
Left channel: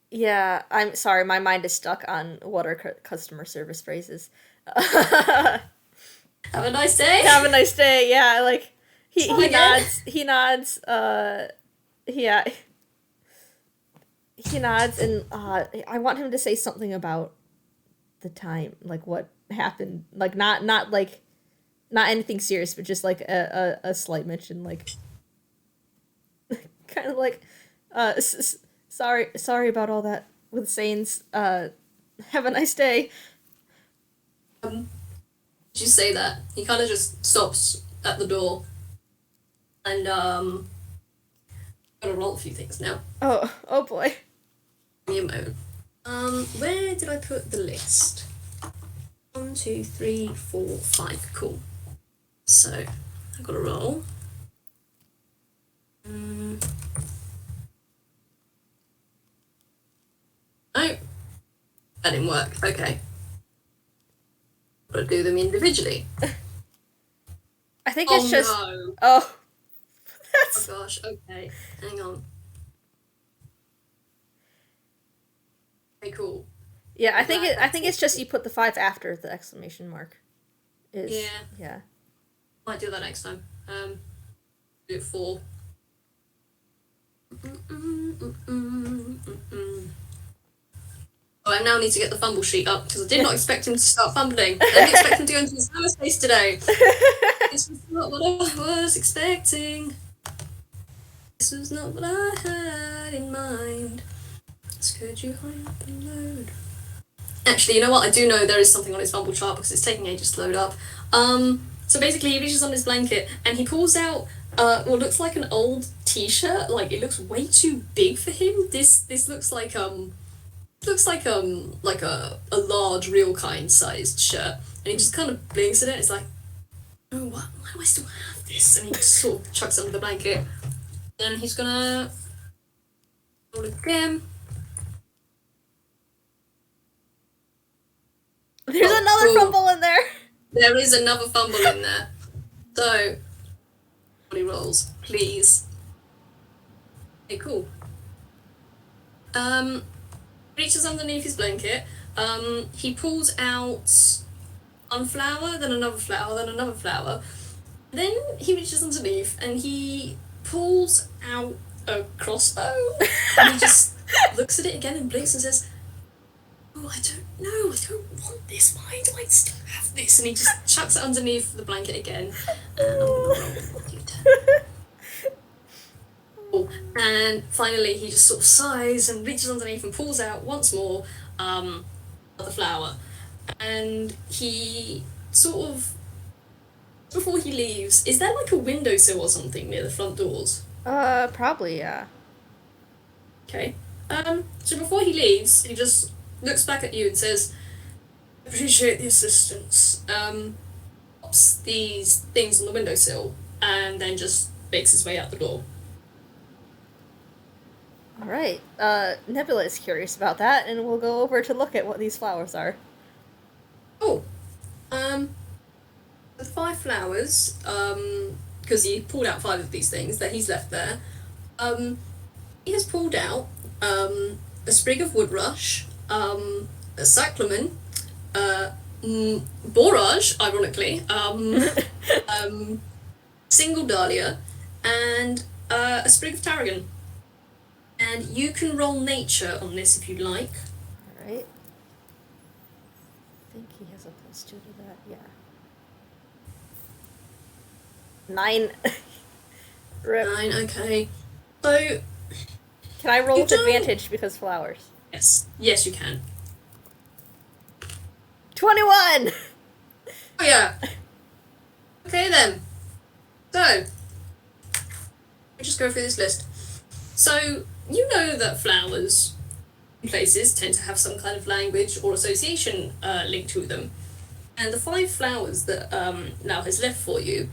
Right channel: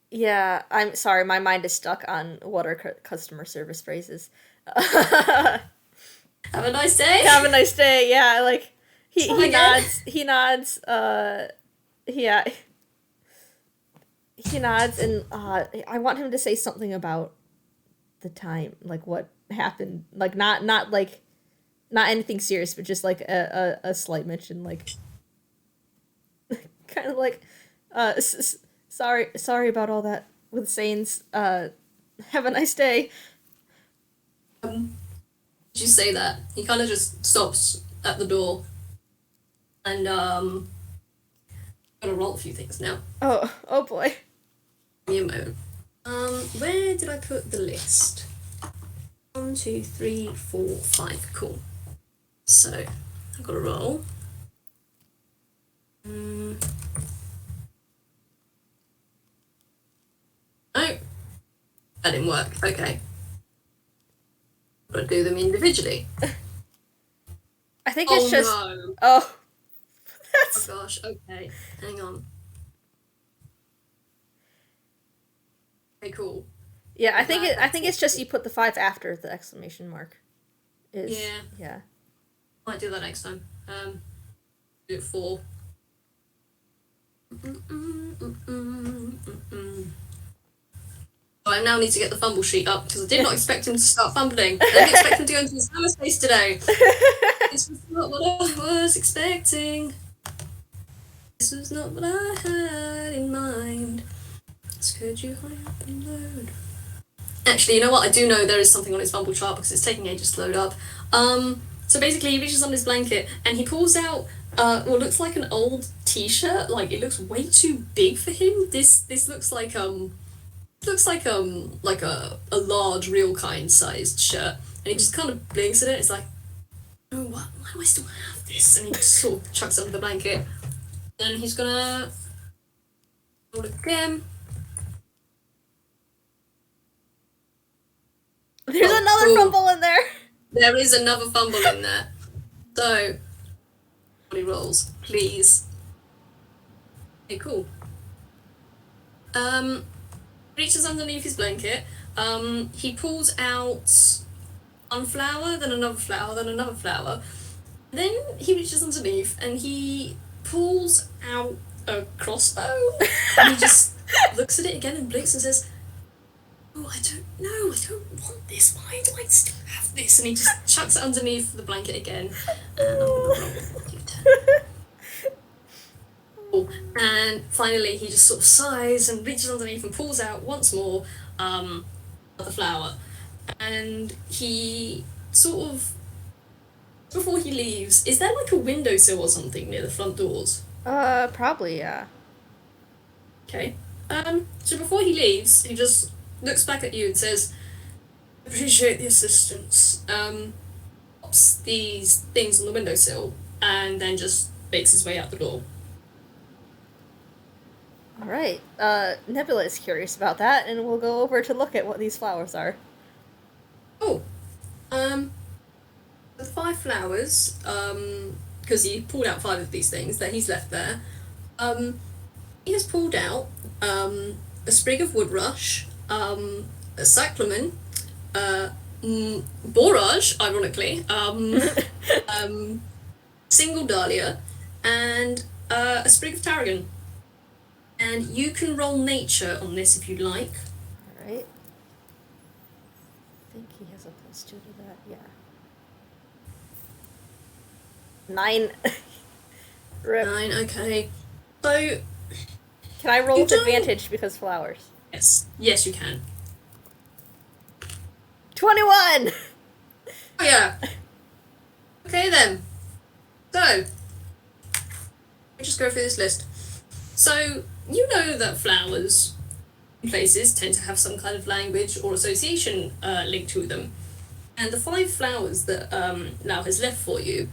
yeah, I'm sorry, my mind is stuck on what are customer service phrases. Have a nice day. Have a nice day, yeah, like, he Again. nods, yeah, he nods, and, I want him to say something about the time, like, what happened, like, not anything serious, but just, like, a slight mention, like, kind of like, sorry about all that with Sains. Have a nice day. As you say that, he kind of just stops at the door, and I'm gonna roll a few things now. Oh boy. Give me a moment. Where did I put the list? 1, 2, 3, 4, 5. Cool. So I've got to roll. No, that didn't work. Okay. Got to do them individually. I think it's just. No. Oh. Oh gosh. Okay. Hang on. Okay. Cool. Yeah, I think it's just you put the 5 after the exclamation mark. Yeah. Might do that next time. Do it 4. Oh, I now need to get the fumble sheet up because I did not expect him to start fumbling. I didn't expect him to go into his hammer space today. This was not what I was expecting. This was not what I had in mind. So could you hurry up and load? Actually, you know what? I do know there is something on his fumble chart because it's taking ages to load up. So basically, he reaches on his blanket and he pulls out what looks like an old T-shirt. Like it looks way too big for him. This looks like a large real kind sized shirt, and he just kind of blinks at it. It's like, oh, why do I still have this? And he just sort of chucks it under the blanket. Then he's gonna roll again. There's another fumble in there. There is another fumble in there. So, body rolls, please. Okay, cool. Reaches underneath his blanket. He pulls out one flower, then another flower, then another flower. Then he reaches underneath and he pulls out a crossbow. And he just looks at it again and blinks and says, oh, I don't know, I don't want this. Why do I still have this? And he just chucks it underneath the blanket again. And finally, he just sort of sighs and reaches underneath and pulls out once more the flower. And he sort of, before he leaves, is there like a windowsill or something near the front doors? Probably, yeah. Okay. So before he leaves, he just looks back at you and says, appreciate the assistance. Pops these things on the windowsill and then just makes his way out the door. Alright, Nebula is curious about that, and we'll go over to look at what these flowers are. Oh, the 5 flowers, because he pulled out 5 of these things that he's left there, he has pulled out, a sprig of woodrush, a cyclamen, borage, ironically, single dahlia, and a sprig of tarragon. And you can roll nature on this if you like. Alright. I think he has a +2 to that, yeah. 9. Rip. 9, okay. So, can I roll you with don't- advantage because flowers? Yes, you can. 21! Oh yeah. Okay then. So, we just go through this list. So, you know that flowers in places tend to have some kind of language or association linked to them. And the 5 flowers that now has left for you,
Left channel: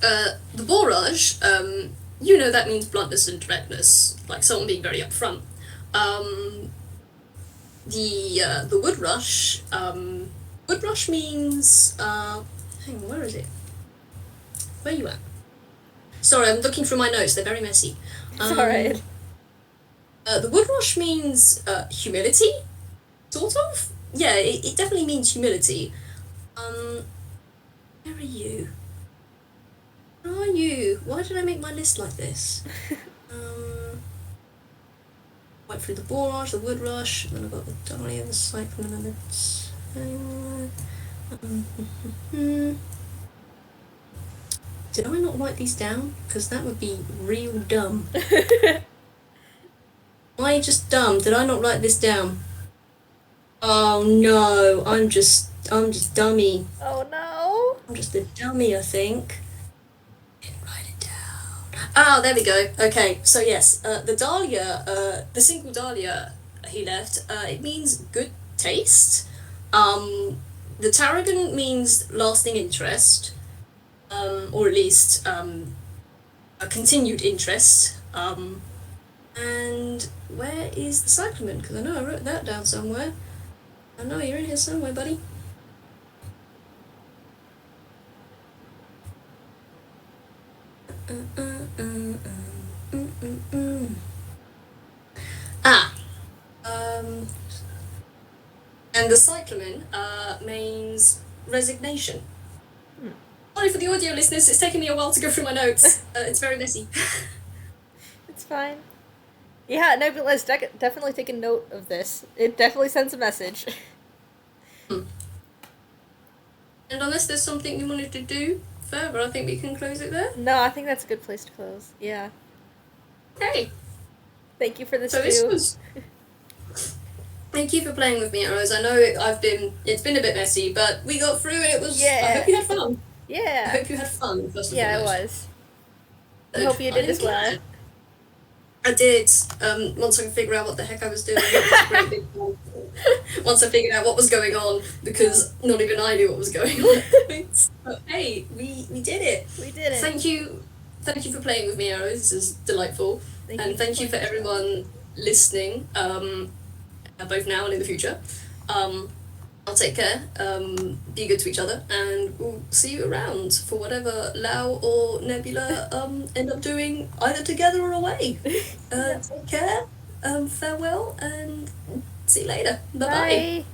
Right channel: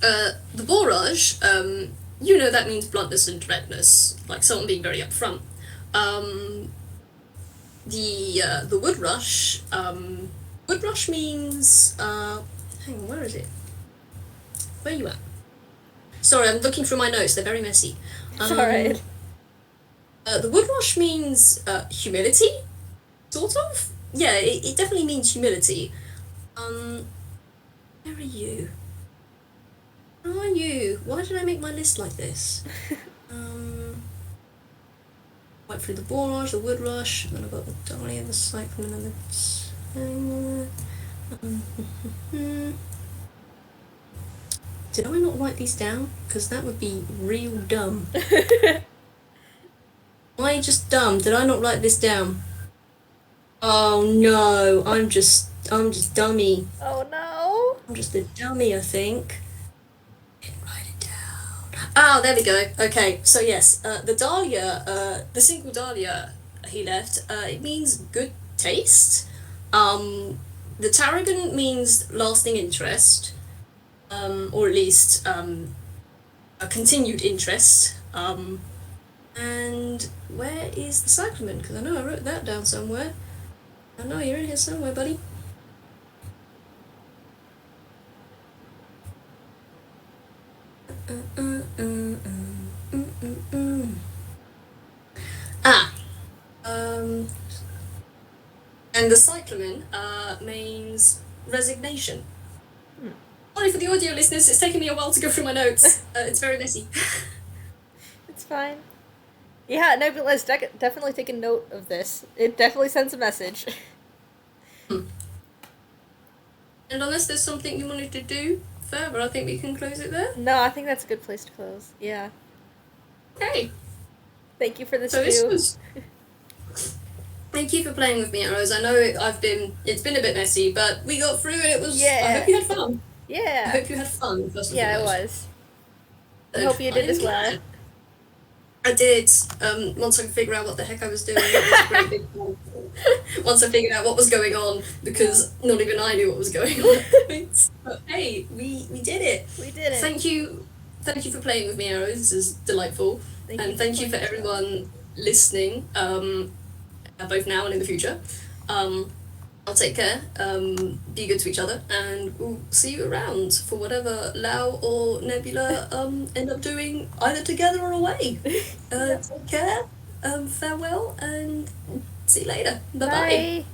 the borage you know that means bluntness and directness, like someone being very upfront. Um, the wood rush. Wood rush means hang on, where is it? Where are you at? Sorry, I'm looking through my notes. They're very messy. It's alright. The wood rush means humility, sort of. Yeah, it definitely means humility. Where are you? Where are you? Why did I make my list like this? Went through the borage, the wood rush, and then I've got the dahlia, the cyclamen, and the... Did I not write these down? Because that would be real dumb. Am I just dumb? Did I not write this down? Oh no, I'm just dummy. Oh no. I'm just a dummy, I think. Didn't write it down. Oh, there we go. Okay, so yes, the dahlia, the single dahlia he left, it means good taste. The tarragon means lasting interest, or at least a continued interest. And where is the cyclamen? Because I know I wrote that down somewhere. I know you're in here somewhere, buddy. Ah, and the cyclamen means resignation. Sorry for the audio listeners, it's taken me a while to go through my notes. It's very messy. It's fine. Yeah, Nebula's definitely taken note of this. It definitely sends a message. And unless there's something you wanted to do further, I think we can close it there. No, I think that's a good place to close. Yeah. Okay. Thank you for this, So this was... Thank you for playing with me, Arrows. I know it's been a bit messy, but we got through and it was... Yeah. I hope you had fun. Yeah. I hope you had fun, first and Yeah, it foremost. was. I hope you did as well. I did. Once I could figure out what the heck I was doing. It was a great big once I figured out what was going on, because not even I knew what was going on. But hey, we did it. We did it. Thank you for playing with me, Arrows. This is delightful. Thank you for everyone listening, both now and in the future. I'll take care, be good to each other, and we'll see you around for whatever Lau or Nebula end up doing, either together or away. Take care, farewell, and see you later. Bye-bye. Bye.